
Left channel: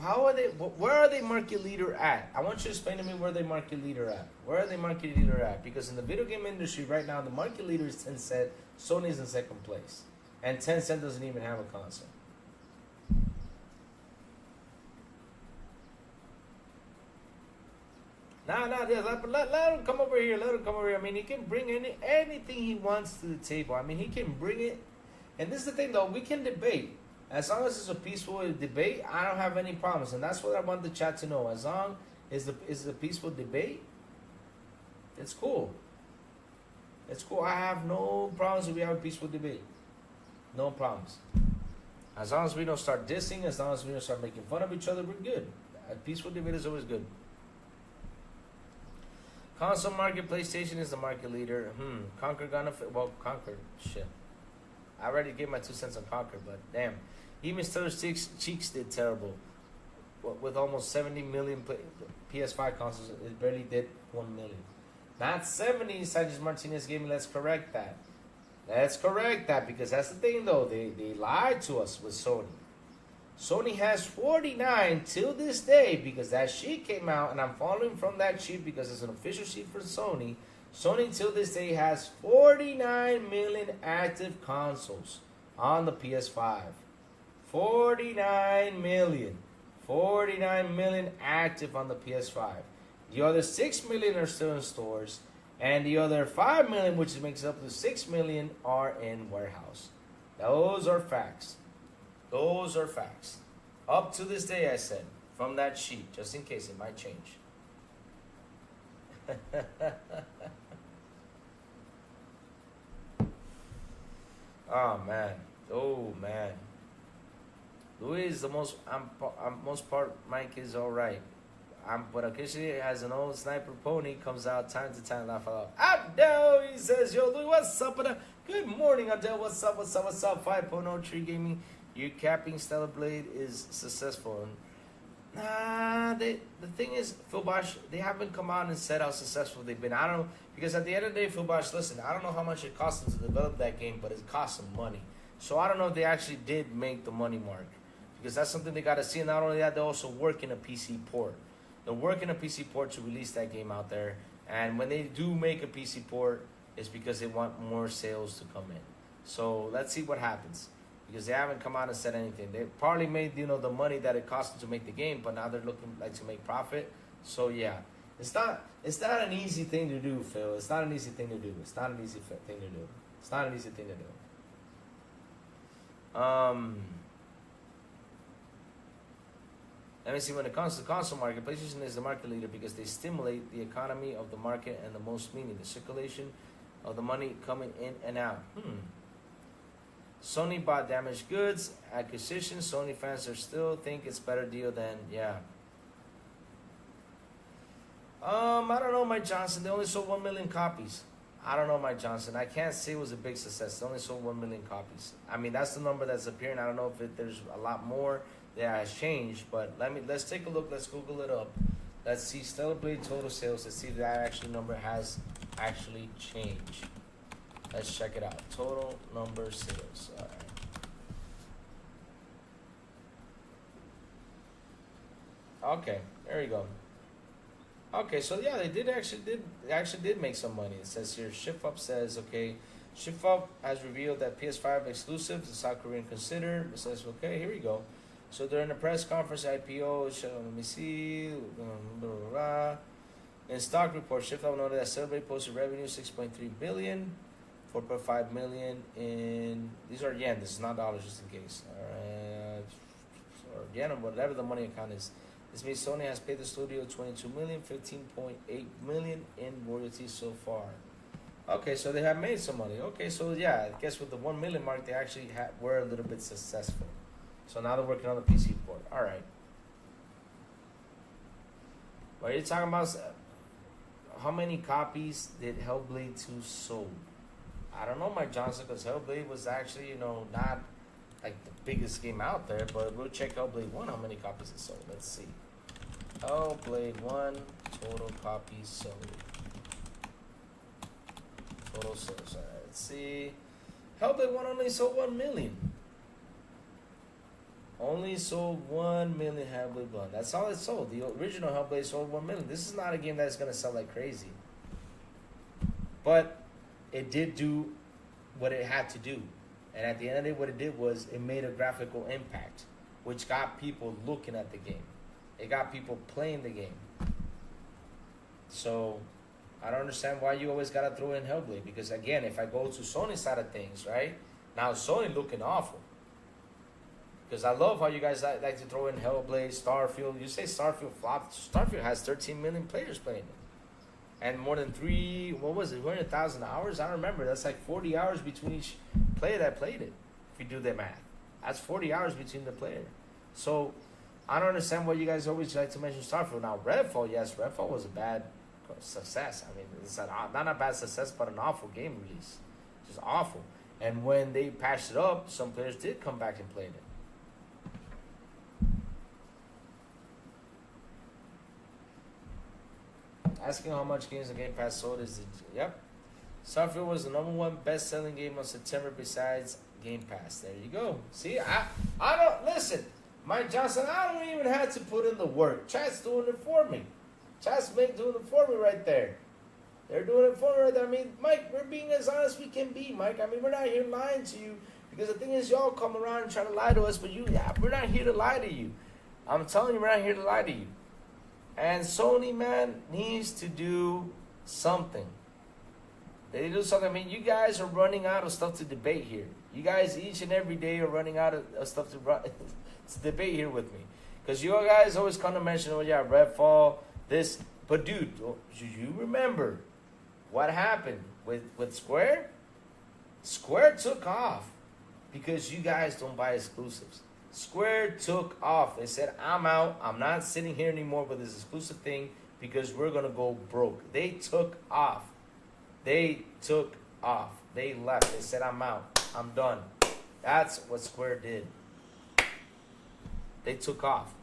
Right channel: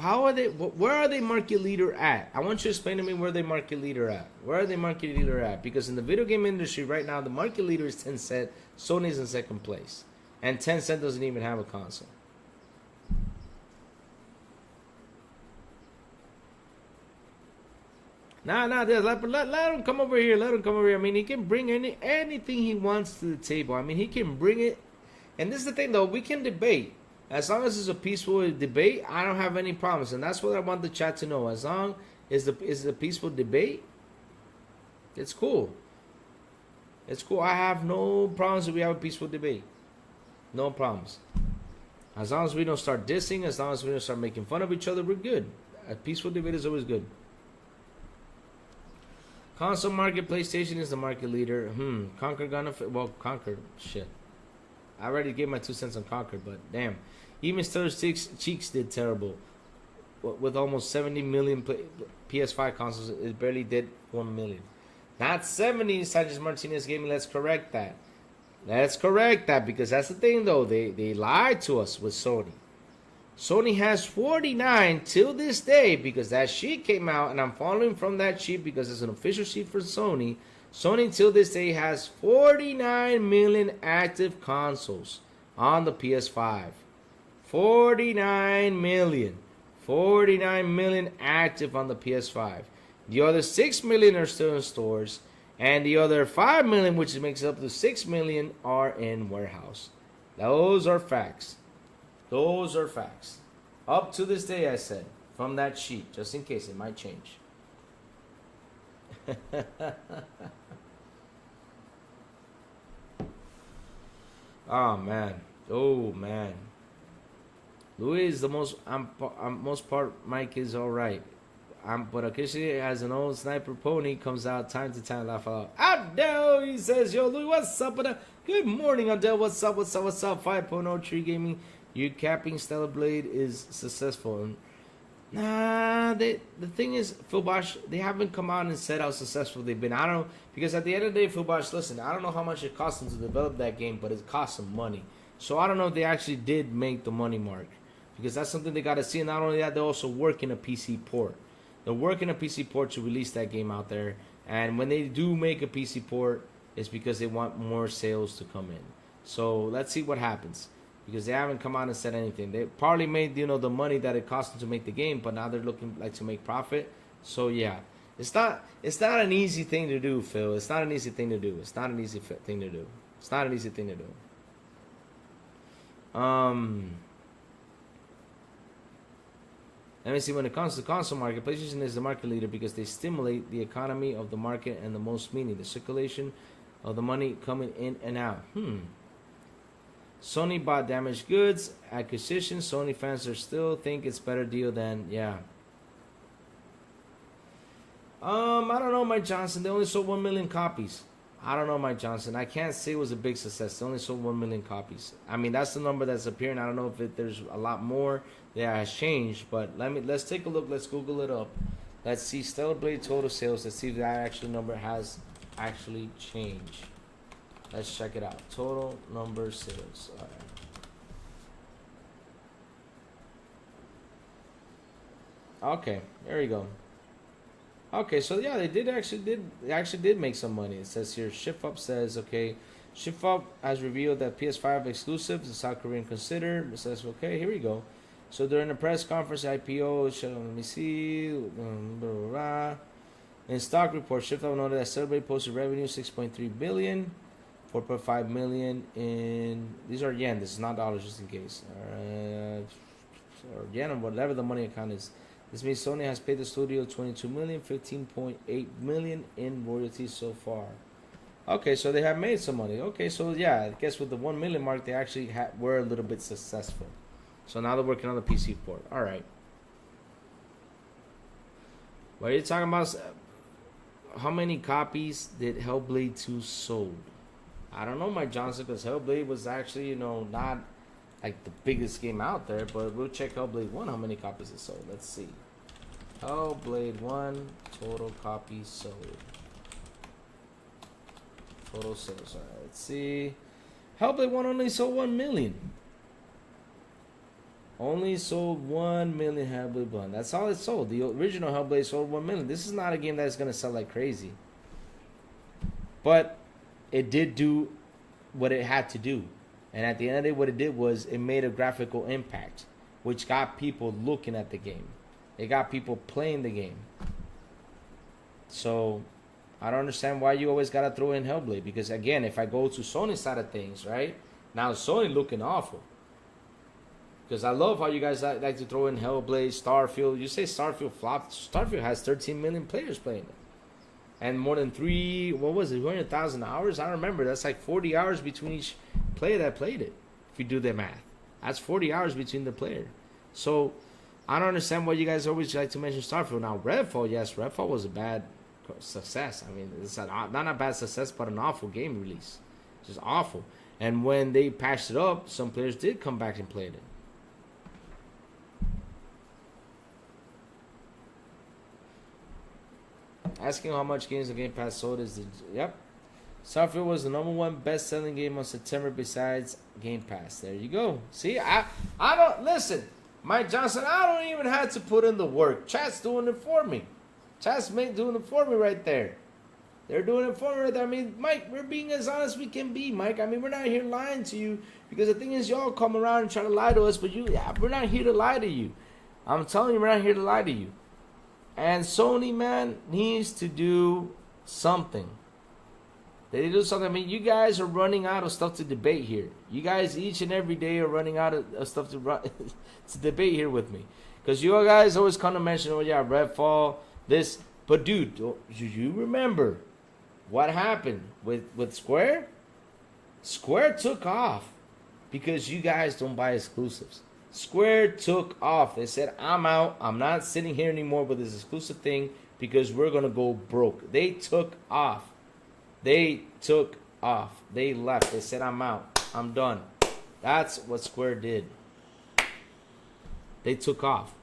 How are they? Where are they market leader at? I want you to explain to me where they market leader at. Where are they market leader at? Because in the video game industry right now, the market leader is Tencent. Sony's in second place. And Tencent doesn't even have a console. Nah, let him come over here. Let him come over here. I mean, he can bring anything he wants to the table. I mean, he can bring it. And this is the thing, though. We can debate. As long as it's a peaceful debate, I don't have any problems. And that's what I want the chat to know. As long as it's a peaceful debate, it's cool. It's cool. I have no problems if we have a peaceful debate. No problems. As long as we don't start dissing, as long as we don't start making fun of each other, we're good. A peaceful debate is always good. Console market, PlayStation is the market leader. Conquer gonna well, Conquer, shit. I already gave my 2 cents on Conquer, but damn. Even Star Cheeks did terrible. With almost 70 million PS5 consoles, it barely did 1 million. Not 70, Sanchez Martinez Gaming. Let's correct that. Let's correct that, because that's the thing, though. They lied to us with Sony. Sony has 49 till this day, because that sheet came out, and I'm following from that sheet because it's an official sheet for Sony. Sony till this day has 49 million active consoles on the PS5. 49 million. 49 million active on the PS5. The other 6 million are still in stores, and the other 5 million, which makes up to 6 million, are in warehouse. Those are facts. Those are facts. Up to this day, I said, from that sheet, just in case it might change. Oh man. Louis is the most. Most part. Mike is all right. But occasionally, as an old sniper pony comes out time to time, laugh out. Adele, he says, "Yo, Louis, what's up?" Good morning, Adele. What's up? 5.0 Tree Gaming. You capping Stellar Blade is successful. Nah, the thing is, Phil Bosch, they haven't come out and said how successful they've been. I don't know, because at the end of the day, Phil Bosch, listen, I don't know how much it cost them to develop that game, but it cost them money. So I don't know if they actually did make the money mark, because that's something they got to see. And not only that, they're also working a PC port. They're working a PC port to release that game out there. And when they do make a PC port, it's because they want more sales to come in. So let's see what happens. Because they haven't come out and said anything. They probably made, the money that it cost them to make the game, but now they're looking like to make profit. So yeah, it's not an easy thing to do, Phil. It's not an easy thing to do. It's not an easy thing to do. It's not an easy thing to do. Let me see. When it comes to the console market, PlayStation is the market leader because they stimulate the economy of the market and the most meaning, the circulation of the money coming in and out. Sony bought damaged goods acquisition. Sony fans are still think it's better deal than I don't know, Mike Johnson. They only sold 1 million copies. I don't know, Mike Johnson. I can't say it was a big success. They only sold 1 million copies. I mean, that's the number that's appearing. I don't know if there's a lot more that has changed, but let's take a look. Let's Google it up. Let's see Stellar Blade total sales. Let's see if that actual number has actually change? Let's check it out. Total number of sales. All right. Okay, there we go. Okay, so yeah, they actually did make some money. It says here, Shift Up says, okay, Shift Up has revealed that PS5 exclusives, the South Korean considered. It says, okay, here we go. So during the press conference, IPO, let me see, blah, blah, blah. In stock report, Shift Up noted that Celebrate posted revenue 6.3 billion, 4.5 million in, these are yen, this is not dollars, just in case, or yen or whatever the money account is. This means Sony has paid the studio 22 million, 15.8 million in royalties so far. Okay, so they have made some money. Okay, so yeah, I guess with the 1 million mark, they actually were a little bit successful. So now they're working on the PC port. All right. What are you talking about? How many copies did Hellblade 2 sold? I don't know, Mike Johnson, because Hellblade was actually, not like the biggest game out there, but we'll check Hellblade 1, how many copies it sold. Let's see. Hellblade 1, total copies sold. Total sales. All right, let's see. Hellblade 1 only sold 1 million. Only sold 1 million Hellblade 1. That's all it sold. The original Hellblade sold 1 million. This is not a game that's going to sell like crazy. But it did do what it had to do. And at the end of the day, what it did was it made a graphical impact, which got people looking at the game. It got people playing the game. So I don't understand why you always got to throw in Hellblade. Because again, if I go to Sony's side of things, right? Now Sony looking awful. Because I love how you guys like to throw in Hellblade, Starfield. You say Starfield flopped. Starfield has 13 million players playing it. And more than 200,000 hours? I don't remember. That's like 40 hours between each player that played it. If you do the math. That's 40 hours between the player. So, I don't understand why you guys always like to mention Starfield. Now, Redfall, yes, Redfall was a bad success. I mean, it's not a bad success, but an awful game release. Just awful. And when they patched it up, some players did come back and played it. Asking how much games the Game Pass sold is yep. Starfield was the #1 best-selling game on September besides Game Pass. There you go. See, I don't listen, Mike Johnson. I don't even have to put in the work. Chat's doing it for me. Chat's doing it for me right there. They're doing it for me right there. I mean, Mike, we're being as honest as we can be, Mike. I mean, we're not here lying to you because the thing is, y'all come around and try to lie to us, but we're not here to lie to you. I'm telling you, we're not here to lie to you. And Sony, man, needs to do something. They do something. I mean, you guys are running out of stuff to debate here. You guys each and every day are running out of stuff to debate here with me. Because you guys always kind of mention, oh yeah, Redfall, this. But dude, do you remember what happened with Square? Square took off because you guys don't buy exclusives. Square took off. They said, I'm out. I'm not sitting here anymore with this exclusive thing because we're going to go broke. They took off. They took off. They left. They said, I'm out. I'm done. That's what Square did. They took off.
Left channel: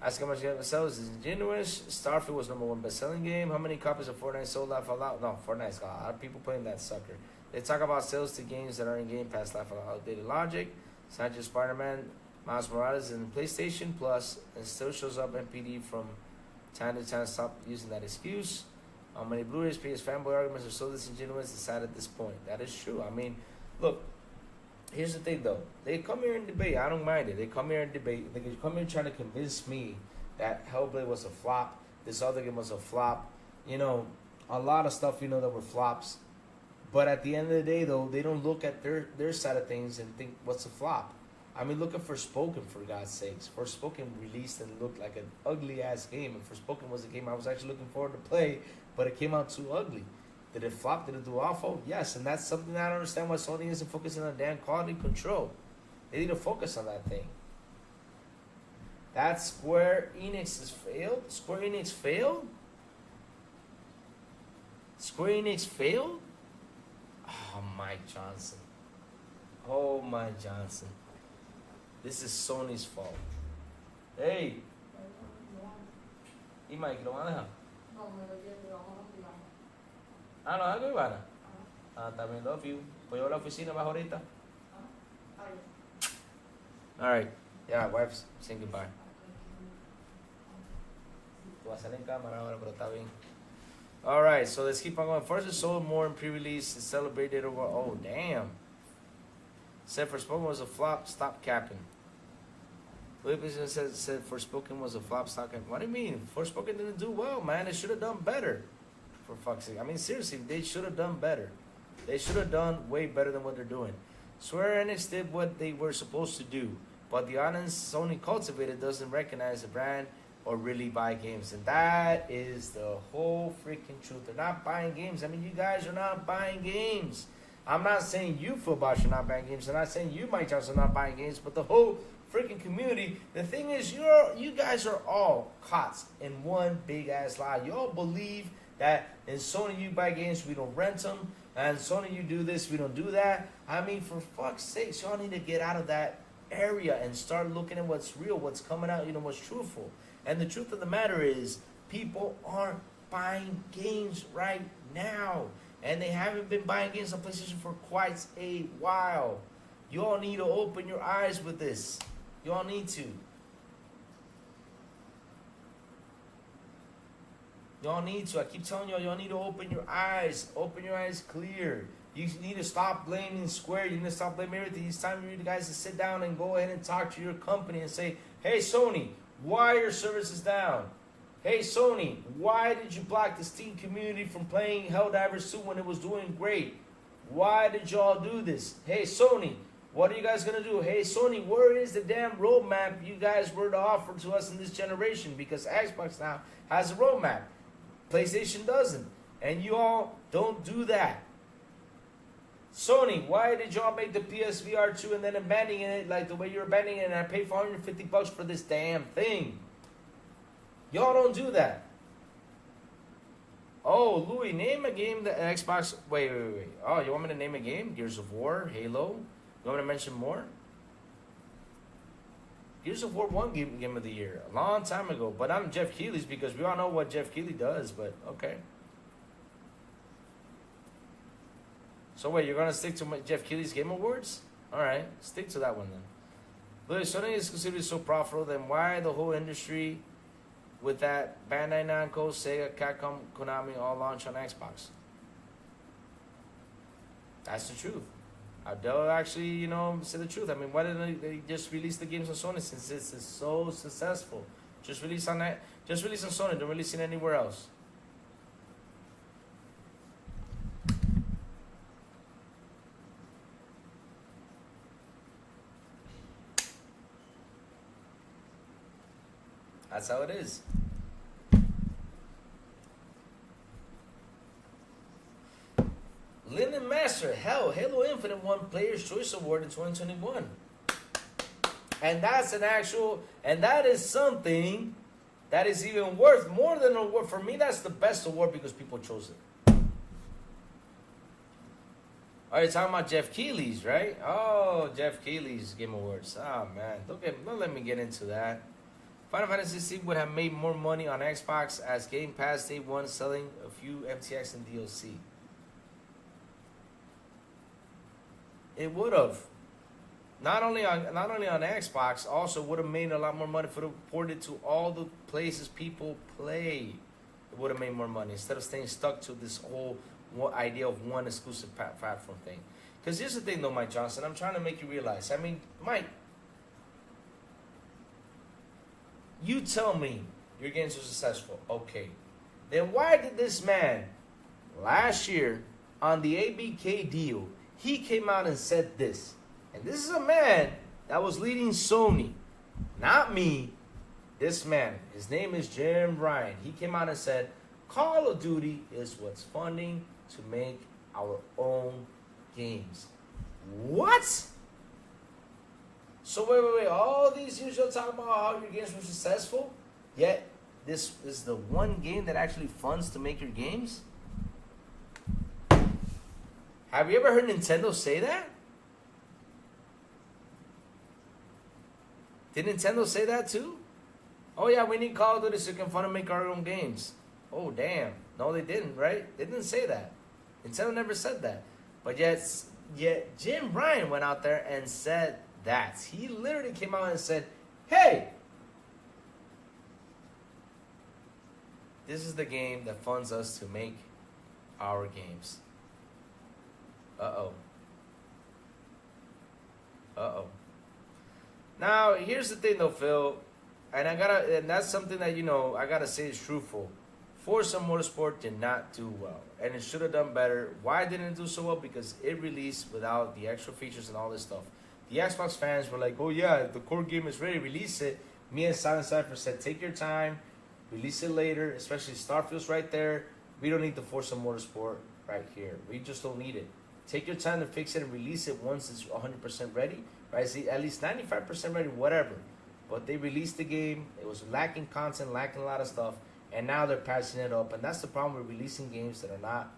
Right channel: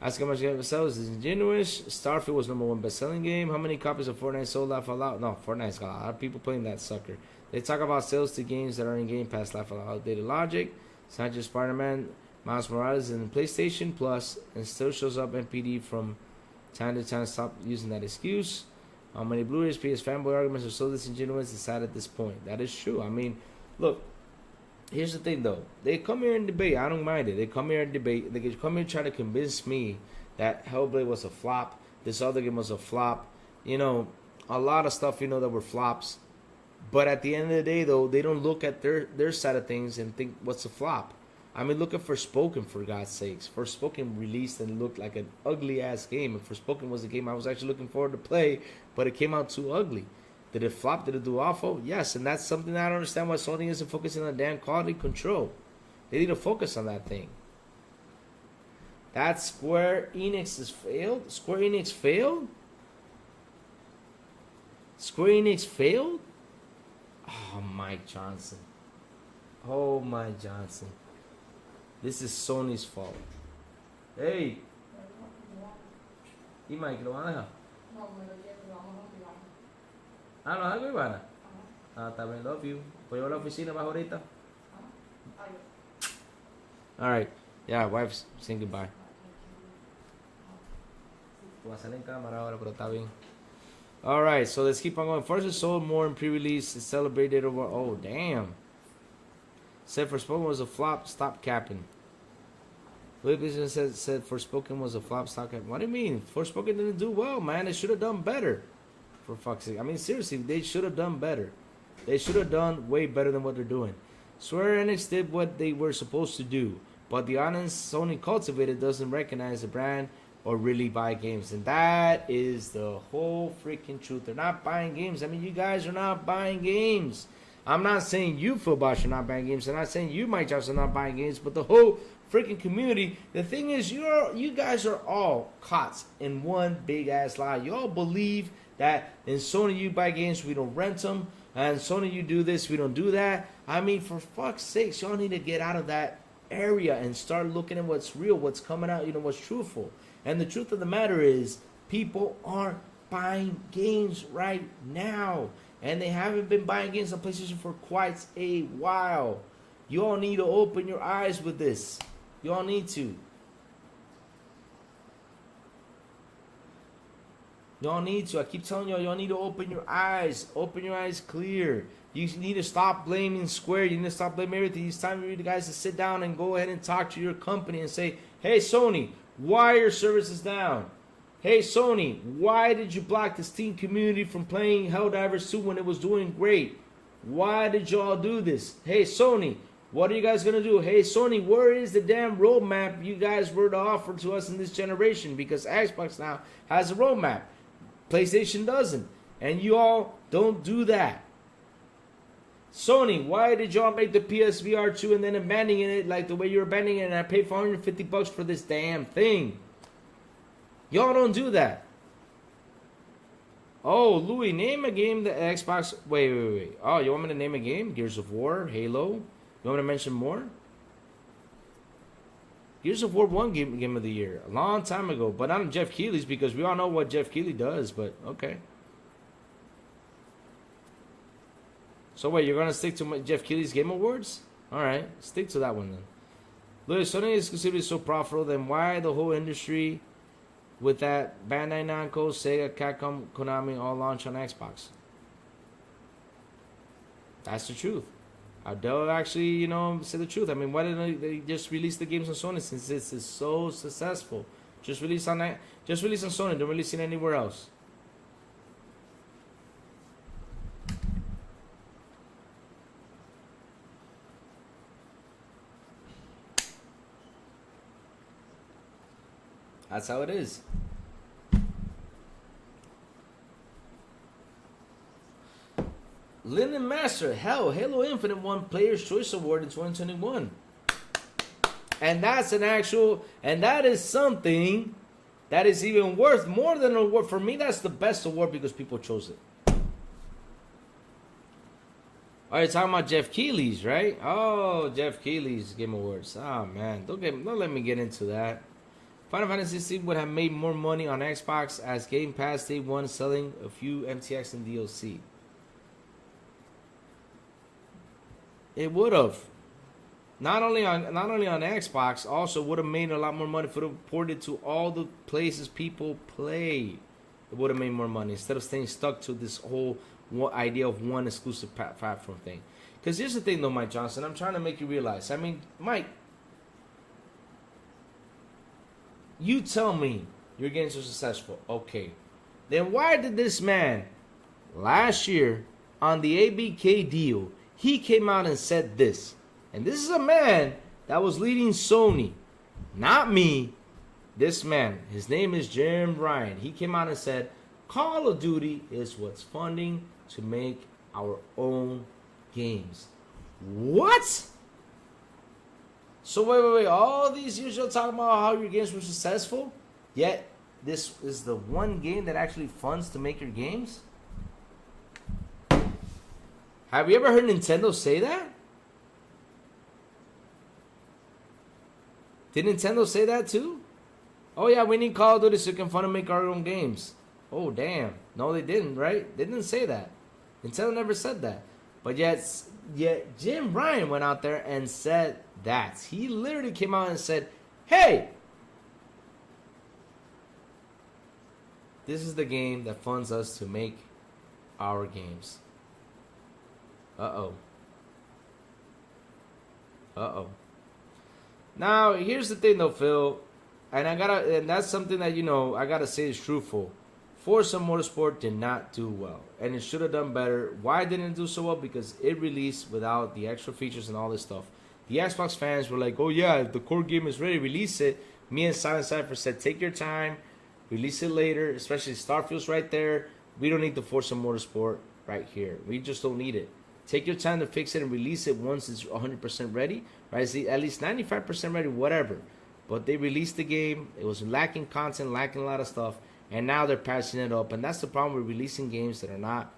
Ask how much game sells is ingenuous. Starfield was #1 best-selling game. How many copies of Fortnite sold? Laugh out loud. No, Fortnite's got a lot of people playing that sucker. They talk about sales to games that are in Game Pass. Laugh out loud. Outdated logic. It's not just Spider-Man. Miles Morales in PlayStation Plus and still shows up NPD from time to time. Stop using that excuse. How many Blu-rays, PS fanboy arguments are so disingenuous? It's sad at this point. That is true. I mean, look. Here's the thing, though. They come here and debate. I don't mind it. They come here and debate. They come here trying to convince me that Hellblade was a flop. This other game was a flop. You know, a lot of stuff, that were flops. But at the end of the day, though, they don't look at their side of things and think, what's a flop? I mean, look at Forspoken, for God's sakes. Forspoken released and looked like an ugly-ass game. And Forspoken was a game I was actually looking forward to play, but it came out too ugly. Did it flop? Did it do awful? Yes, and that's something that I don't understand why Sony isn't focusing on damn quality control. They need to focus on that thing. That Square Enix has failed? Square Enix failed? Square Enix failed? Oh, Mike Johnson. Oh, Mike Johnson. This is Sony's fault. Hey. ¿Y Mike, lo van a dejar? No, me lo llevo, lo vamos a privado. Ah, ¿no algo, Ivana? Ah, también love you. Pues yo a la oficina más ahorita. Alright. Yeah, wife's saying goodbye. Tú vas a salir en cámara ahora, pero está bien. Alright, so let's keep on going. First, it sold more in pre-release. It celebrated over. Oh, damn. Said Forspoken was a flop. Stop capping. Williamson said Forspoken was a flop. Stop capping. What do you mean? Forspoken didn't do well, man. They should have done better. For fuck's sake. I mean, seriously, they should have done better. They should have done way better than what they're doing. Square Enix did what they were supposed to do, but the audience Sony cultivated doesn't recognize the brand or really buy games. And that is the whole freaking truth. They're not buying games. I mean, you guys are not buying games. I'm not saying you, Philbosh, are not buying games. I'm not saying you, Mike Johnson, are not buying games, but the whole freaking community. The thing is, you guys are all caught in one big-ass lie. You all believe that in Sony you buy games, we don't rent them. And Sony you do this, we don't do that. I mean, for fuck's sakes, y'all need to get out of that area and start looking at what's real, what's coming out, what's truthful. And the truth of the matter is, people aren't buying games right now. And they haven't been buying games on PlayStation for quite a while. You all need to open your eyes with this. You all need to. Y'all need to. I keep telling y'all need to open your eyes. Open your eyes clear. You need to stop blaming Square. You need to stop blaming everything. It's time for you guys to sit down and go ahead and talk to your company and say, hey, Sony, why are your services down? Hey, Sony, why did you block the Steam community from playing Helldivers 2 when it was doing great? Why did y'all do this? Hey, Sony, what are you guys going to do? Hey, Sony, where is the damn roadmap you guys were to offer to us in this generation? Because Xbox now has a roadmap. PlayStation doesn't. And you all don't do that. Sony, why did y'all make the PSVR 2 and then abandoning it like the way you're abandoning it and I paid $450 for this damn thing? Y'all don't do that. Oh, Louis, name a game that Xbox... Wait. Oh, you want me to name a game? Gears of War, Halo? You want me to mention more? Gears of War won game of the year a long time ago, but not Jeff Keighley's because we all know what Jeff Keighley does, but okay. So wait, you're going to stick to Jeff Keighley's Game Awards? Alright, stick to that one then. Look, Sony exclusivity is so profitable, then why the whole industry with that Bandai Namco, Sega, Capcom, Konami all launch on Xbox? That's the truth. They'll actually, say the truth. I mean, why didn't they just release the games on Sony since this is so successful? Just release on that. Just release on Sony. Don't release it anywhere else. That's how it is. Linden Master, hell, Halo Infinite won Player's Choice Award in 2021. And that's that is something that is even worth more than an award. For me, that's the best award because people chose it. All right, talking about Jeff Keighley's, right? Oh, Jeff Keighley's Game Awards. Oh, man, don't let me get into that. Final Fantasy XVI would have made more money on Xbox as Game Pass Day 1 selling a few MTX and DLC. It would have. Not only on Xbox, also would have made a lot more money if it would ported to all the places people play. It would have made more money instead of staying stuck to this whole idea of one exclusive platform thing. Because here's the thing, though, Mike Johnson. I'm trying to make you realize. I mean, Mike, you tell me your games are successful. Okay. Then why did this man last year on the ABK deal, he came out and said this? And this is a man that was leading Sony. Not me. This man. His name is Jim Ryan. He came out and said, Call of Duty is what's funding to make our own games. What? So wait. All these years you're talking about how your games were successful, yet this is the one game that actually funds to make your games? Have you ever heard Nintendo say that? Did Nintendo say that too? Oh yeah, we need Call of Duty so we can fun and make our own games. Oh damn. No, they didn't, right? They didn't say that. Nintendo never said that. But yet Jim Ryan went out there and said that. He literally came out and said, hey, this is the game that funds us to make our games. Uh-oh. Uh-oh. Now, here's the thing though, Phil. And that's something that, I gotta say is truthful. Forza Motorsport did not do well. And it should have done better. Why didn't it do so well? Because it released without the extra features and all this stuff. The Xbox fans were like, oh yeah, if the core game is ready, release it. Me and Silent Cypher said, take your time. Release it later. Especially Starfield's right there. We don't need the Forza Motorsport right here. We just don't need it. Take your time to fix it and release it once it's 100% ready. Right? See, at least 95% ready, whatever. But they released the game. It was lacking content, lacking a lot of stuff. And now they're passing it up. And that's the problem with releasing games that are not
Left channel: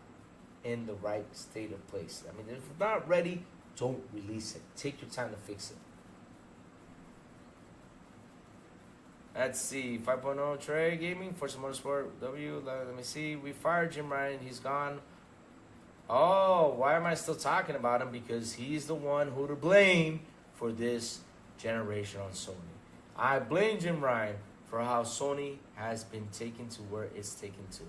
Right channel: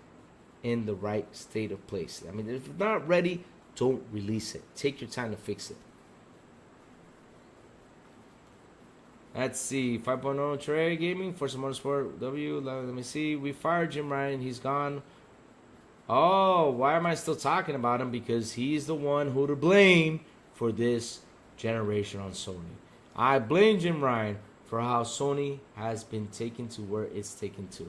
in the right state of place. I mean, if it's not ready, don't release it. Take your time to fix it. Let's see. 5.0 Trey Gaming, Forza Motorsport W. Let me see. We fired Jim Ryan. He's gone. Oh, why am I still talking about him? Because he's the one who to blame for this generation on Sony. I blame Jim Ryan for how Sony has been taken to where it's taken to.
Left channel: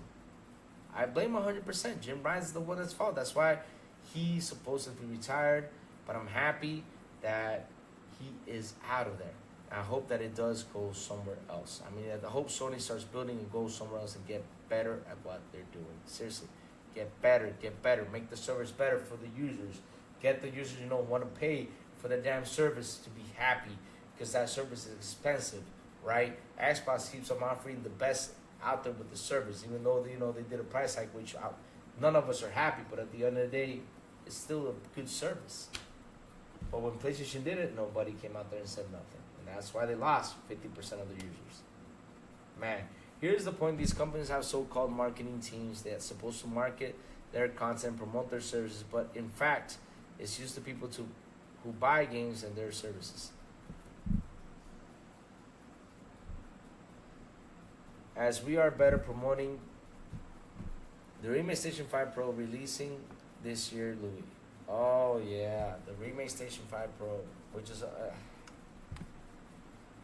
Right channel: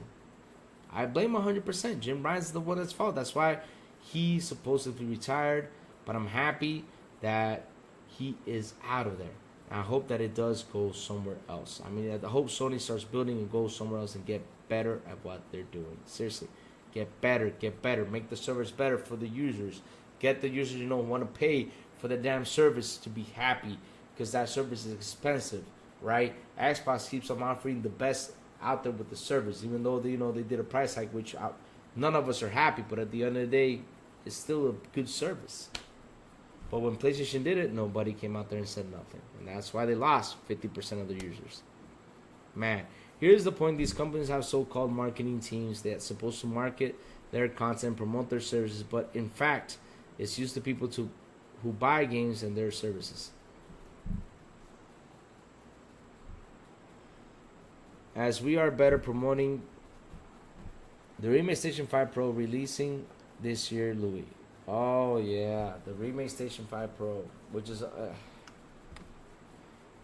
I blame 100%. Jim Ryan's the one that's fault. That's why he's supposedly retired. But I'm happy that he is out of there. I hope that it does go somewhere else. I mean, I hope Sony starts building and goes somewhere else and get better at what they're doing. Seriously, get better. Make the service better for the users. Get the users, want to pay for the damn service to be happy, because that service is expensive, right? Xbox keeps on offering the best out there with the service, even though they did a price hike, which none of us are happy. But at the end of the day, it's still a good service. But when PlayStation did it, nobody came out there and said nothing. And that's why they lost 50% of their users. Man, here's the point. These companies have so-called marketing teams that's supposed to market their content, promote their services. But in fact, it's used to people who buy games and their services. As we are better promoting the Remake Station 5 Pro releasing this year, Louis. Oh yeah, the Remake Station 5 Pro, which is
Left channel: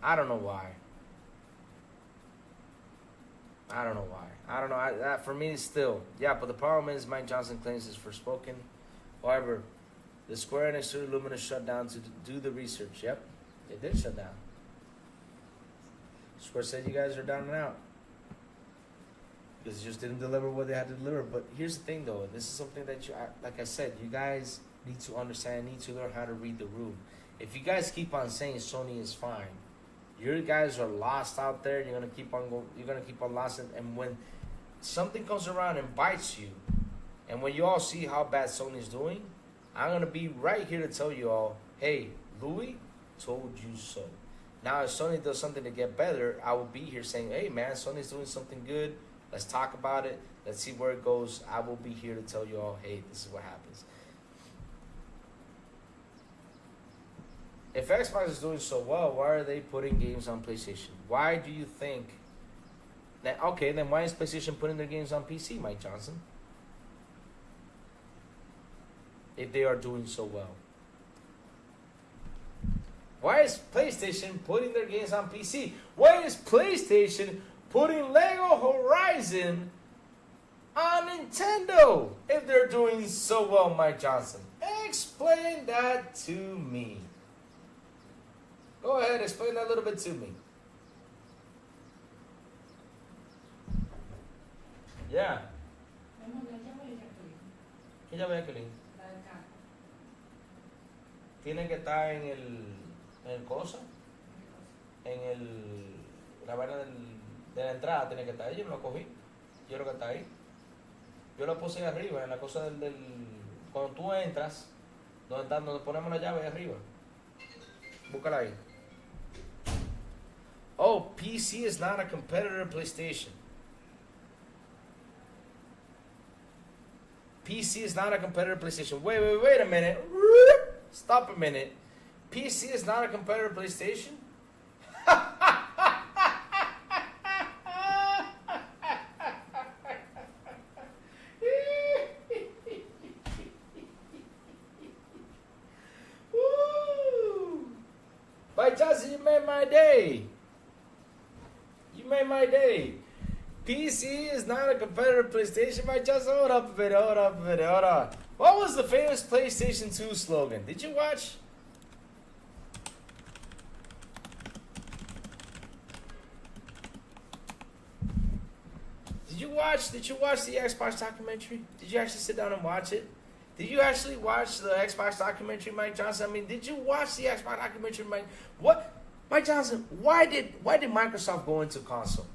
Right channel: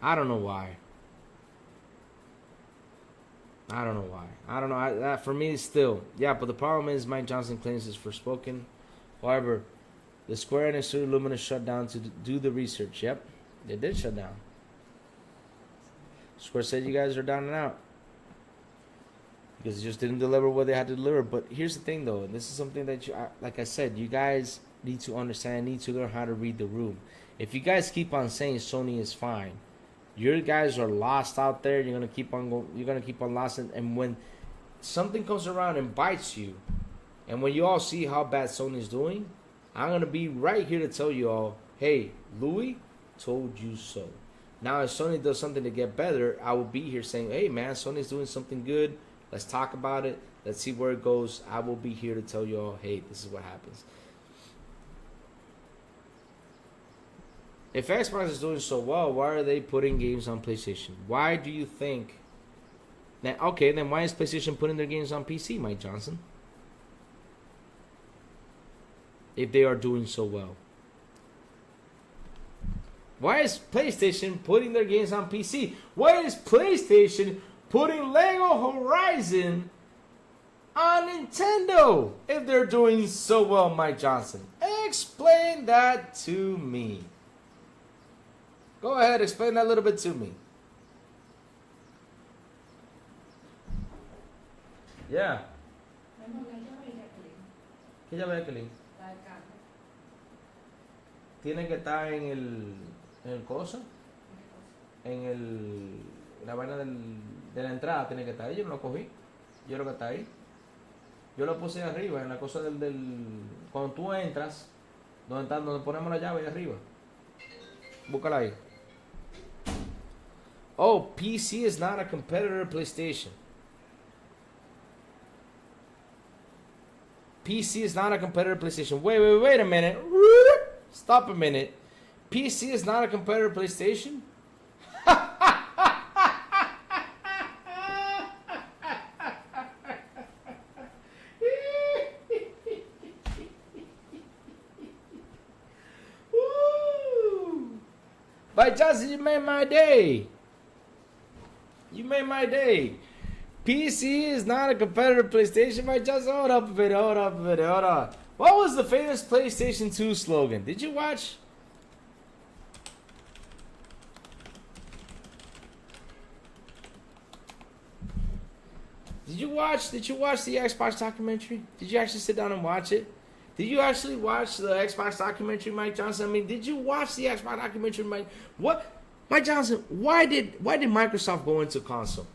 I don't know why. I don't know. For me, still, yeah. But the problem is, Mike Johnson claims it's forspoken. However, the Square Enix Studio Lumina shut down to do the research. Yep, they did shut down. Square said you guys are down and out because they just didn't deliver what they had to deliver. But here's the thing, though, and this is something that like I said, you guys need to understand, need to learn how to read the room. If you guys keep on saying Sony is fine, your guys are lost out there. You're gonna keep on lost, and when something comes around and bites you, and when you all see how bad Sony's doing, I'm gonna be right here to tell you all, hey, Louis told you so. Now, if Sony does something to get better, I will be here saying, hey man, Sony's doing something good. Let's talk about it. Let's see where it goes. I will be here to tell you all, hey, this is what happens. If Xbox is doing so well, why are they putting games on PlayStation? Why do you think that? Okay, then why is PlayStation putting their games on PC, Mike Johnson? If they are doing so well. Why is PlayStation putting their games on PC? Why is PlayStation putting Lego Horizon on Nintendo if they're doing so well, Mike Johnson? Explain that to me. Go ahead, explain that a little bit to me. Yeah. ¿Qué llave de Kelly? Tiene que estar en el coso, la vaina de la entrada tiene que estar ahí. Yo no lo cogí, yo creo que está ahí. Yo lo puse arriba, en la cosa cuando tú entras, donde ponemos la llave ahí arriba. Búscala ahí. Oh, PC is not a competitor to PlayStation. PC is not a competitor to PlayStation. Wait a minute. Stop a minute. PC is not a competitor to PlayStation? Mike Johnson, you made my day. You made my day. PC is not a competitor to PlayStation. Mike Johnson, hold up a minute, hold on. What was the famous PlayStation 2 slogan? Did you watch? Did you watch the Xbox documentary? Did you actually sit down and watch it? Did you actually watch the Xbox documentary, Mike Johnson? I mean, did you watch the Xbox documentary, Mike? What, Mike Johnson? Why did Microsoft go into console?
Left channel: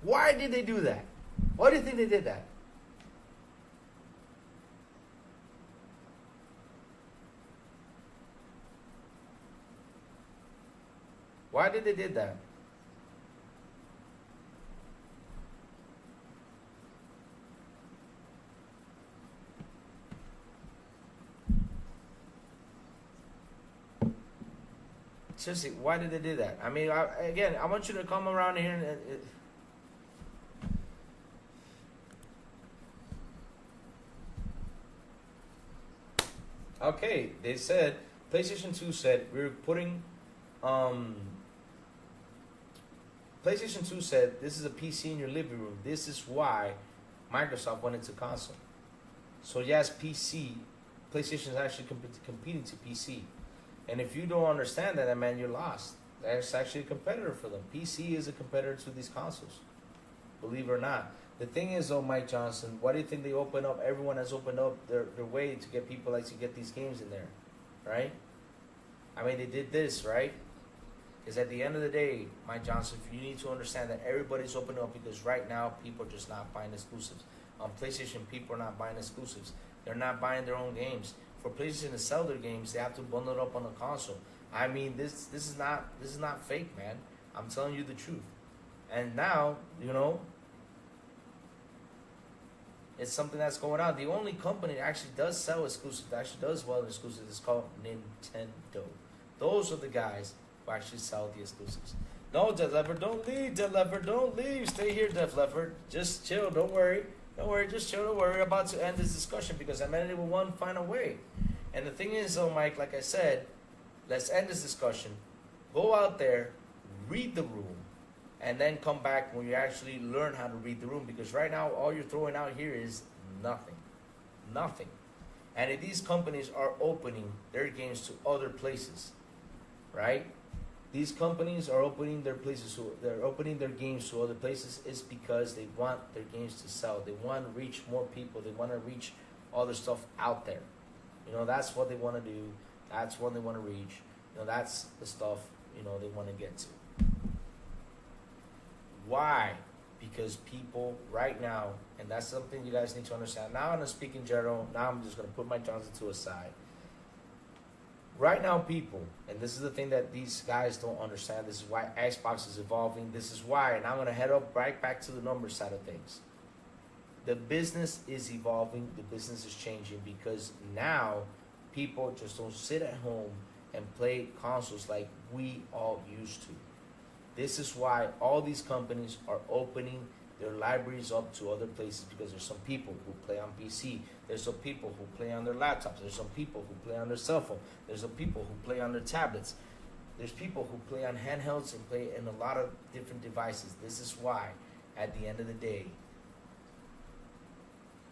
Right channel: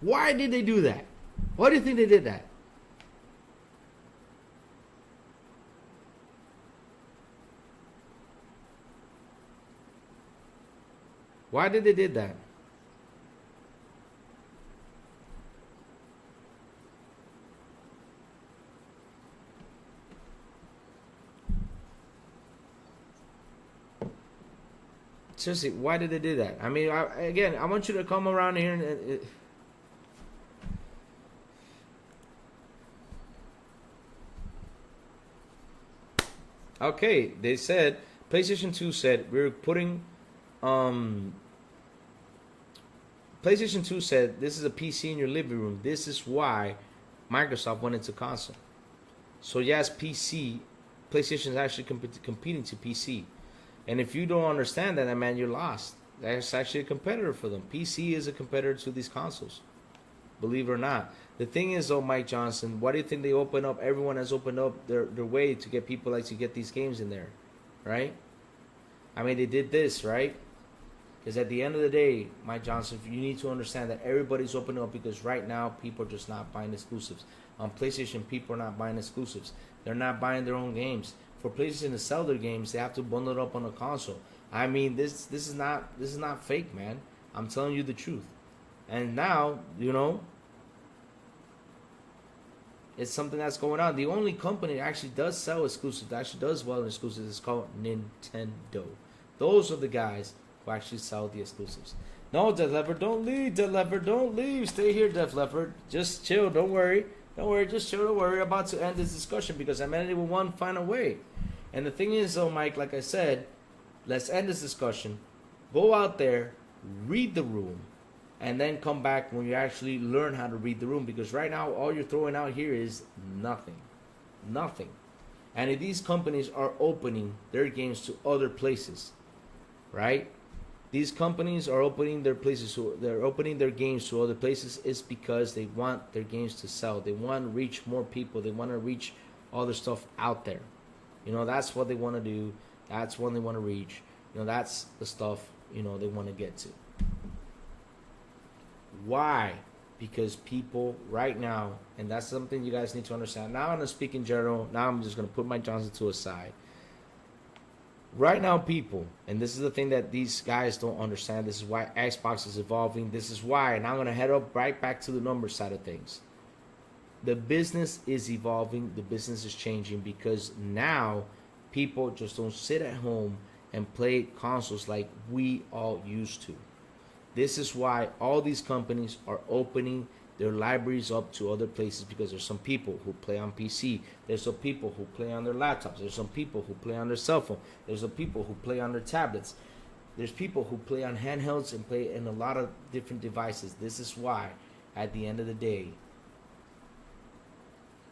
Why did they do that? Why do you think they did that? Why did they did that? Seriously, why did they do that? I mean, I want you to come around here and okay, they said PlayStation 2 said we're putting PlayStation 2 said this is a PC in your living room. This is why Microsoft went into console. So yes, PlayStation is actually competing to PC. And if you don't understand that, man, you're lost. That's actually a competitor for them. PC is a competitor to these consoles. Believe it or not. The thing is, though, Mike Johnson, why do you think they open up? Everyone has opened up their way to get people like to get these games in there, right? I mean, they did this, right? Because at the end of the day, Mike Johnson, you need to understand that everybody's opening up because right now people are just not buying exclusives. On PlayStation, people are not buying exclusives. They're not buying their own games. For PlayStation to sell their games, they have to bundle it up on a console. I mean, this is not fake, man. I'm telling you the truth. And now, you know, it's something that's going on. The only company that actually does sell exclusives, that actually does well in exclusives, is called Nintendo. Those are the guys who actually sell the exclusives. No, Def Leppard, don't leave, Def Leppard, don't leave. Stay here, Def Leppard. Just chill, don't worry. Don't worry, just chill, don't worry. I'm about to end this discussion because humanity will one final way. And the thing is, though, Mike, like I said, let's end this discussion. Go out there, read the room, and then come back when you actually learn how to read the room. Because right now, all you're throwing out here is nothing. Nothing. And if these companies are opening their games to other places, right? These companies are opening their places, so they're opening their games to other places is because they want their games to sell. They want to reach more people. They want to reach all their stuff out there. You know, that's what they want to do. That's what they want to reach. You know, that's the stuff, you know, they want to get to. Why? Because people right now, and that's something you guys need to understand. Now I'm going to speak in general. Now I'm just going to put Mike Johnson to a side. Right now, people, and this is the thing that these guys don't understand. This is why Xbox is evolving. This is why, and I'm going to head up right back to the number side of things. The business is evolving. The business is changing because now people just don't sit at home and play consoles like we all used to. This is why all these companies are opening their libraries up to other places because there's some people who play on PC. There's some people who play on their laptops. There's some people who play on their cell phone. There's some people who play on their tablets. There's people who play on handhelds and play in a lot of different devices. This is why, at the end of the day,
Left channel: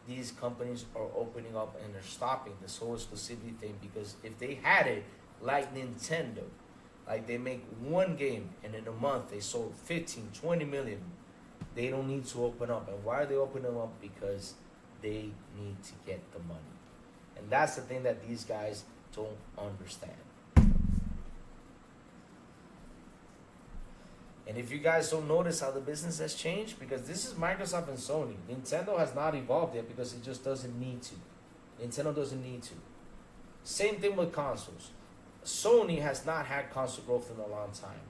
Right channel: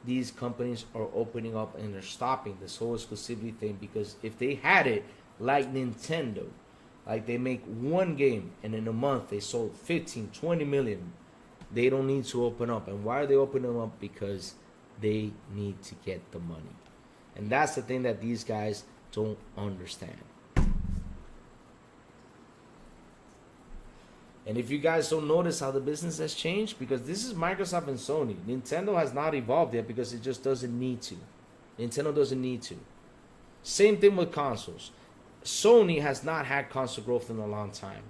these companies are opening up and they're stopping this whole exclusivity thing because if they had it like Nintendo, like they make one game and in a month they sold 15, 20 million, they don't need to open up. And why are they opening up? Because they need to get the money. And that's the thing that these guys don't understand. And if you guys don't notice how the business has changed, because this is Microsoft and Sony. Nintendo has not evolved yet because it just doesn't need to. Nintendo doesn't need to. Same thing with consoles. Sony has not had console growth in a long time.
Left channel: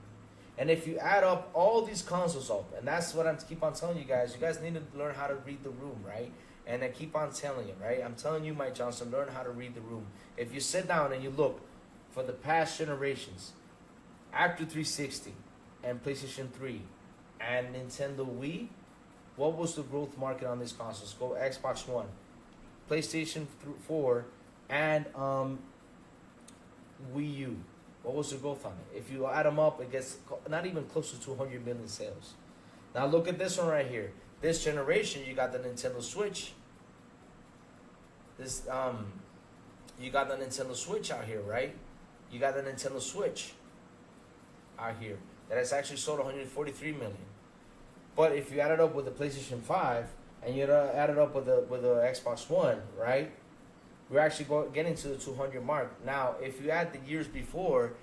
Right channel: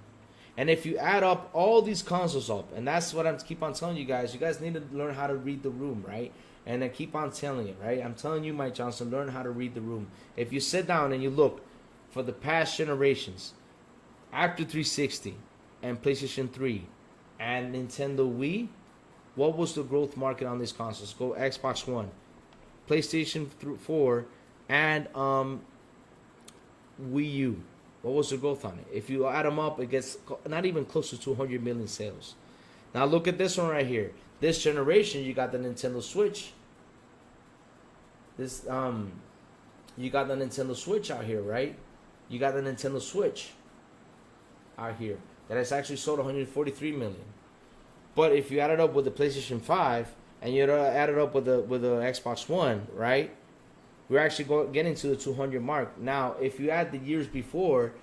And if you add up all these consoles up, and that's what I keep on telling you guys need to learn how to read the room, right? And I keep on telling it, right? I'm telling you, Mike Johnson, learn how to read the room. If you sit down and you look for the past generations, after 360 and PlayStation 3 and Nintendo Wii, what was the growth market on these consoles? Go Xbox One, PlayStation 4, and Wii U. What was the growth on it? If you add them up, it gets not even close to 200 million sales. Now look at this one right here. This generation, you got the Nintendo Switch. You got the Nintendo Switch out here, right? You got the Nintendo Switch out here that has actually sold 143 million. But if you add it up with the PlayStation 5 and you add it up with the Xbox One, right? We're actually getting to the 200 mark. Now, if you add the years before,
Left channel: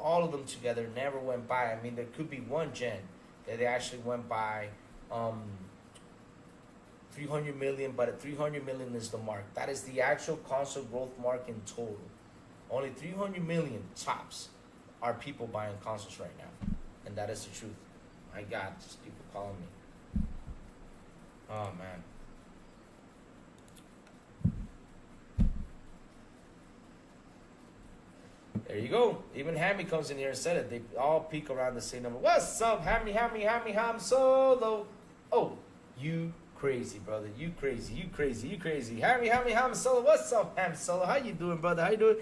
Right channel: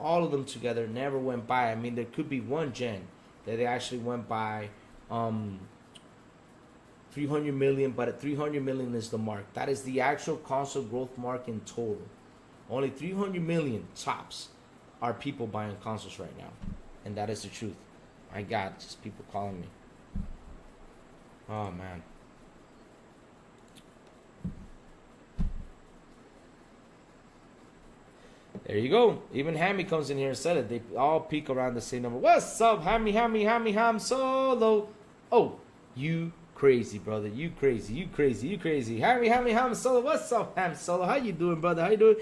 all of them together never went by. I mean, there could be one gen that they actually went by 300 million, but at 300 million is the mark. That is the actual console growth mark in total. Only 300 million tops are people buying consoles right now. And that is the truth. My God, just people calling me. Oh, man. There you go. Even Hammy comes in here and said it. They all peak around the same number. What's up, Hammy, Ham Solo? Oh, you crazy, brother. You crazy. Hammy, Ham Solo. What's up, Ham Solo? How you doing, brother? How you doing?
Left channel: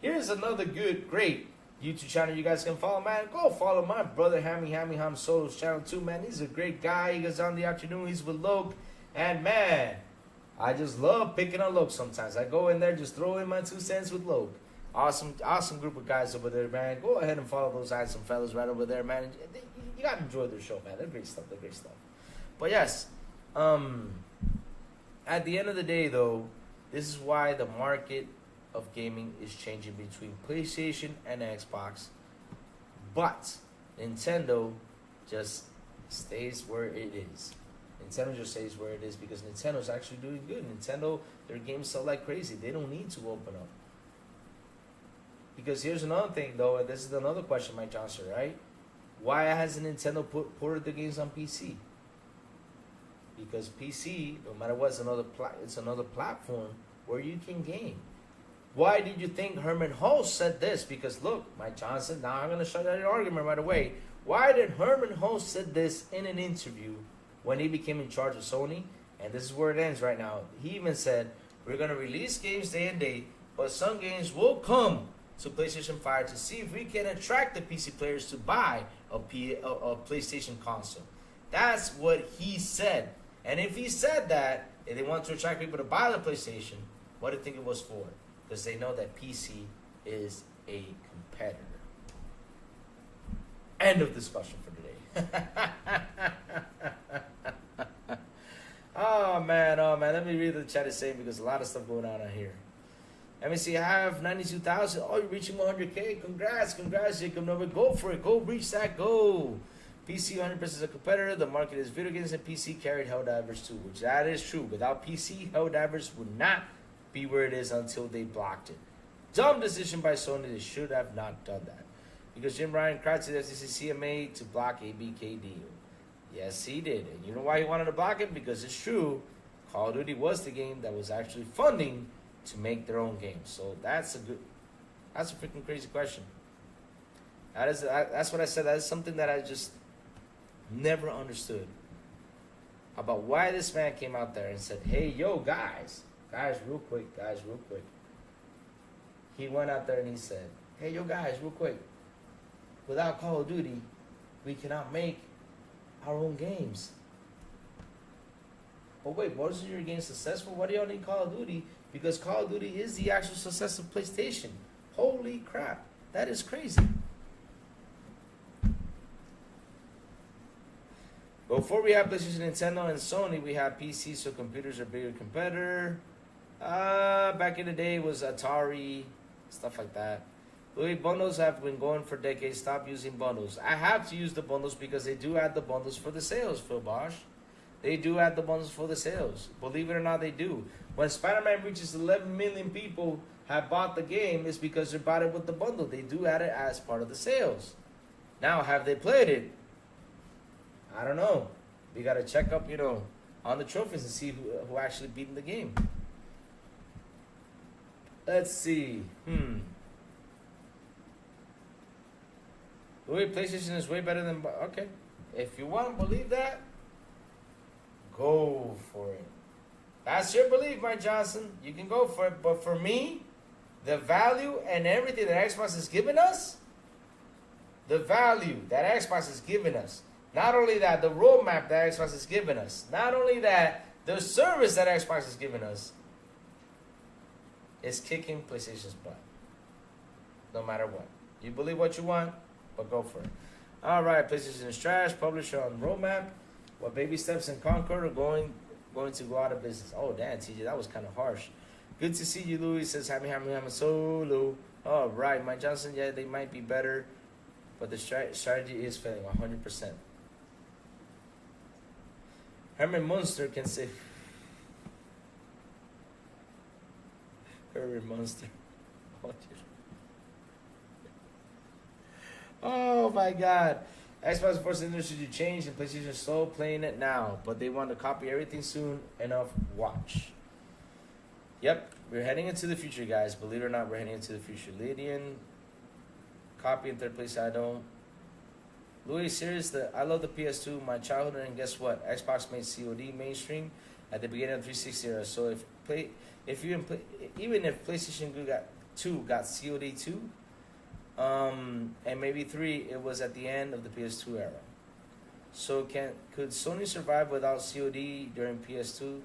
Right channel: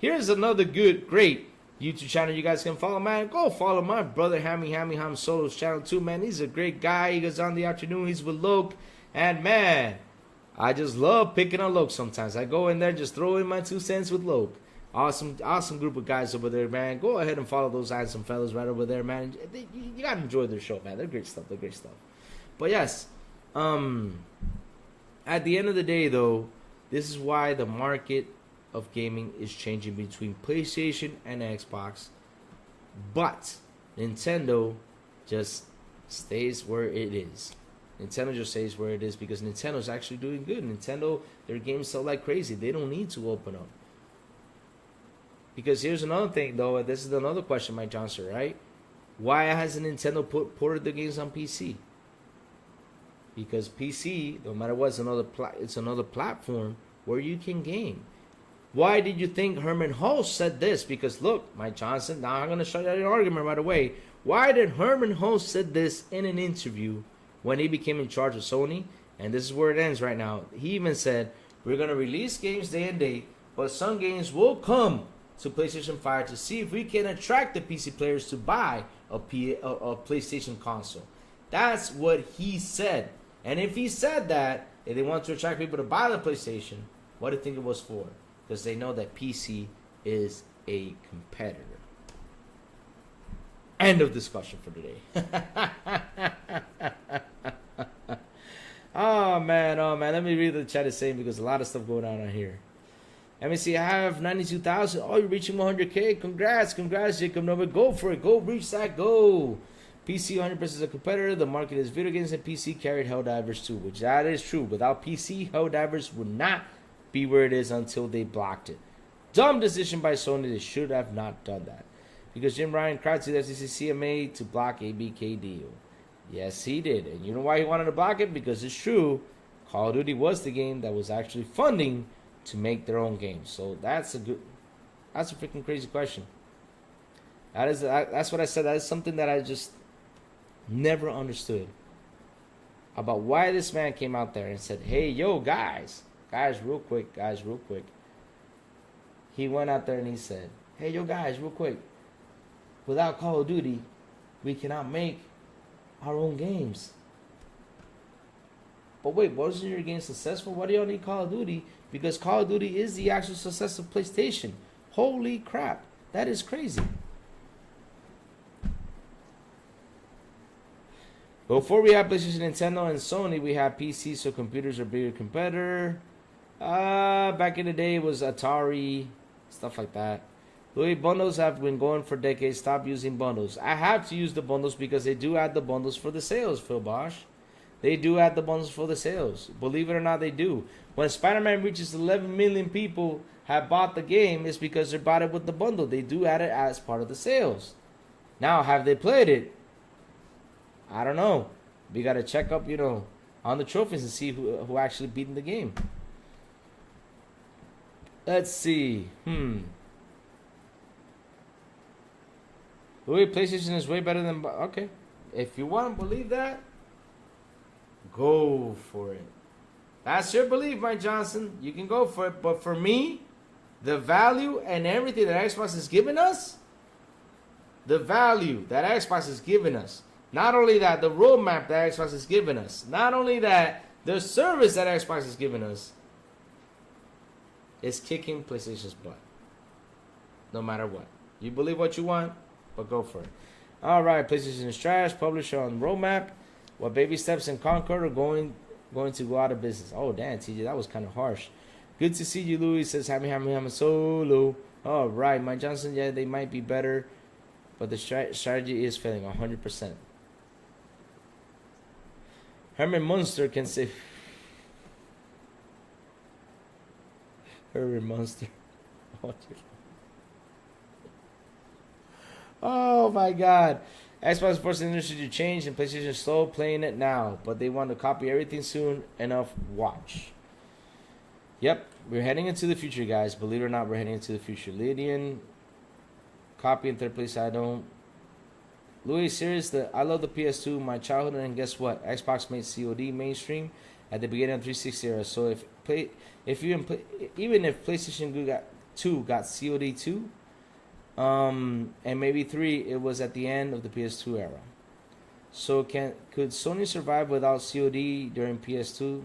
Here's another great YouTube channel you guys can follow, man. Go follow my brother, Hammy, Ham Solo's channel too, man. He's a great guy. He goes on the afternoon. He's with Loke. And, man, I just love picking on Loke sometimes. I go in there, just throw in my 2 cents with Loke. Awesome group of guys over there, man. Go ahead and follow those handsome fellas right over there, man. You gotta enjoy their show, man. They're great stuff. But yes, at the end of the day, though, this is why the market of gaming is changing between PlayStation and Xbox. But Nintendo just stays where it is. Nintendo just stays where it is because Nintendo's actually doing good. Nintendo, their games sell like crazy. They don't need to open up. Because here's another thing, though, and this is another question, Mike Johnson, right? Why hasn't Nintendo ported the games on PC? Because PC, no matter what, it's another platform where you can game. Why did you think Herman Hulse said this? Because look, Mike Johnson, now I'm going to show you an argument right away. Why did Herman Hulse said this in an interview when he became in charge of Sony? And this is where it ends right now. He even said, we're going to release games day and date, but some games will come to PlayStation 5 to see if we can attract the PC players to buy a PlayStation console. That's what he said. And if he said that, if they want to attract people to buy the PlayStation, what do you think it was for? Because they know that PC is a competitor. End of discussion for today. Oh man. Let me read what the chat is saying because a lot of stuff going on here. Let me see. I have 92,000. Oh, you're reaching 100K. Congrats, Jacob Nova. Go for it. Go reach that goal. PC 100% is a competitor. The market is video games and PC carried Helldivers too, which that is true. Without PC, Helldivers would not be where it is until they blocked it. Dumb decision by Sony. They should have not done that. Because Jim Ryan cried to the FCC CMA to block ABK deal. Yes, he did. And you know why he wanted to block it? Because it's true. Call of Duty was the game that was actually funding to make their own games. So that's a freaking crazy question. That's what I said. That is something that I just never understood about why this man came out there and said, hey, yo, guys, real quick. He went out there and he said, hey, yo, guys, real quick. Without Call of Duty, we cannot make our own games. But wait, wasn't your game successful? Why do y'all need Call of Duty? Because Call of Duty is the actual success of PlayStation. Holy crap. That is crazy. Before we have PlayStation, Nintendo, and Sony, we have PC, so computers are bigger competitor. Back in the day, it was Atari, stuff like that. Louis, bundles have been going for decades. Stop using bundles. I have to use the bundles because they do add the bundles for the sales, Phil Bosch. They do add the bundles for the sales. Believe it or not, they do. When Spider-Man reaches 11 million people have bought the game, it's because they bought it with the bundle. They do add it as part of the sales. Now, have they played it? I don't know. We got to check up, on the trophies and see who actually beat the game. Let's see. Louis, PlayStation is way better than... Okay. If you want to believe that, go for it. That's your belief, Mike Johnson. You can go for it. But for me, the value and everything that Xbox is giving us, the value that Xbox is giving us, not only that, the roadmap that Xbox is giving us, not only that, the service that Xbox is giving us, is kicking PlayStation's butt. No matter what. You believe what you want, but go for it. All right, PlayStation is trash. Publisher on roadmap. What baby steps in Concord are going to go out of business. Oh, damn, TJ, that was kind of harsh. Good to see you, Louis. Says, hammy, solo. All right, Mike Johnson, yeah, they might be better, but the strategy is failing 100%. Herman Munster can say... Herman Munster. Oh my God. Xbox forcing the industry to change and PlayStation is slow playing it now, but they want to copy everything soon enough. Watch. Yep, we're heading into the future, guys. Believe it or not, we're heading into the future. Lydian, copy in third place. I don't. Louis, serious? I love the PS2, my childhood, and guess what? Xbox made COD mainstream at the beginning of 360 era. So even if PlayStation 2 got COD 2. And maybe 3, it was at the end of the PS2 era. So could Sony survive without COD during PS2?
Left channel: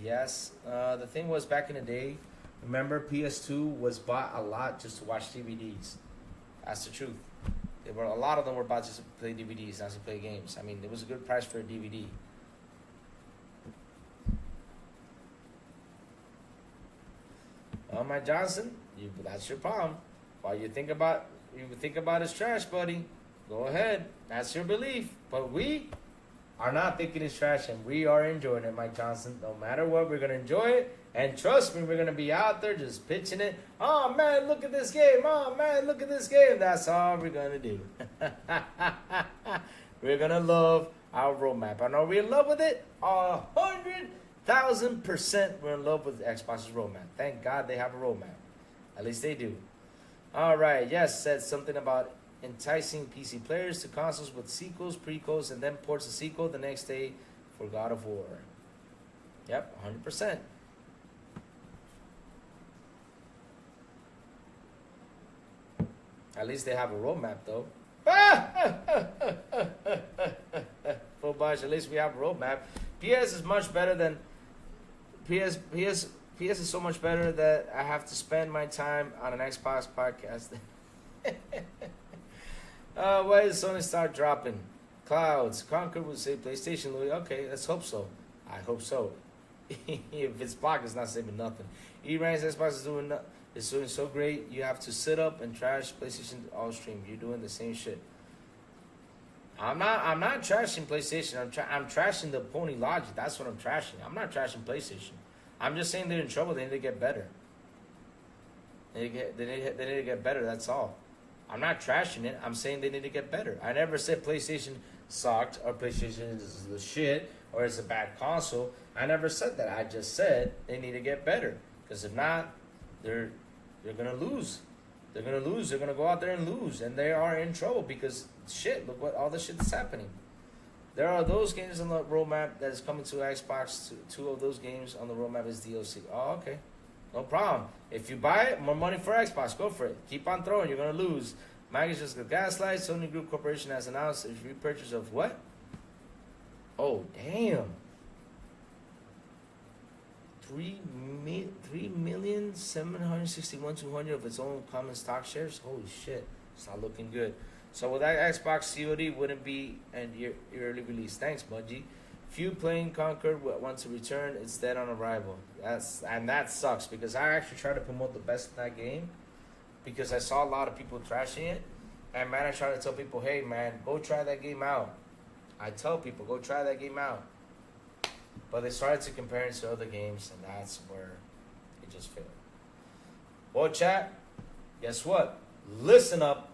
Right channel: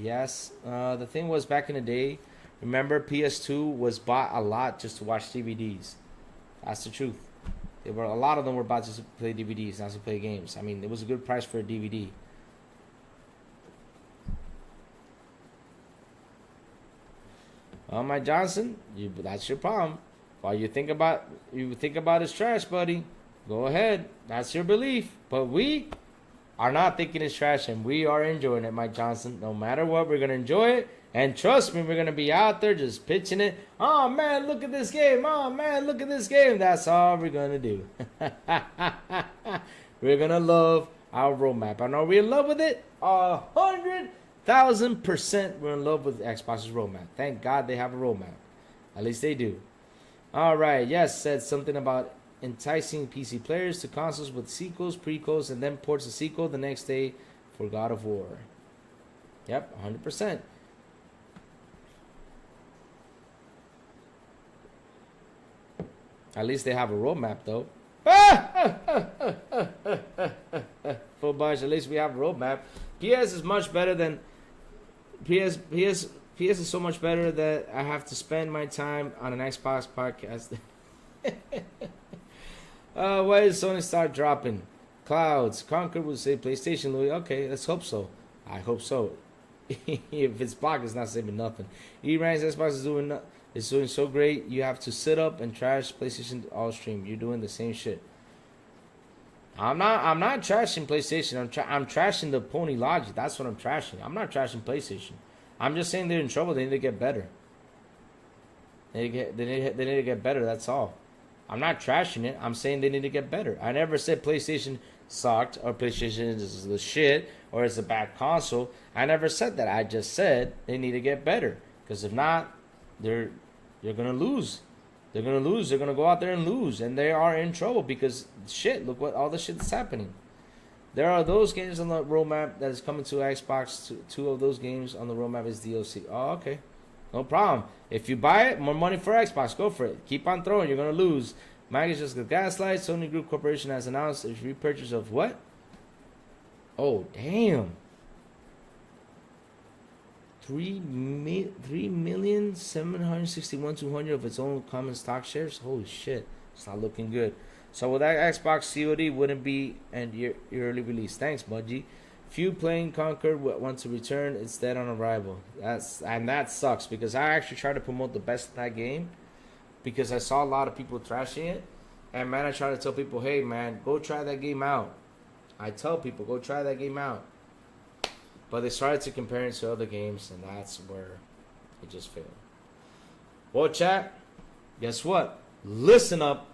Yes. The thing was, back in the day, remember PS2 was bought a lot just to watch DVDs. That's the truth. A lot of them were bought just to play DVDs, not to play games. I mean, it was a good price for a DVD. Mike Johnson, that's your problem. While you think about it's trash, buddy, go ahead. That's your belief. But we are not thinking it's trash, and we are enjoying it, Mike Johnson. No matter what, we're going to enjoy it. And trust me, we're going to be out there just pitching it. Oh, man, look at this game. Oh, man, look at this game. That's all we're going to do. We're going to love our roadmap. And are we in love with it? 100,000% we're in love with Xbox's roadmap. Thank God they have a roadmap. At least they do. All right, yes, said something about enticing PC players to consoles with sequels, prequels, and then ports a sequel the next day for God of War. Yep, 100%. At least they have a roadmap, though. Full bunch, at least we have a roadmap. PS is much better than... PS is so much better that I have to spend my time on an Xbox podcast. Why does Sony start dropping? Clouds. Concord will say PlayStation, Louis. Okay, let's hope so. I hope so. If it's blocked, it's not saving nothing. E-Ranks Xbox is doing so great. You have to sit up and trash PlayStation all stream. You're doing the same shit. I'm not trashing PlayStation. I'm trashing the pony logic. That's what I'm trashing. I'm not trashing PlayStation. I'm just saying they're in trouble. They need to get better. They need to get better. That's all. I'm not trashing it. I'm saying they need to get better. I never said PlayStation sucked or PlayStation is the shit or it's a bad console. I never said that. I just said they need to get better. Because if not, they're gonna lose. They're gonna lose. They're gonna go out there and lose, and they are in trouble because shit. Look what all the shit that's happening. There are those games on the roadmap that is coming to Xbox. Two of those games on the roadmap is DLC. Oh, okay. No problem. If you buy it, more money for Xbox. Go for it. Keep on throwing. You're going to lose. Mag is just a gaslight. Sony Group Corporation has announced a repurchase of what? Oh, damn. 3,761,200 of its own common stock shares. Holy shit. It's not looking good. So with that Xbox COD wouldn't be an early release. Thanks, Bungie. Few playing Concord want to return. It's dead on arrival. That sucks because I actually tried to promote the best of that game because I saw a lot of people trashing it. And man, I try to tell people, hey man, go try that game out. I tell people, go try that game out. But they started to compare it to other games, and that's where it just failed. Well, chat, guess what? Listen up.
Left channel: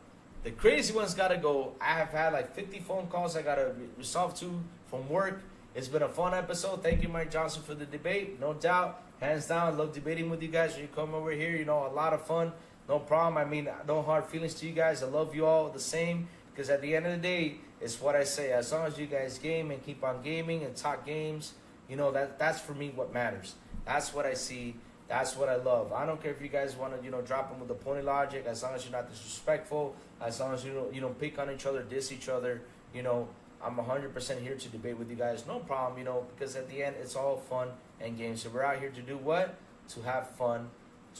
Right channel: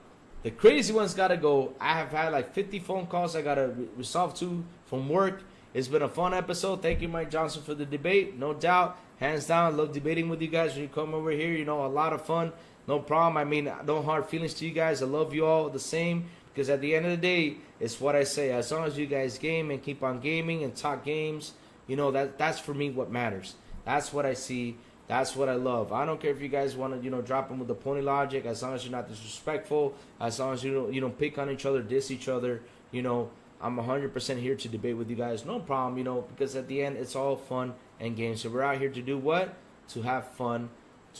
The crazy one's got to go. I have had like 50 phone calls I got to resolve to from work. It's been a fun episode. Thank you, Mike Johnson, for the debate. No doubt. Hands down. I love debating with you guys. When you come over here, you know, a lot of fun. No problem. I mean, no hard feelings to you guys. I love you all the same. Because at the end of the day, it's what I say. As long as you guys game and keep on gaming and talk games, you know, that's for me what matters. That's what I see That's what I love. I don't care if you guys want to, drop them with the pony logic, as long as you're not disrespectful, as long as you don't pick on each other, diss each other, I'm 100% here to debate with you guys. No problem, because at the end, it's all fun and games. So we're out here to do what? To have fun,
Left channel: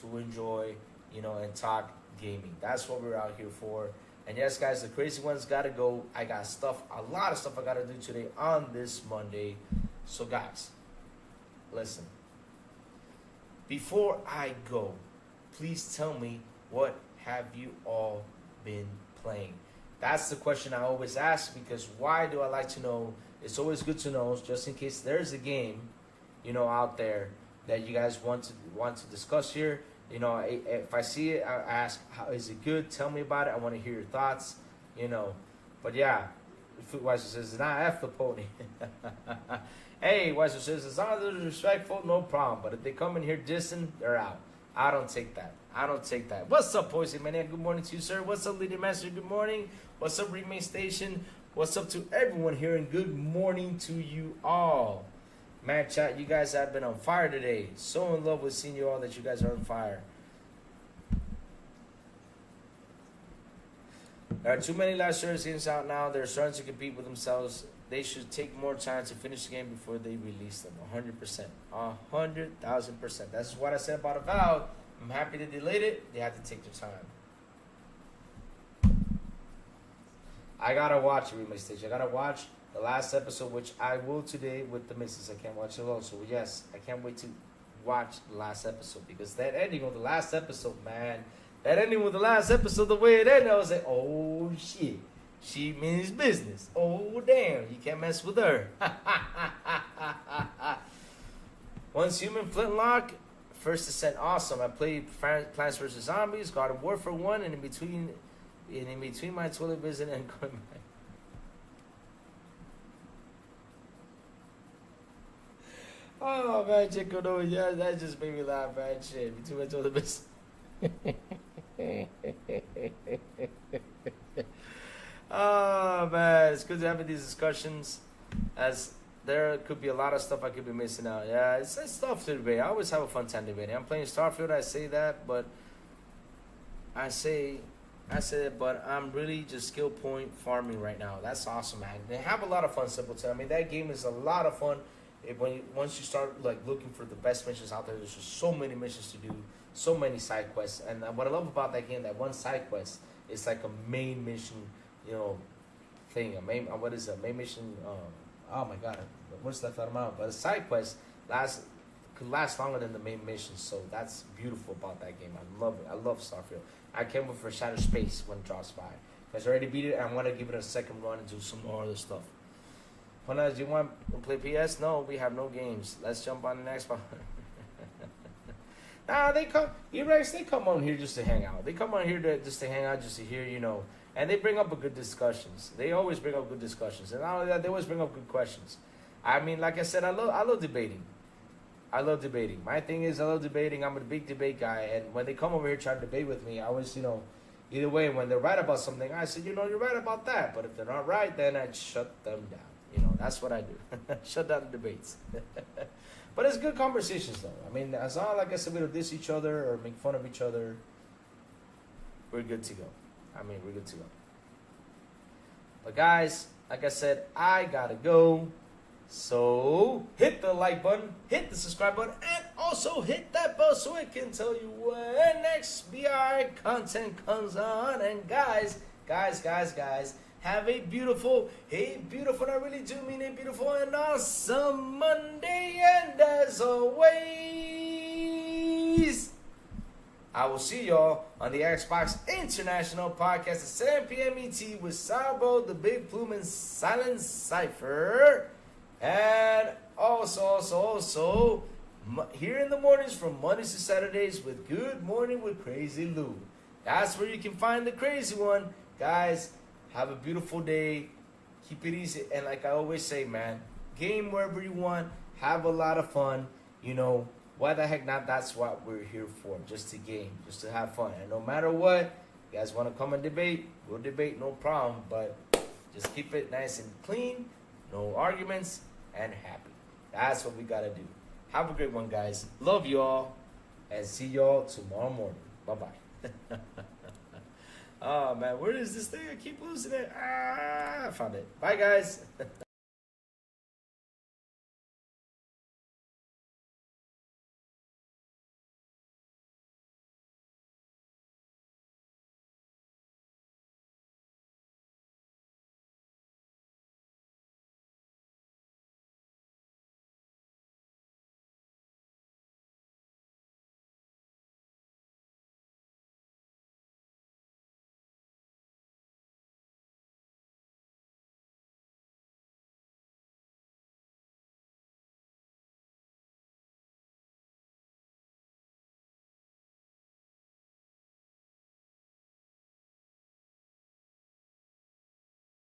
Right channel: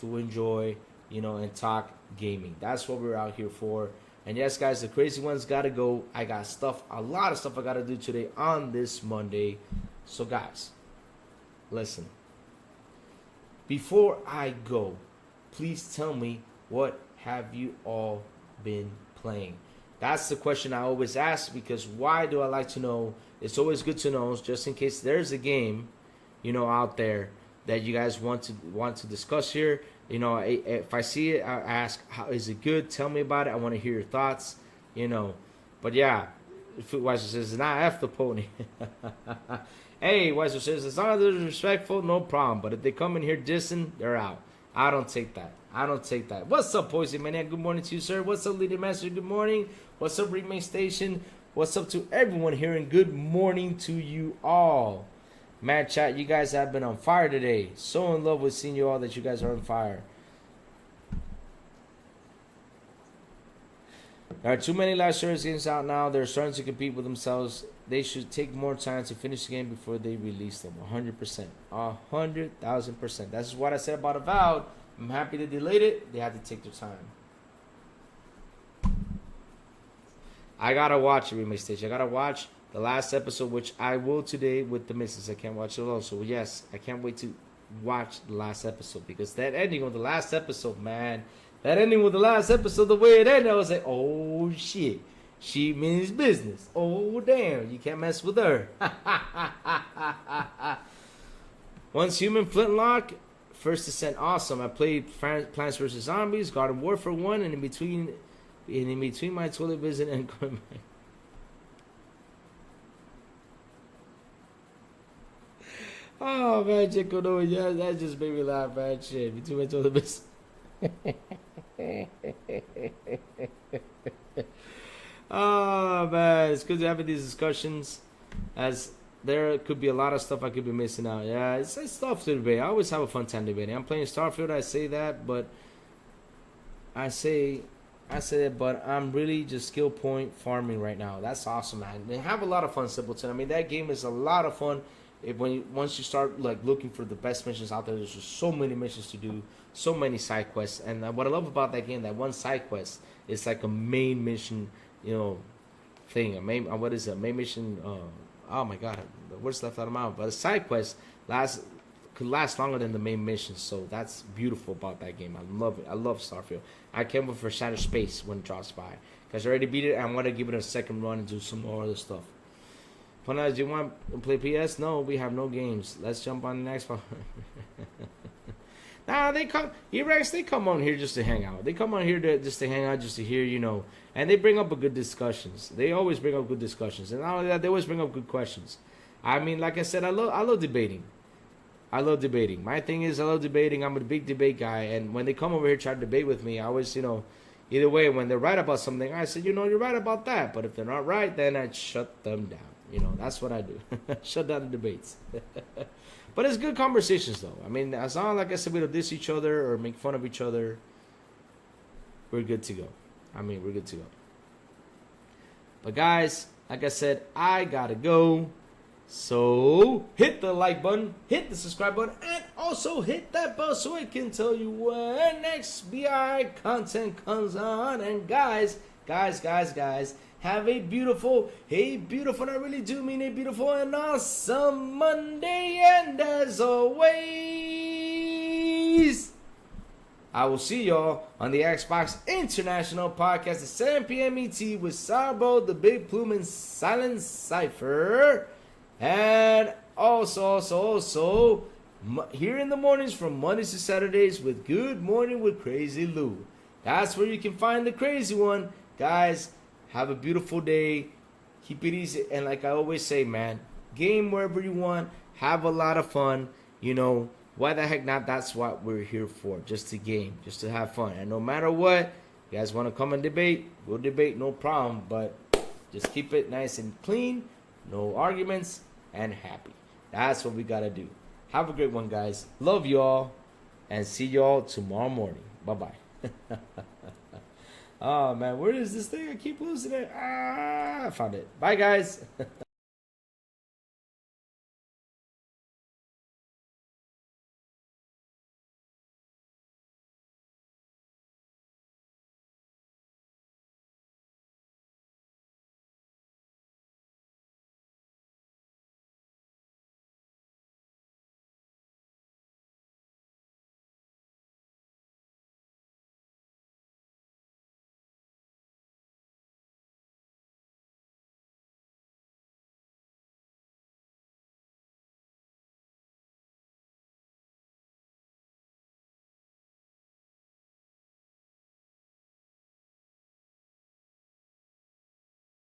to enjoy, and talk gaming. That's what we're out here for. And yes, guys, the crazy ones got to go. I got a lot of stuff I got to do today on this Monday. So, guys, listen. Before I go, please tell me, what have you all been playing? That's the question I always ask, because why do I like to know? It's always good to know, just in case there's a game, out there that you guys want to discuss here. If I see it, I ask, how is it good? Tell me about it. I want to hear your thoughts. But yeah, Footweiser says, "Not F the pony." Hey, Weiser says, as long as they're respectful, no problem. But if they come in here dissing, they're out. I don't take that. What's up, Poison Maniac? Good morning to you, sir. What's up, Leader Master? Good morning. What's up, Remake Station? What's up to everyone here? And good morning to you all. Man, chat, you guys have been on fire today. So in love with seeing you all that you guys are on fire. There are too many live service games out now. They're starting to compete with themselves. They should take more time to finish the game before they release them. 100%. 100,000%. That's what I said about Avowed. I'm happy they delayed it. They had to take their time. I gotta watch it, Remake Station. I gotta watch the last episode, which I will today with the missus. I can't watch it alone. So, yes, I can't wait to watch the last episode. Because that ending of the last episode, man. That ending with the last episode, the way it ended, I was like, oh, shit. She means business. Oh, damn. You can't mess with her. Once Human Flintlock, First Descent, awesome. I played Plants vs. Zombies, Garden Warfare 1, and in between my toilet visit and going back. Oh, man, Chico, no, yeah, that just made me laugh, man. Shit, between my toilet visit. Oh, man, it's good to have these discussions, as there could be a lot of stuff I could be missing out. Yeah, it's tough to debate. I always have a fun time debating. I'm playing Starfield, I say that, but I say it, but I'm really just skill point farming right now. That's awesome, man. They have a lot of fun, Simpleton. I mean, that game is a lot of fun. Once you start looking for the best missions out there, there's just so many missions to do, so many side quests. And what I love about that game, that one side quest is like a main mission, thing. What is it? Main mission. Oh my God, what's left out of my mouth? But a side quest could last longer than the main mission. So that's beautiful about that game. I love it. I love Starfield. I can't wait for Shattered Space when it drops by, because I already beat it and I want to give it a second run and do some more other stuff. Puna, do you want to play PS? No, we have no games. Let's jump on the next one. Nah, they come on here just to hang out. They come on here just to hang out, just to hear, and they bring up good discussions. They always bring up good discussions, and not only that, they always bring up good questions. I mean, like I said, I love debating. I love debating. My thing is, I love debating. I'm a big debate guy, and when they come over here try to debate with me, I always, either way, when they're right about something, I say, you're right about that. But if they're not right, then I shut them down. That's what I do. Shut down the debates. But it's good conversations, though. I mean, as long, like I said, we don't diss each other or make fun of each other, we're good to go. We're good to go. But, guys, like I said, I gotta go. So, hit the like button, hit the subscribe button, and also hit that bell so it can tell you when next BI content comes on. And, guys, have a beautiful, and I really do mean a beautiful and awesome Monday. And as always, I will see y'all on the Xbox International Podcast at 7 p.m. ET with Sourblow, the Big Plume, and Silent Cypher. And also, here in the mornings from Mondays to Saturdays with Good Morning with Crazy Lou. That's where you can find the crazy one. Guys, have a beautiful day. Keep it easy. And like I always say, man, game wherever you want. Have a lot of fun. Why the heck not? That's what we're here for. Just to game. Just to have fun. And no matter what, you guys want to come and debate, we'll debate, no problem. But just keep it nice and clean. No arguments. And happy. That's what we got to do. Have a great one, guys. Love y'all. and see you all tomorrow morning. Bye bye. Oh man, where is this thing? I keep losing it. I found it. Bye guys.